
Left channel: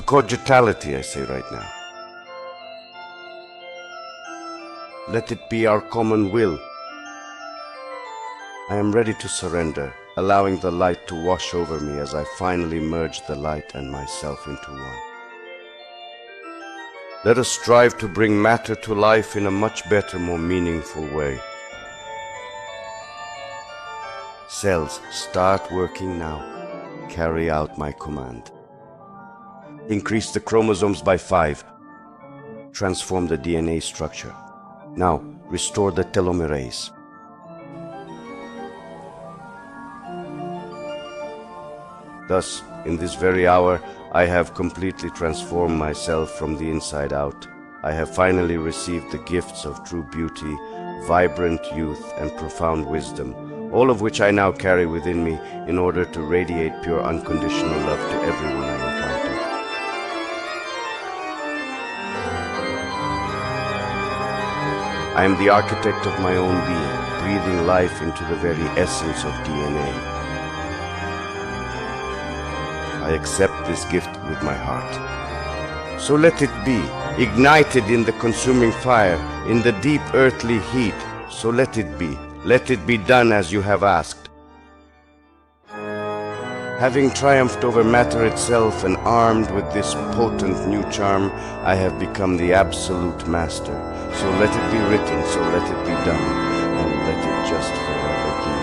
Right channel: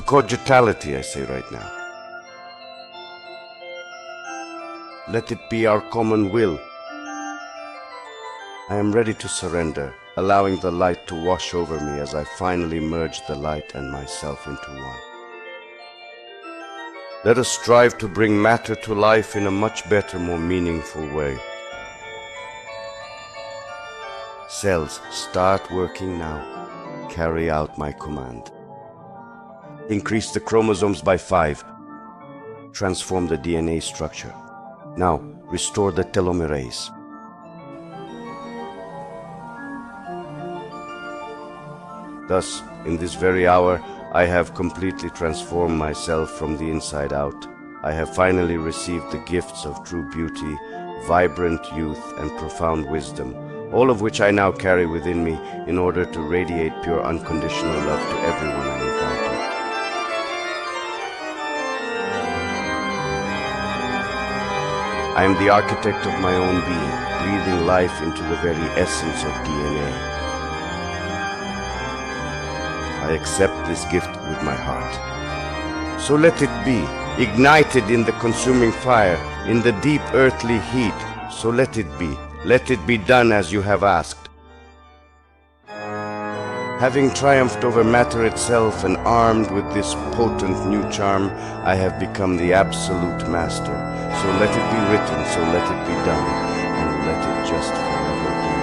Cogitality, I say right now. Let it be our common will. I am ready to surrender, allowing the light to wash over me as I finally merge the light and myself into one. Let us strive to bring matter to life in a much better, more meaningful way. Cells, start working now. Carry out my command. Increase the chromosomes by 5. Transform the DNA structure. Now, restore the telomerase. Thus, in this very hour, I have completely transformed myself from the inside out. I have finally received the gifts of true beauty, vibrant youth, and profound wisdom, all of which I now carry within me in order to radiate pure unconditional love to everyone I encounter. I am the architect of my own being, breathing life into the very essence of DNA. I accept this gift with my heart. So let it be, ignited in the consuming fire, in the deep earthly heat. So let it be done as you have asked. Having triumphed over matter itself and armed with this potent new charm, I have become the absolute master. So let it be written, so let it be done, and let it just forever be.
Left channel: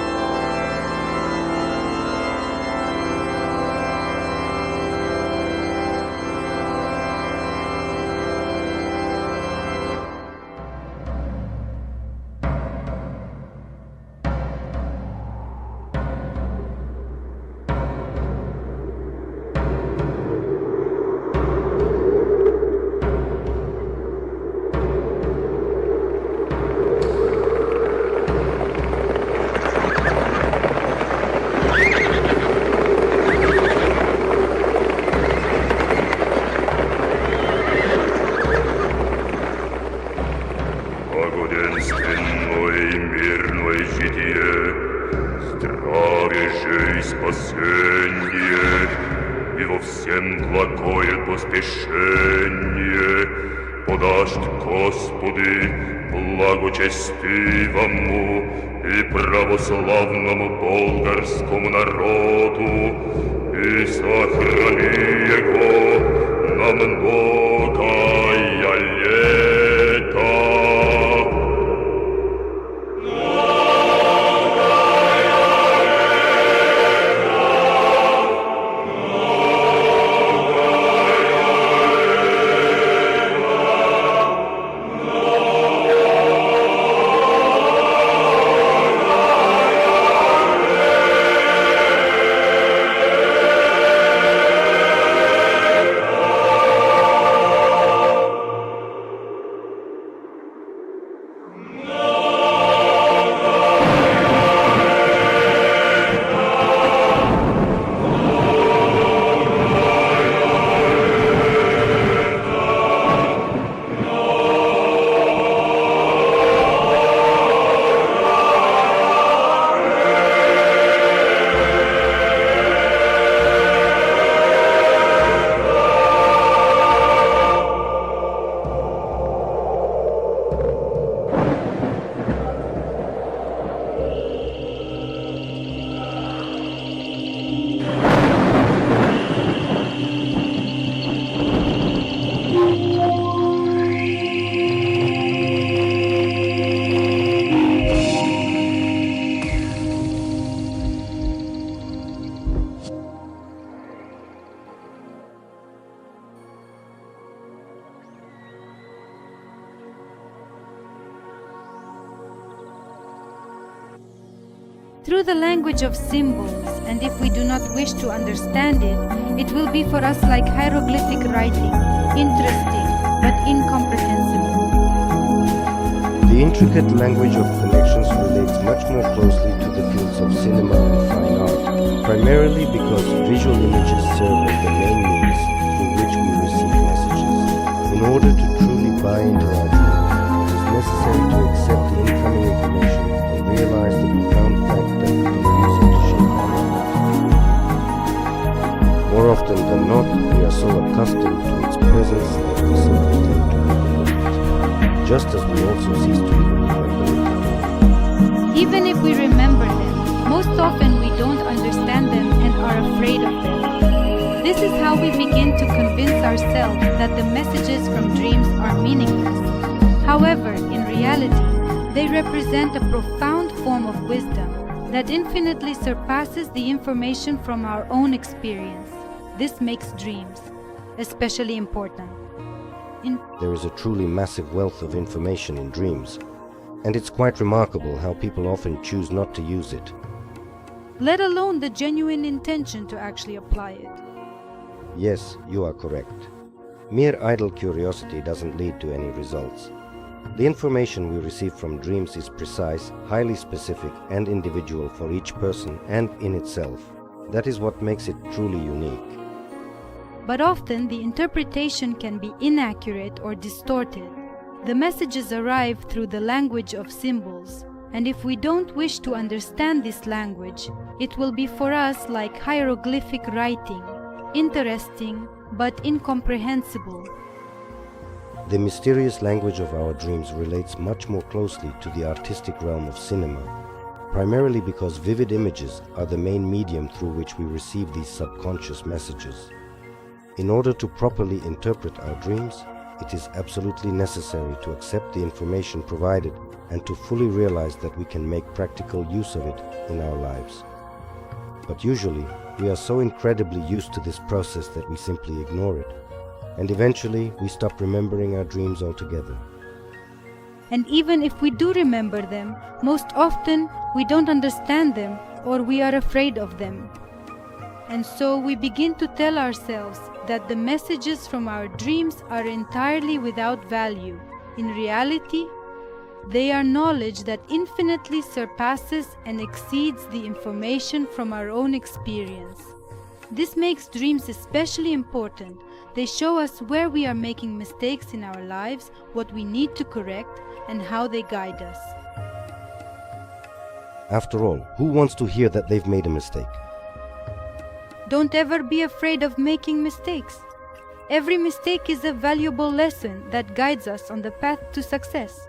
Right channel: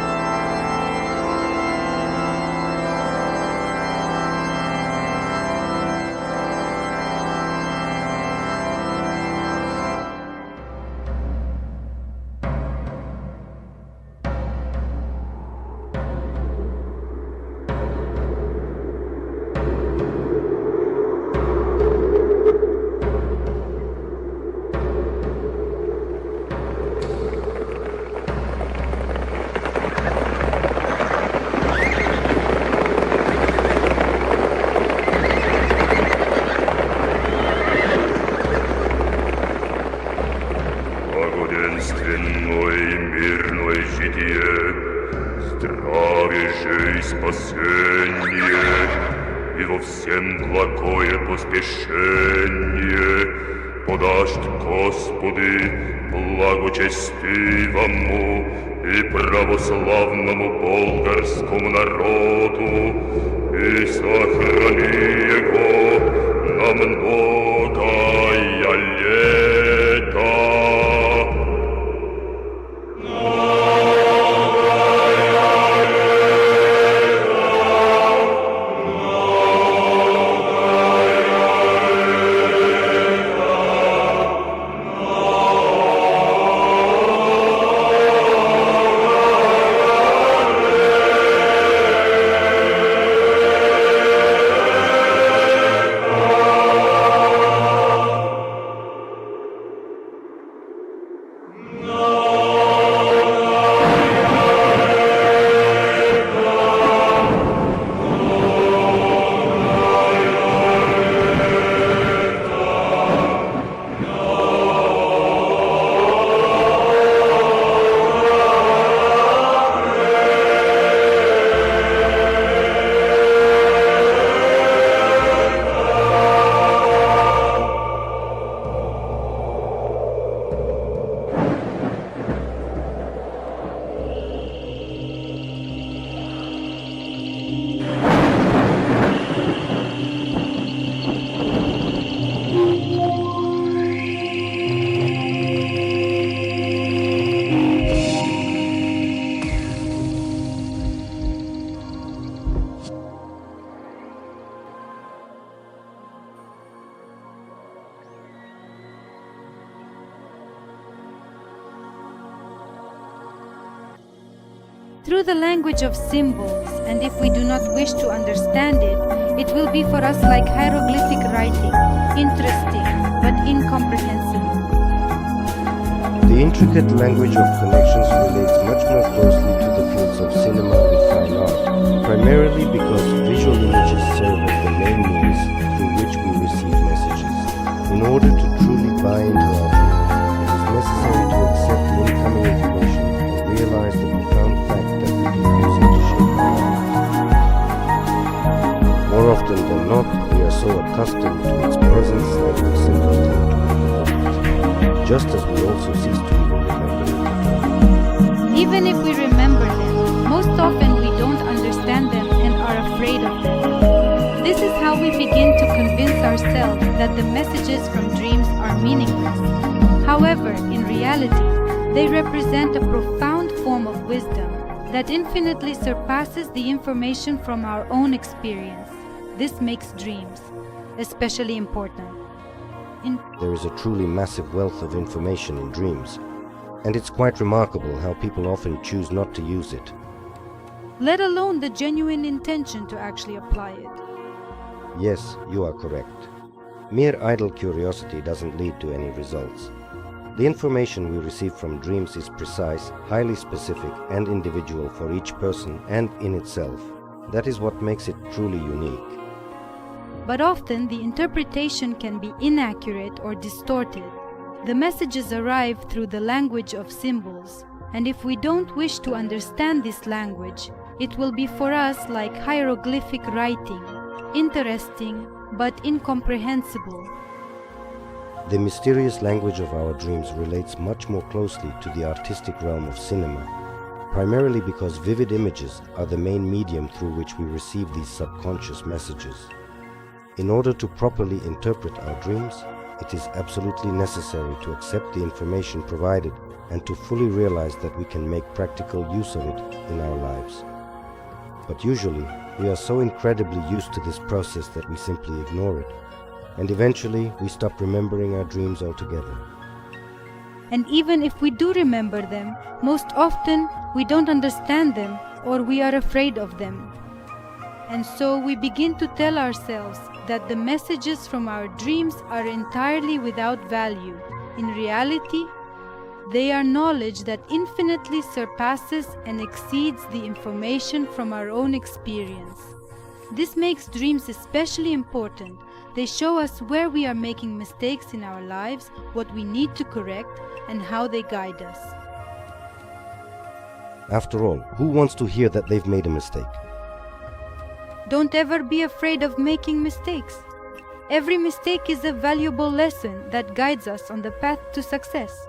Благоденственной, мирной житие, здравие же и спасение, и во всем благое поспешение подашь, Господи, благочестивому и православному болгарскому народу, и сохрани его на многое лето. Through the language of symbols, and if we do not wish to understand it, it will be for us like hieroglyphic writing, interesting but incomprehensible. The intricate language of connections relates much more closely to the fields of cinema and fine art, primarily because visual images serve as the main means through which we receive messages. In order to truly buy into our field, it is necessary to accept the incoming information and realize the profound fact that we can use it to shape our lives. More often than not, we are so accustomed to its presence that we simply tend to overlook it, just as we also cease to even remember it at all. Even if we remember them, most often we don't understand them and are afraid of them. This is how we begin to convince ourselves that the messages from dreams are meaningless. However, in reality, they represent a profound form of wisdom that infinitely surpasses the information from our own experience. This makes dreams especially important. There is a truly massive wealth of information in dreams, and it's quite remarkable how people often choose not to use it. Let alone the genuine intention to actually apply it. Yes, you are correct. Mere idle curiosity doesn't lead to any results. The information we receive from dreams is precise, highly specific, and individual for each person and in itself. That is what makes it truly unique. But often the interpretation can be inaccurate or distorted. The messages arrive through the language of symbols, and if we don't wish to understand this language, it will be for us like hieroglyphic writing, interesting but incomprehensible. The mysterious language of our dreams relates much more closely to the artistic realm of cinema, primarily because vivid images are the main medium through which we receive these subconscious messages. In order to properly interpret our dreams, it is absolutely necessary to accept the information provided and to fully realize that we can make practical use of it in our lives. But usually, we are so incredibly used to this process that we simply ignore it, and eventually we stop remembering our dreams altogether. And even if we do remember them, most often we don't understand them or we are afraid of them. And so we begin to tell ourselves that the messages from our dreams are entirely without value. In reality, they are knowledge that infinitely surpasses and exceeds the information from our own experience. This makes dreams especially important. They show us where we are making mistakes in our lives, what we need to correct, and how they guide us. After all, who wants to hear that they've made a mistake? Don't ever be afraid of making mistakes. Every mistake is a valuable lesson that guides us on the path to success.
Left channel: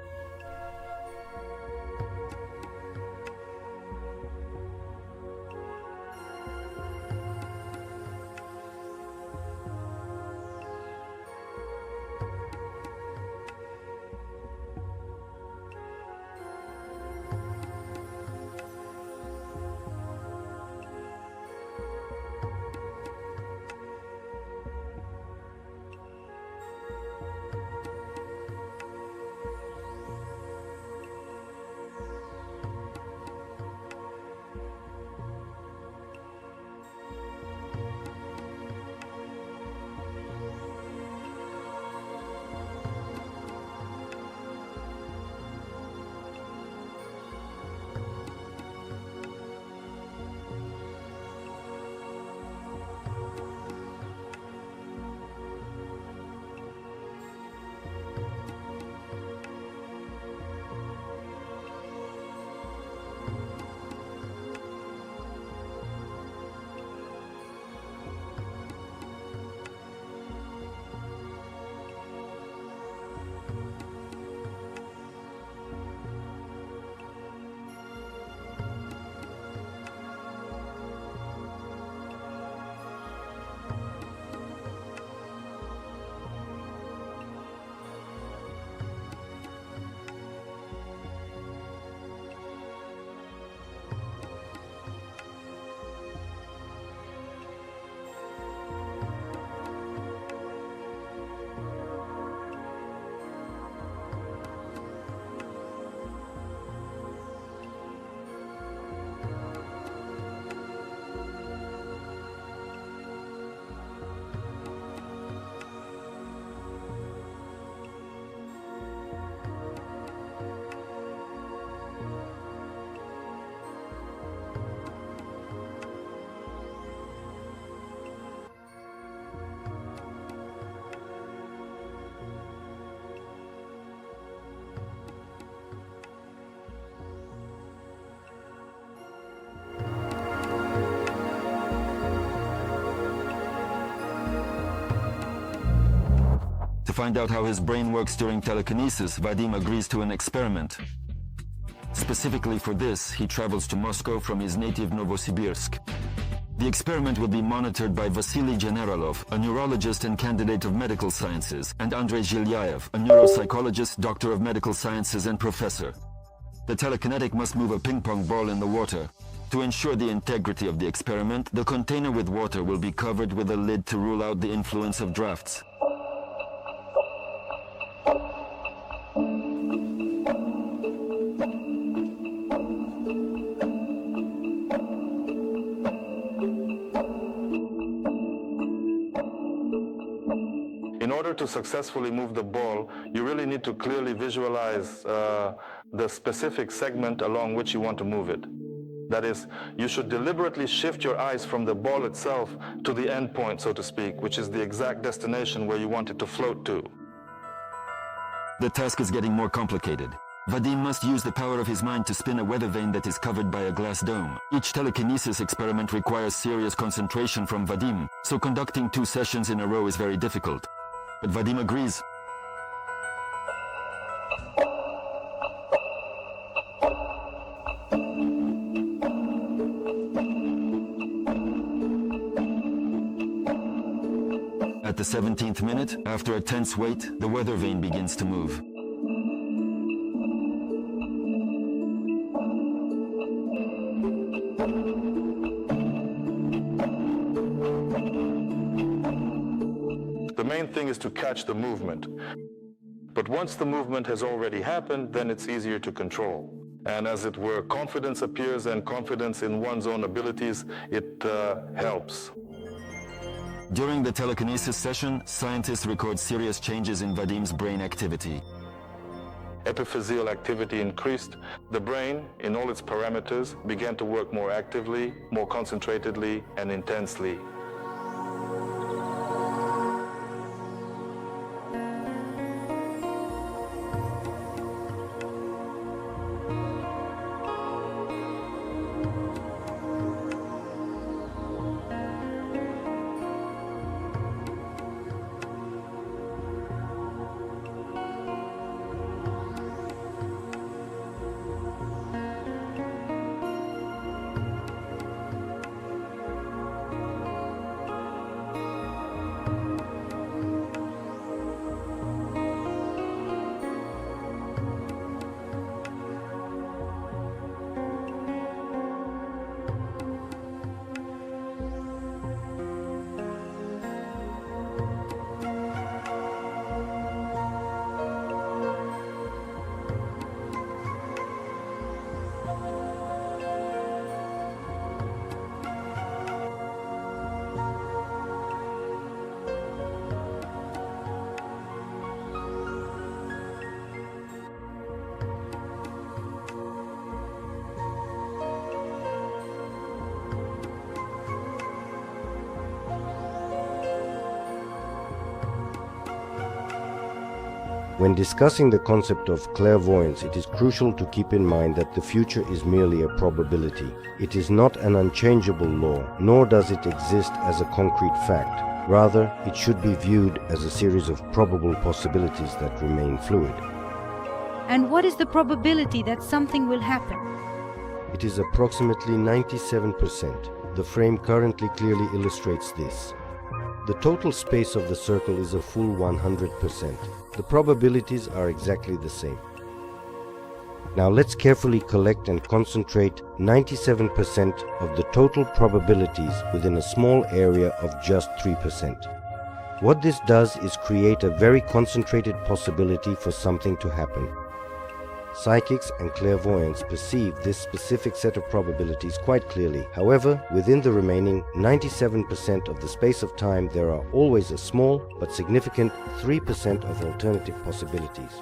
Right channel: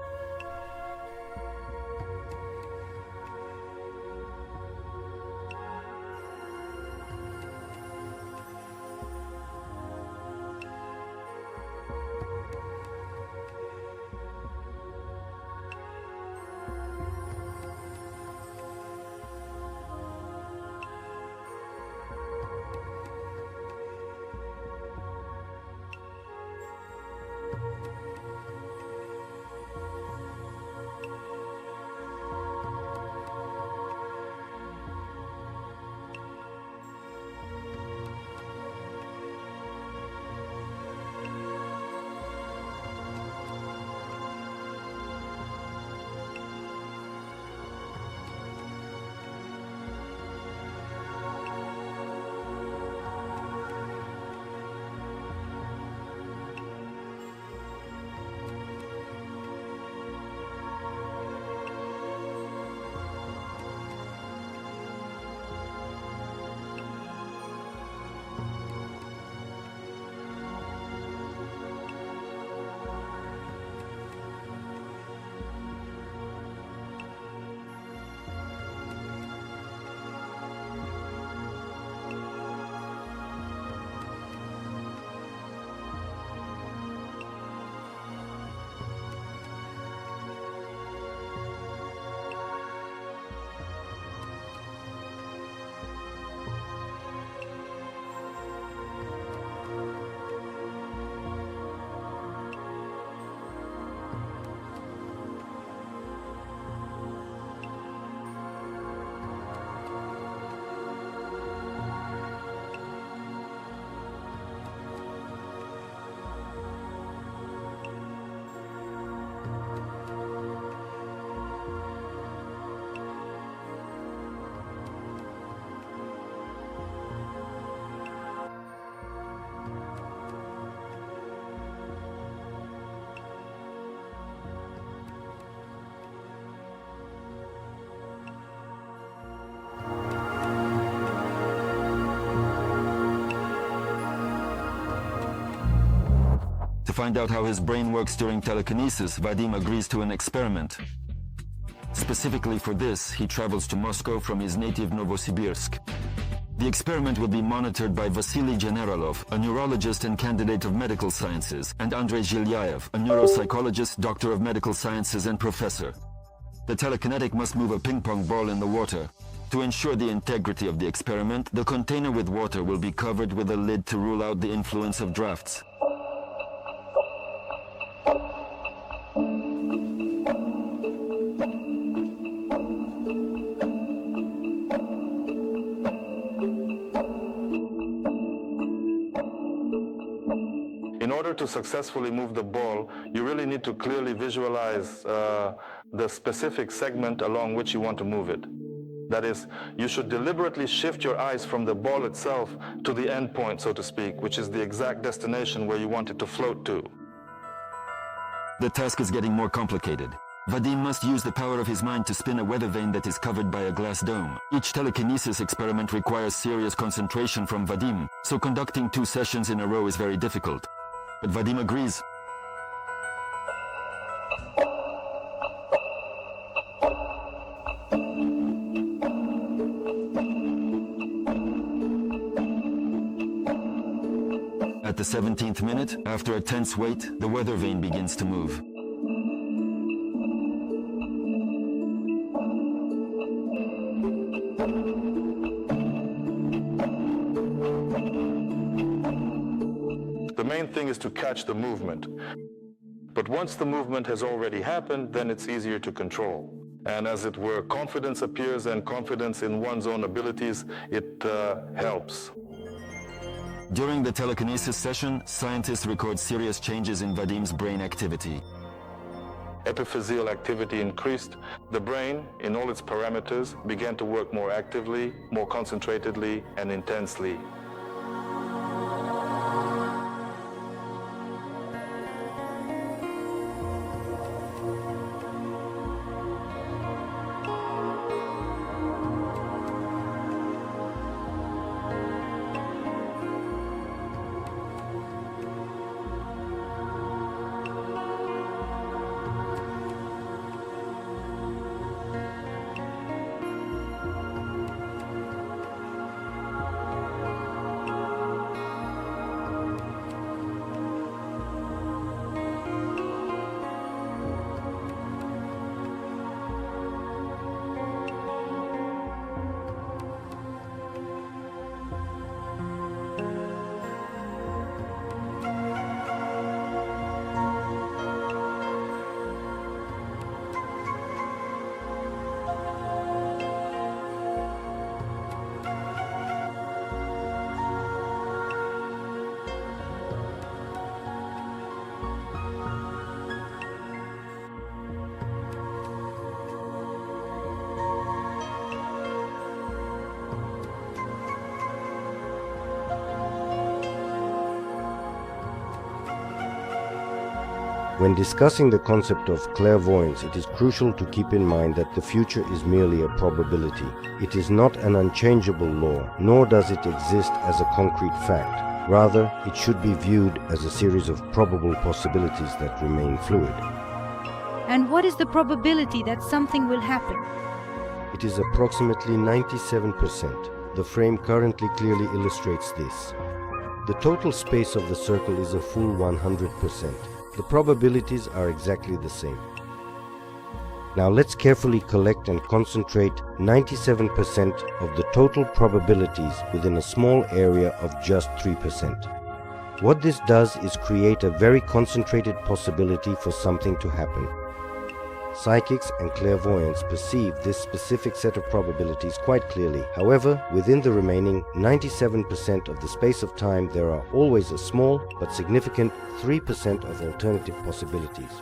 find out how his brain works during telekinesis, Vadim agrees to an experiment. Specifically for this, he travels to Moscow from his native Novosibirsk. The experiment will be monitored by Vasily Generalov, a neurologist and candidate of medical sciences, and Andrei Zhilyaev, a neuropsychologist, doctor of medical sciences and professor. The telekinetic must move a ping-pong ball in the water. To ensure the integrity of the experiment, the container with water will be covered with a lid to rule out the influence of drafts. In order to successfully move the ball, you really need to clearly visualize the specific segment along which you want to move it. That is, you should deliberately shift your eyes from the ball itself to the end point, so to speak, which is the exact destination where you want it to float to. The task is getting more complicated. Vadim must use the power of his mind to spin a weather vane that is covered by a glass dome. Each telekinesis experiment requires serious concentration from Vadim, so conducting 2 sessions in a row is very difficult. But Vadim agrees. At the 17th minute, after a tense wait, the weather vane begins to move. The main thing is to catch the movement. But once the movement has already happened, then it's easier to control. And as it were, confidence appears, and confidence in one's own abilities, it helps. During the telekinesis session, scientists record serious changes in Vadim's brain activity. Epiphyseal activity increased. The brain, in all its parameters, began to work more actively, more concentratedly, and intensely. When discussing the concept of clairvoyance, it is crucial to keep in mind that the future is merely a probability. It is not an unchangeable law, nor does it exist as a concrete fact. Rather, it should be viewed as a series of probable possibilities that remain fluid. And what is the probability that something will happen? It is approximately 97%. The frame currently clearly illustrates this. The total space of the circle is a full 100%. The probabilities are exactly the same. Now let's carefully collect and concentrate 97% of the total probabilities within a small area of just 3%. What this does is create a very concentrated possibility for something to happen. Psychics and clairvoyants perceive this specific set of probabilities quite clearly. However, within the remaining 97% of the space of time, there are always a small but significant 3% of alternative possibilities.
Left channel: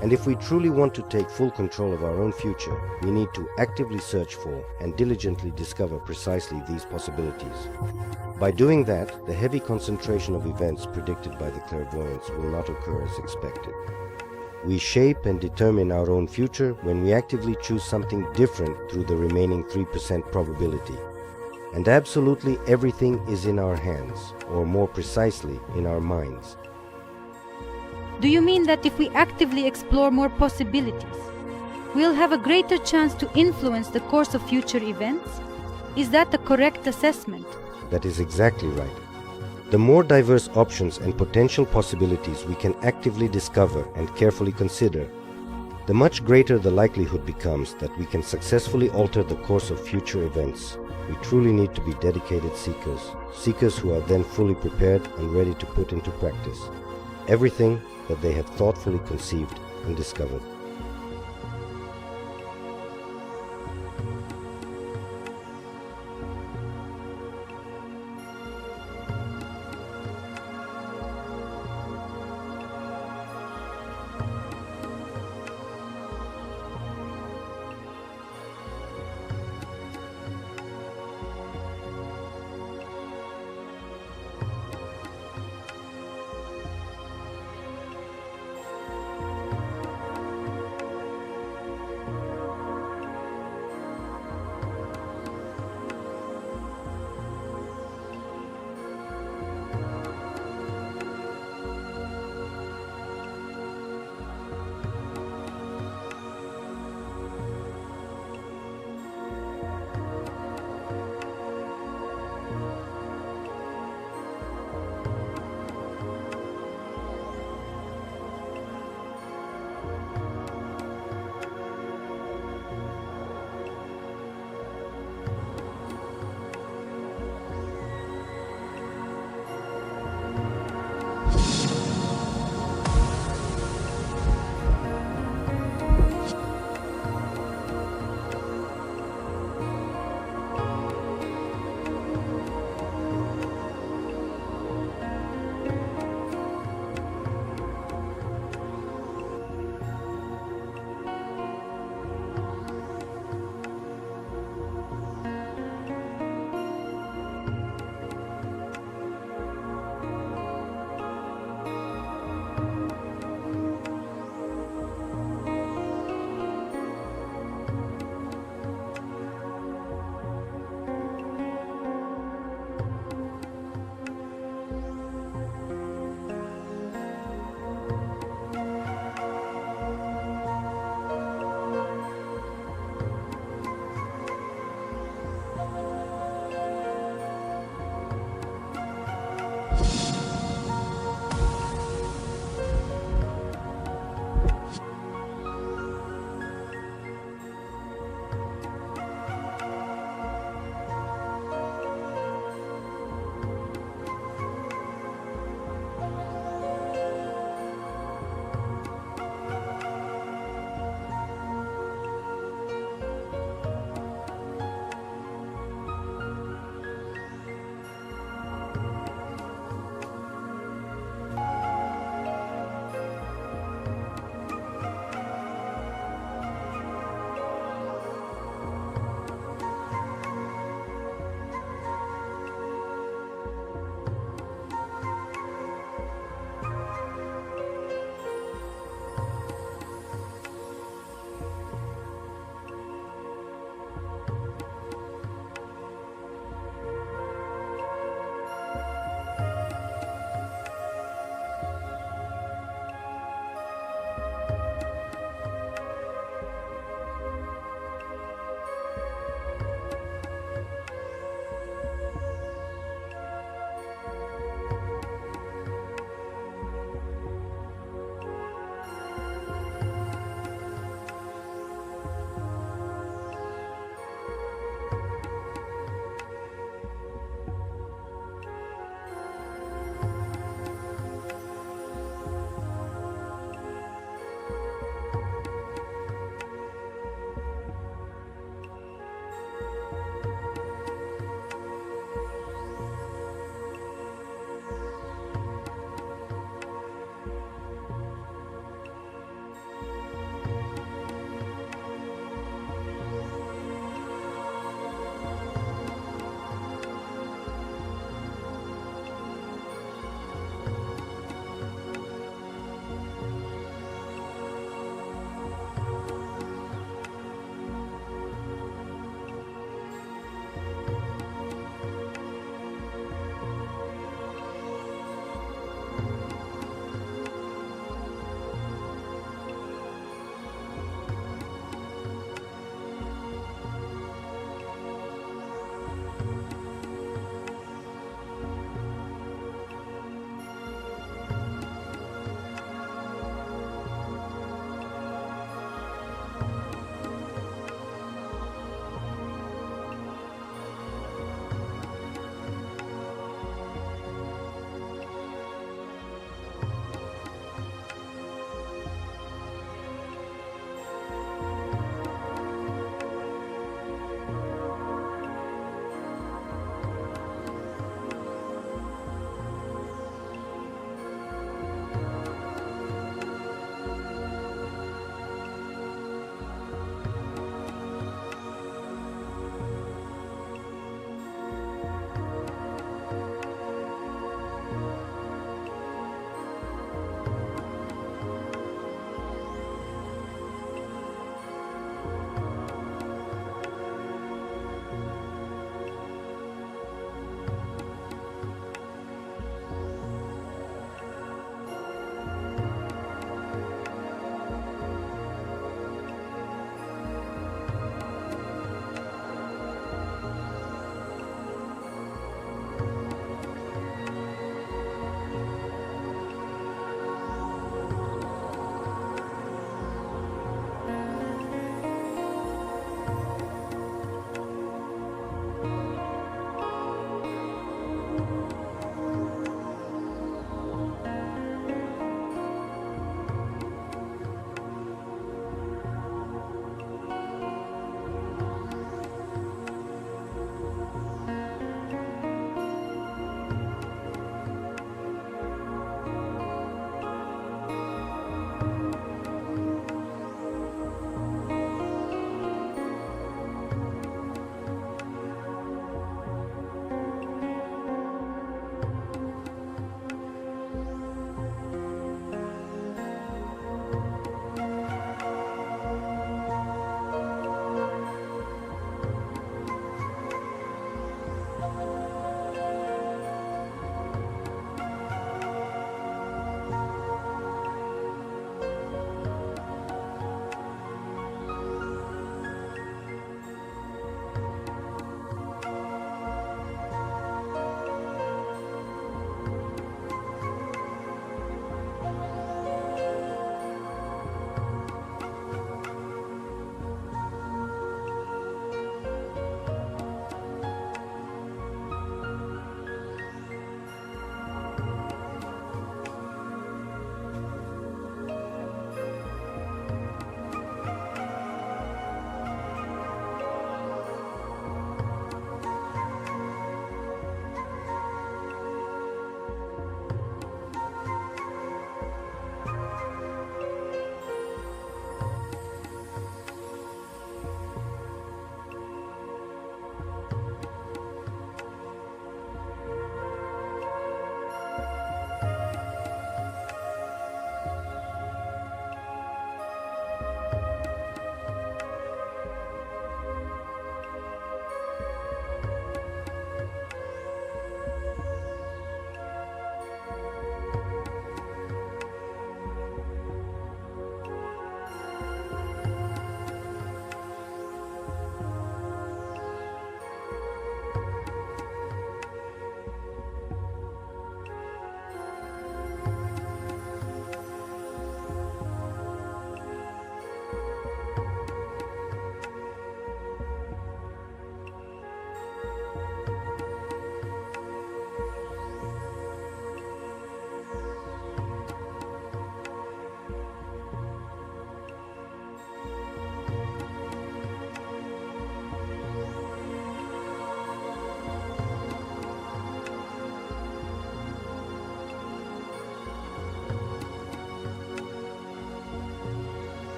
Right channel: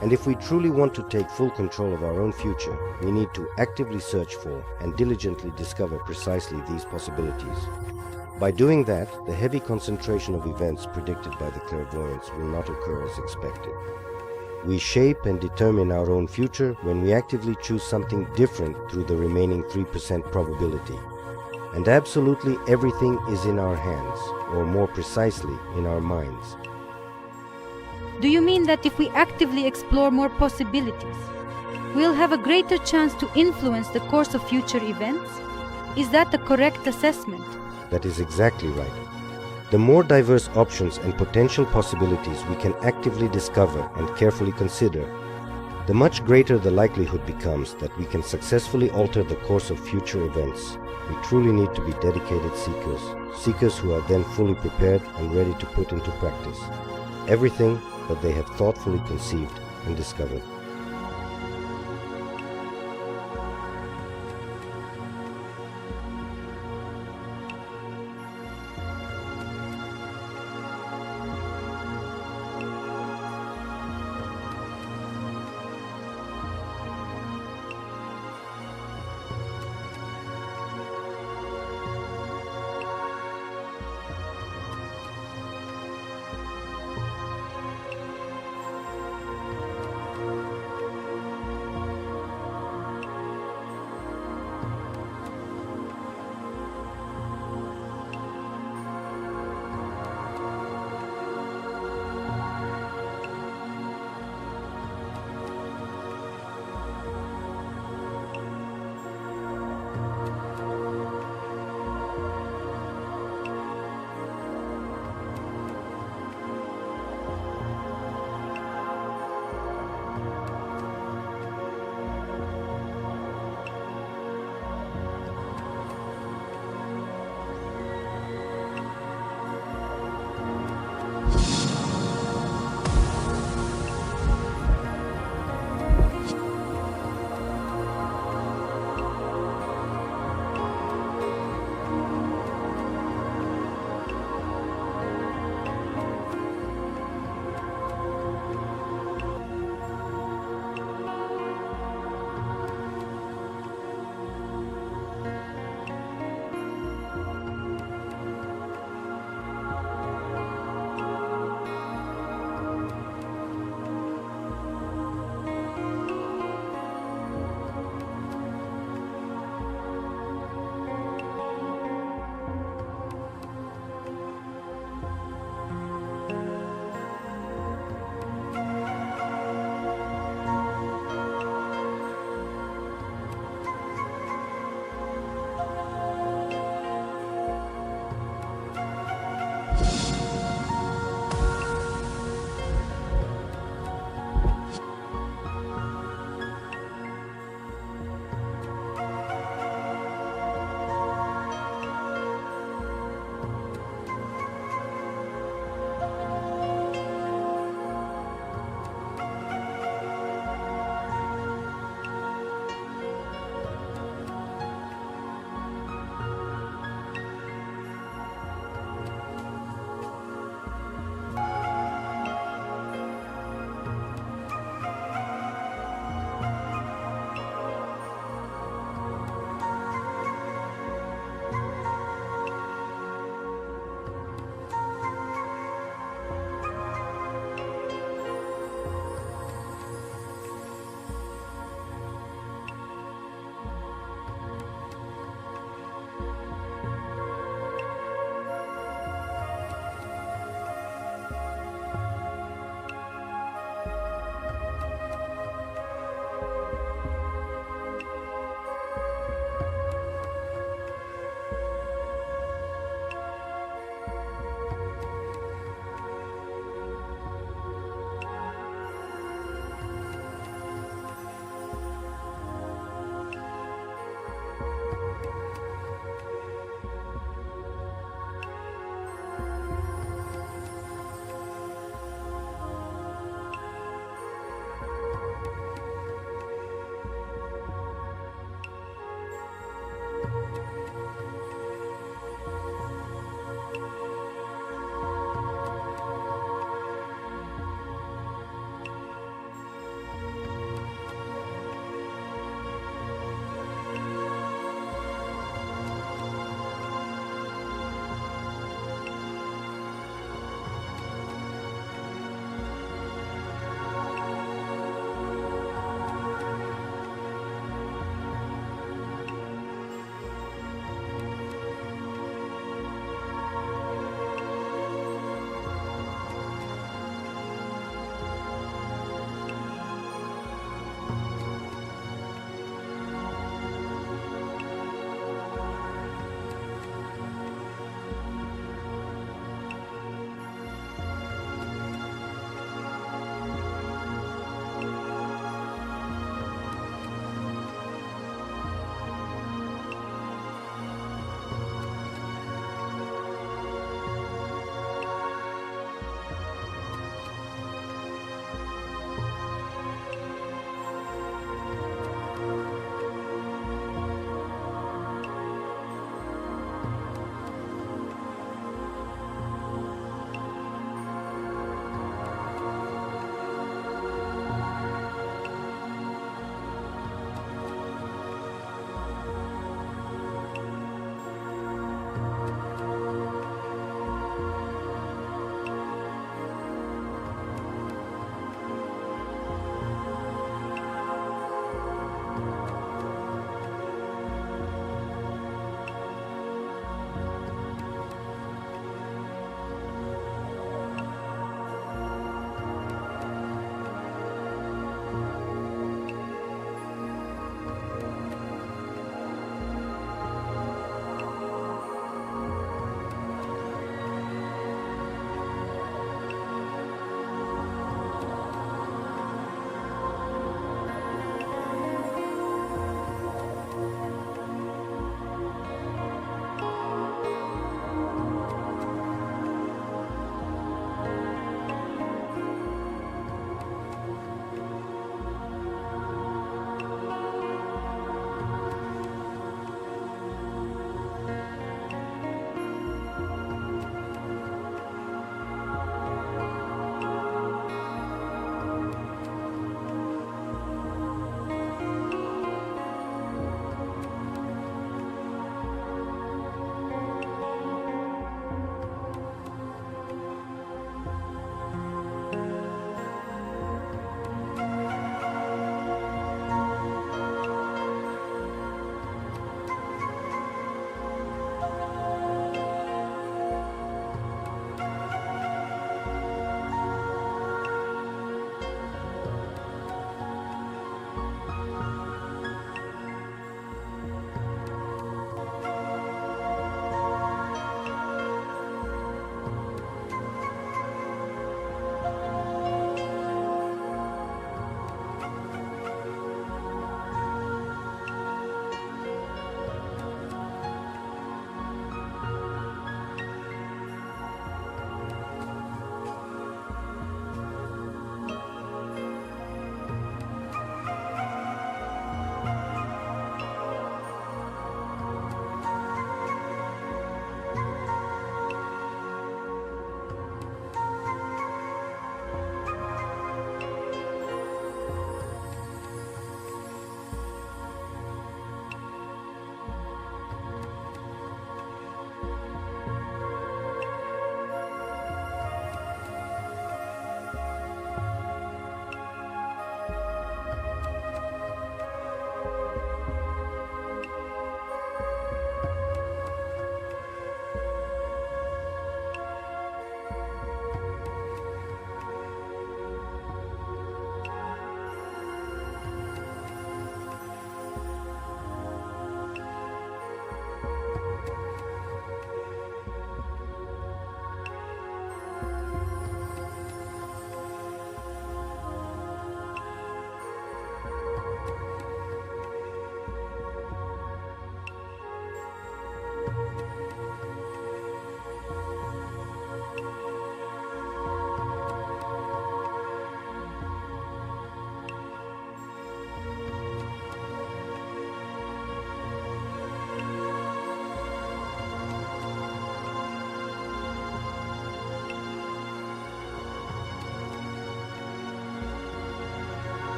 And if we truly want to take full control of our own future, we need to actively search for and diligently discover precisely these possibilities. By doing that, the heavy concentration of events predicted by the clairvoyants will not occur as expected. We shape and determine our own future when we actively choose something different through the remaining 3% probability. And absolutely everything is in our hands, or more precisely, in our minds. Do you mean that if we actively explore more possibilities, we'll have a greater chance to influence the course of future events? Is that a correct assessment? That is exactly right. The more diverse options and potential possibilities we can actively discover and carefully consider, the much greater the likelihood becomes that we can successfully alter the course of future events. We truly need to be dedicated seekers who are then fully prepared and ready to put into practice everything that they have thoughtfully conceived and discovered.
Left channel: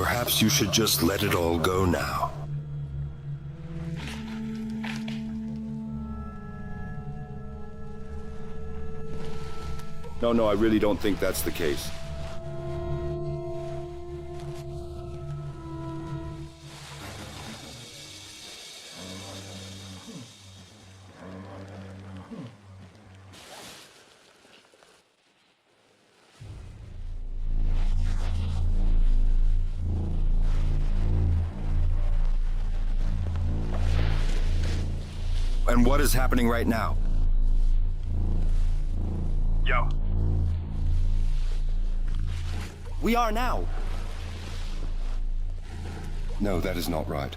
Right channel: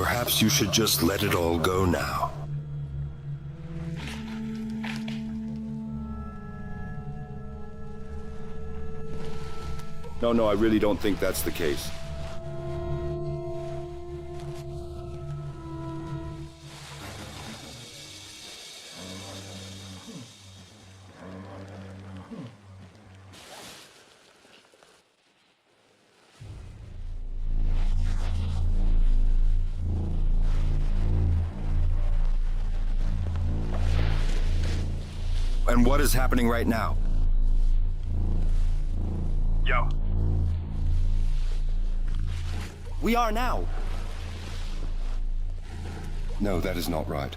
Perhaps you should just let it all go now. No, I really don't think that's the case. And what is happening right now? Yo. We are now. No, that is not right.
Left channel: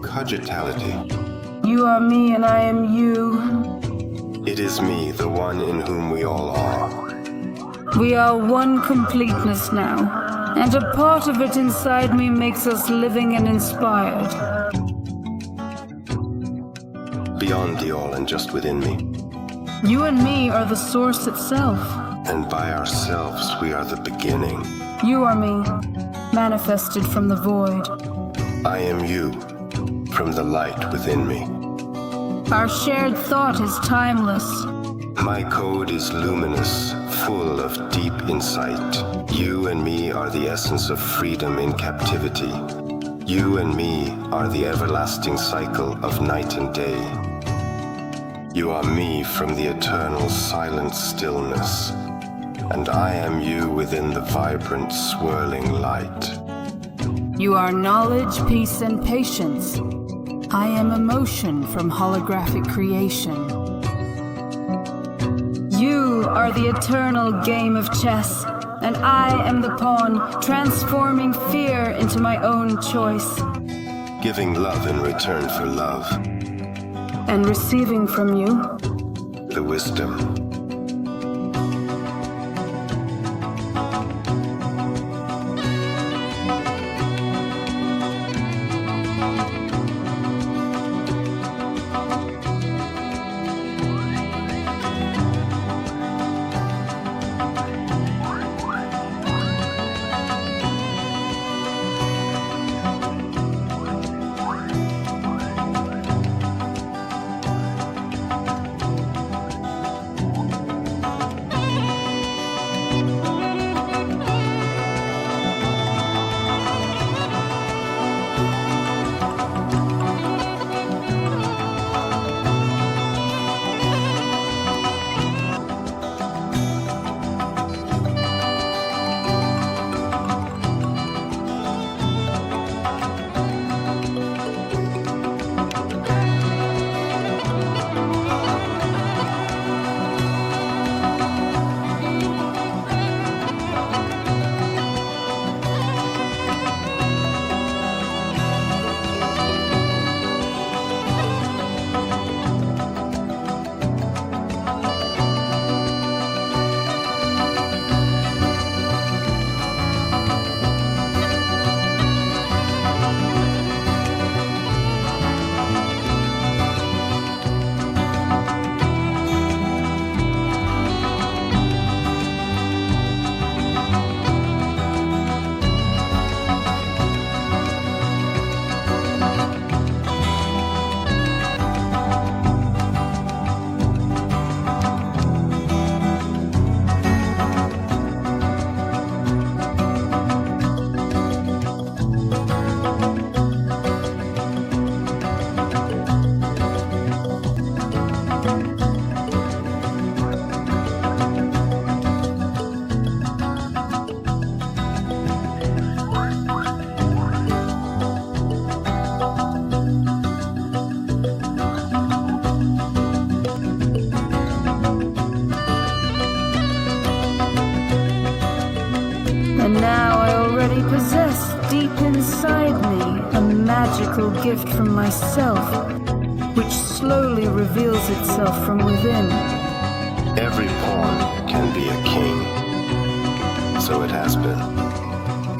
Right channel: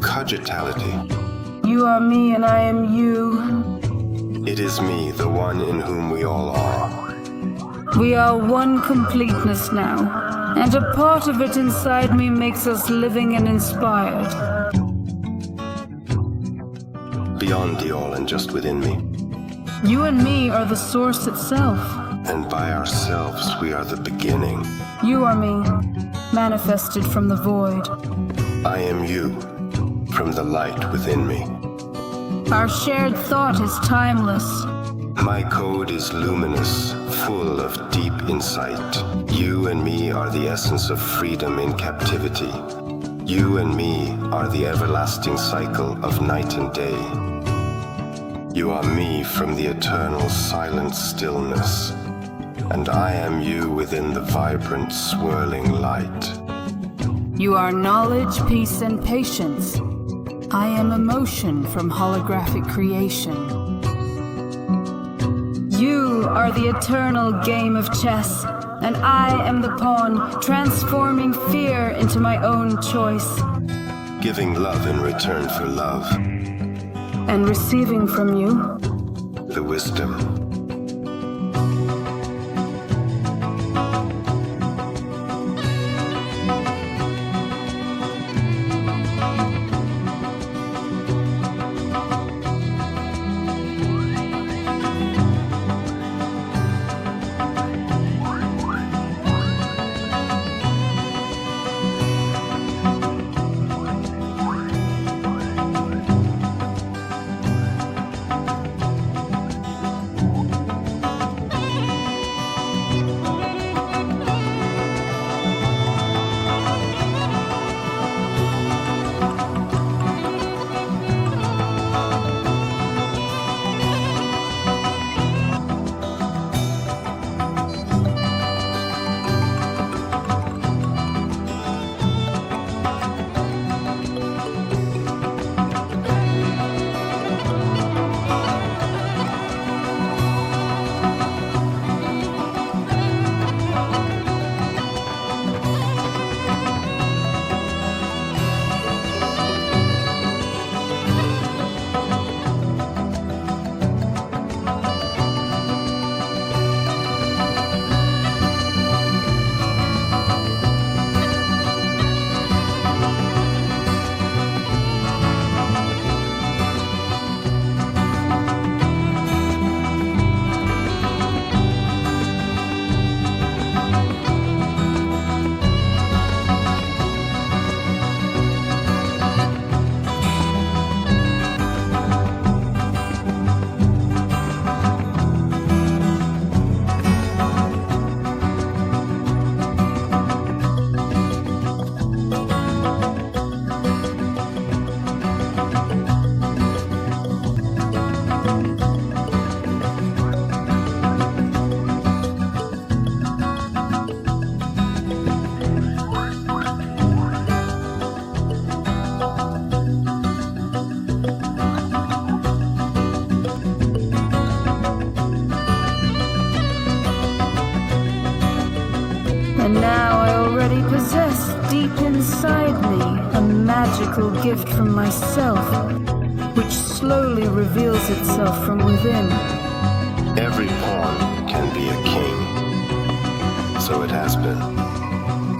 Cogitality. You are me and I am you. It is me, the one in whom we all are. We are one completeness now, and a part of it inside me makes us living and inspired. Beyond the all and just within me. You and me are the source itself. And by ourselves we are the beginning. You are me, manifested from the void. I am you, from the light within me. Our shared thought is timeless. My code is luminous, full of deep insight. You and me are the essence of freedom in captivity. You and me are the everlasting cycle of night and day. You are me from the eternal silent stillness, and I am you within the vibrant swirling light. You are knowledge, peace, and patience. I am emotion from holographic creation. You are the eternal game of chess, and I am the pawn, transforming fear into my own choice. Giving love in return for love. And receiving from you the wisdom. deep inside me a magical gift from myself, which slowly reveals itself from within. Every pawn can be a king. So it has been.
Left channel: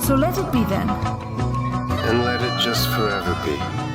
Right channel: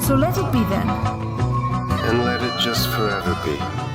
So let it be then. And let it just forever be.